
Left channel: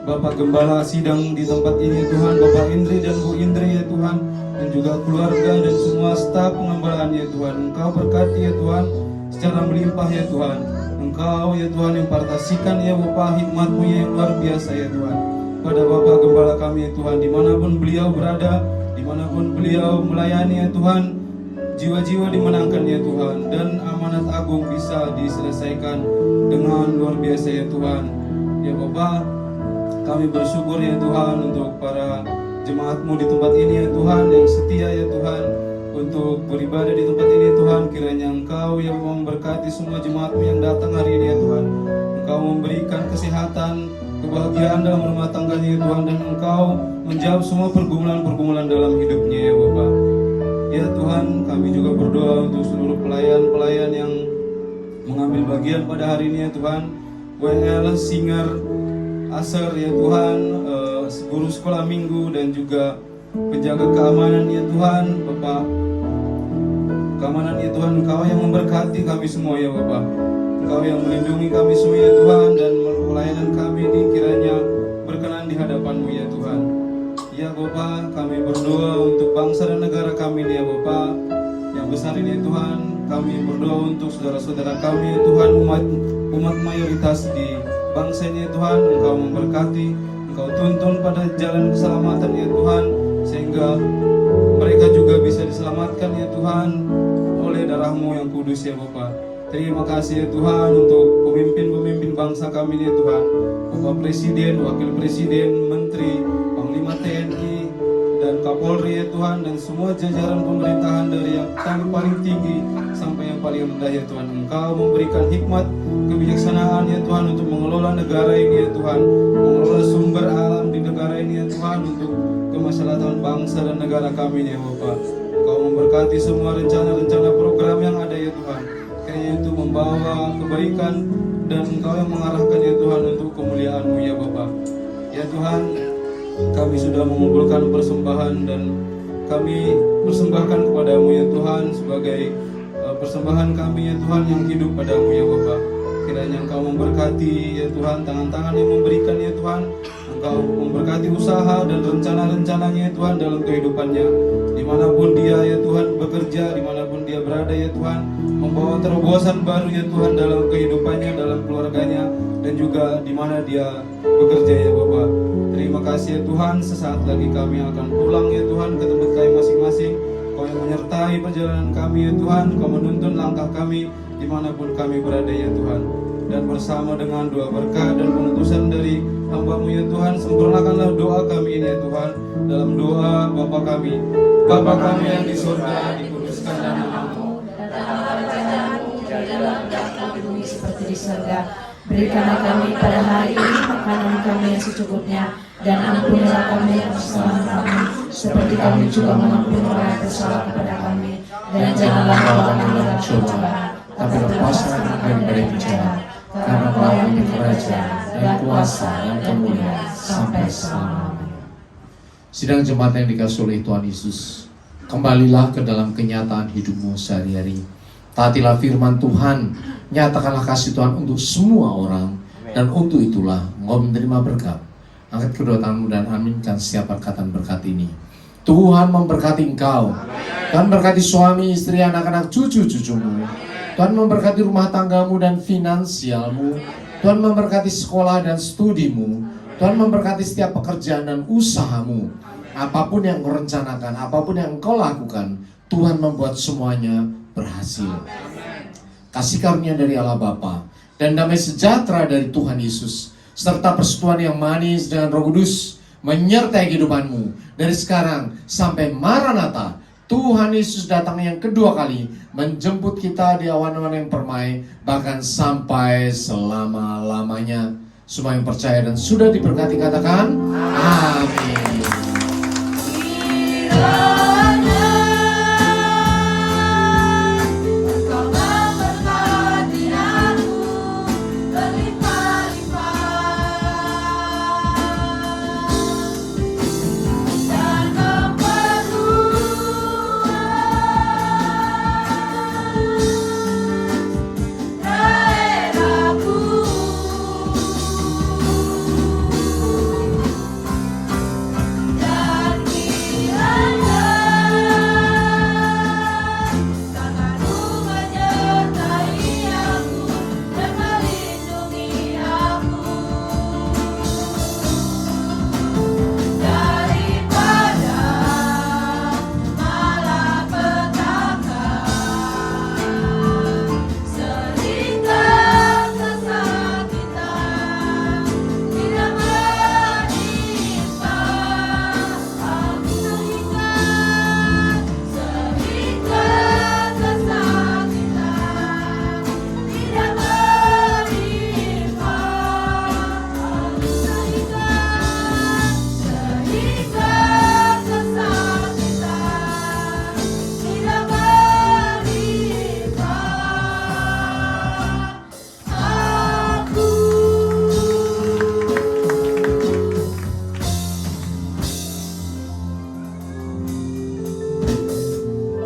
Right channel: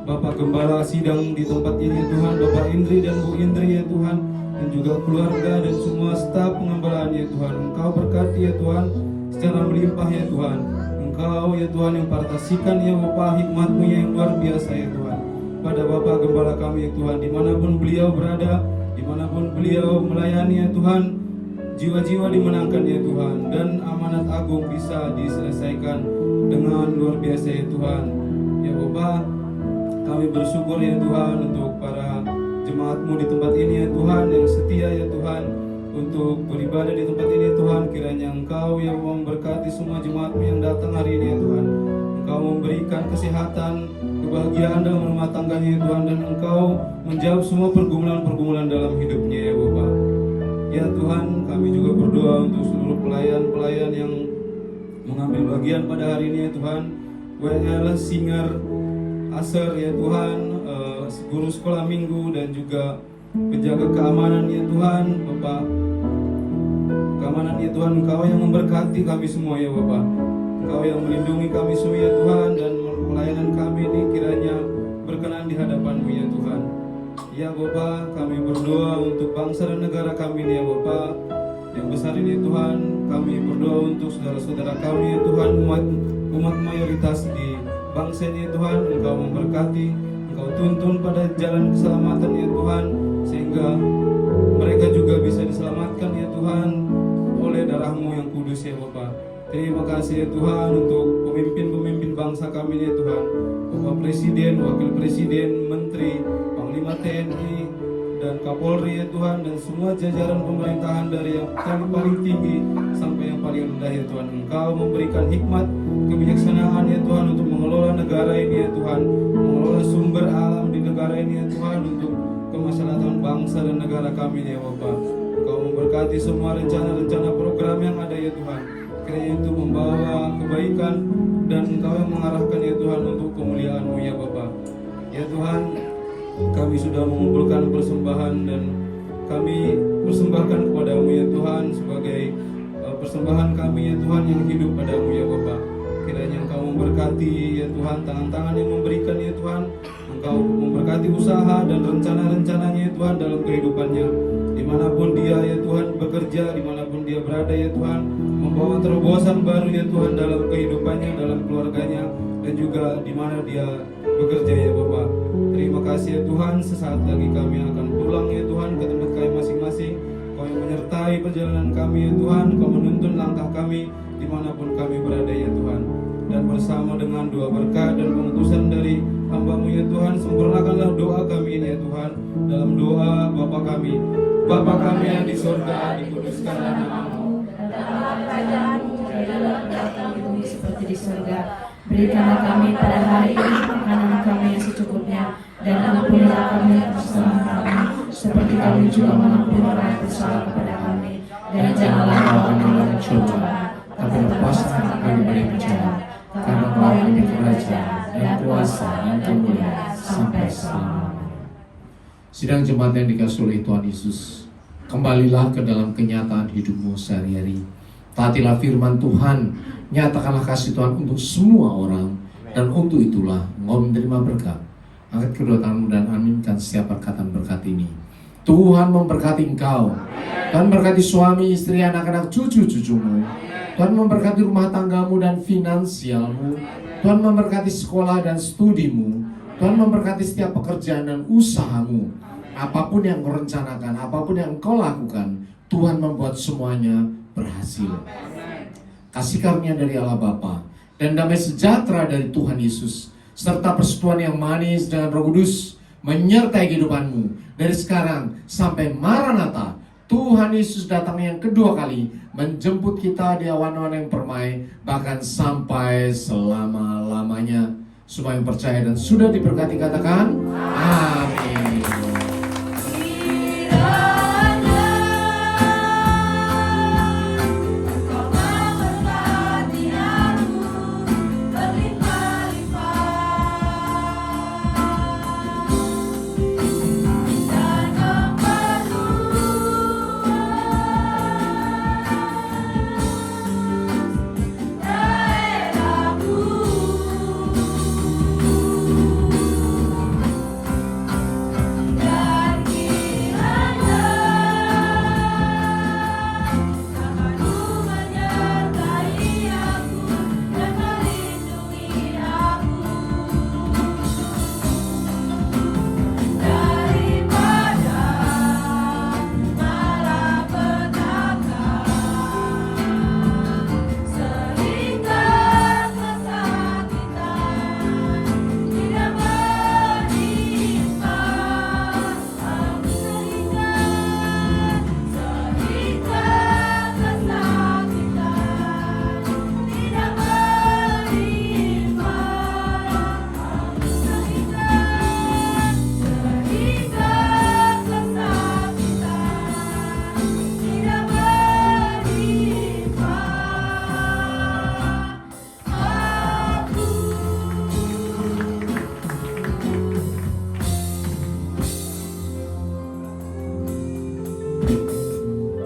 Bapak Gembala sidang di tempat ini Tuhan, Bapak Indri dan Bu Indri ya Tuhan, dan juga keluarga dan semua staf pengembalaan ya Tuhan. Engkau berkati ya Tuhan secara melimpah ya Tuhan. Engkau ya Tuhan impartasikan ya Bapak hikmat-Mu yang luar biasa ya Tuhan pada Bapak Gembala kami ya Tuhan, dimanapun beliau berada, dimanapun beliau melayani ya Tuhan, jiwa-jiwa dimenangkan ya Tuhan, dan amanat agung bisa diselesaikan dengan luar biasa ya Tuhan. Ya Bapak, kami bersyukur ya Tuhan untuk para jemaat-Mu di tempat ini ya Tuhan yang setia ya Tuhan untuk beribadah di tempat ini ya Tuhan. Kiranya Engkau yang memberkati semua jemaat-Mu yang datang hari ini ya Tuhan. Engkau memberikan kesehatan, kebahagiaan dalam rumah tangganya ya Tuhan, dan Engkau menjawab semua pergumulan-pergumulan dalam hidupnya ya Bapak. Ya Tuhan, kami juga berdoa untuk seluruh pelayan-pelayan yang mengambil bagian pada hari ini ya Tuhan. WL, singer, Aser ya Tuhan, guru sekolah minggu dan juga penjaga keamanan ya Tuhan, Bapak. Keamanan ya Tuhan, Engkau yang memberkati kami semua ya Bapak. Engkau yang melindungi kami semua ya Tuhan, dan pelayanan kami ini kiranya berkenan di hadapan-Mu ya Tuhan. Ya Bapak, kami berdoa untuk bangsa dan negara kami ini ya Bapak yang besar ini ya Tuhan. Kami berdoa untuk saudara-saudara kami ya Tuhan, umat mayoritas di bangsa ini ya Tuhan. Engkau memberkati, Engkau tuntun pada jalan keselamatan ya Tuhan, sehingga mereka juga bisa diselamatkan ya Tuhan oleh darah-Mu yang kudus ya Bapak. Terima kasih ya Tuhan untuk pemimpin-pemimpin bangsa kami ya Tuhan, Bapak Presiden, Wakil Presiden, Menteri, Panglima TNI, dan Kapolri ya Tuhan, dan semua jajaran pemerintahan dari yang paling tinggi sampai yang paling rendah ya Tuhan. Engkau memberikan hikmat, kebijaksanaan ya Tuhan untuk mengelola negara ini ya Tuhan, mengelola sumber alam di negara ini ya Tuhan, untuk kemaslahatan bangsa dan negara kami ya Bapak. Engkau memberkati semua rencana-rencana program yang ada ya Tuhan, kiranya itu membawa kebaikan, dan Engkau yang mengarahkan ya Tuhan untuk kemuliaan-Mu ya Bapak. Ya Tuhan, kami sudah mengumpulkan persembahan dan kami persembahkan kepada-Mu ya Tuhan sebagai persembahan kami ya Tuhan yang hidup pada-Mu ya Bapak. Kiranya Engkau memberkati ya Tuhan, tangan-tangan yang memberikan ya Tuhan, Tuhan. Engkau memberkati usaha dan rencana-rencananya ya Tuhan dalam kehidupannya. Dimanapun dia ya Tuhan bekerja, dimanapun dia berada ya Tuhan, membawa terobosan baru ya Tuhan dalam kehidupannya, dalam keluarganya, dan juga di mana dia bekerja ya Bapak. Terima kasih ya Tuhan, sesaat lagi kami akan pulang ya Tuhan ke tempat kami masing-masing. Kau yang menyertai perjalanan kami ya Tuhan, Kau menuntun langkah kami dimanapun kami berada ya Tuhan. Dan bersama dengan doa berkat dan pengutusan dari hamba-Mu ya Tuhan, sempurnakanlah doa kami ini ya Tuhan. Dalam doa Bapa kami yang di surga, dikuduskanlah nama-Mu, datanglah kerajaan-Mu, jadilah kehendak-Mu di bumi seperti di surga. Berikanlah kami pada hari ini makanan kami yang secukupnya, dan ampunilah kami kesalahan kami, seperti kami juga mengampuni orang yang bersalah kepada kami. Dan janganlah kau kami dalam cobaan, tapi lepaskan kami dari penjara. Karena Kau yang kerajaan dan kuasa dan kemuliaan sampai selama-lamanya. Sidang jemaat yang dikasihi oleh Tuhan Yesus, kembalilah ke dalam kenyataan hidupmu sehari-hari. Taatilah firman Tuhan, nyatakanlah kasih Tuhan untuk semua orang, dan untuk itulah engkau menerima berkat. Angkat kedua tanganmu dan aminkan setiap perkataan berkat ini. Tuhan memberkati engkau, dan berkati suami, istri, anak-anak, cucu-cucumu. Tuhan memberkati rumah tanggamu dan finansialmu. Tuhan memberkati sekolah dan studimu. Tuhan memberkati setiap pekerjaan dan usahamu. Apapun yang kau rencanakan, apapun yang kau lakukan, Tuhan membuat semuanya berhasil. Kasih karunia dari Allah Bapa dan damai sejahtera dari Tuhan Yesus, serta persekutuan yang manis dengan Roh Kudus menyertai kehidupanmu dari sekarang sampai Maranatha. Tuhan Yesus datang yang kedua kali menjemput kita di awan-awan yang permai, bahkan sampai selama-lamanya. Semua yang percaya dan sudah diberkati katakan amin.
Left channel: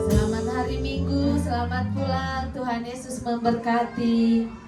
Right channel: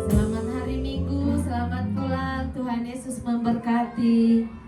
Selamat hari Minggu, selamat pulang. Tuhan Yesus memberkati.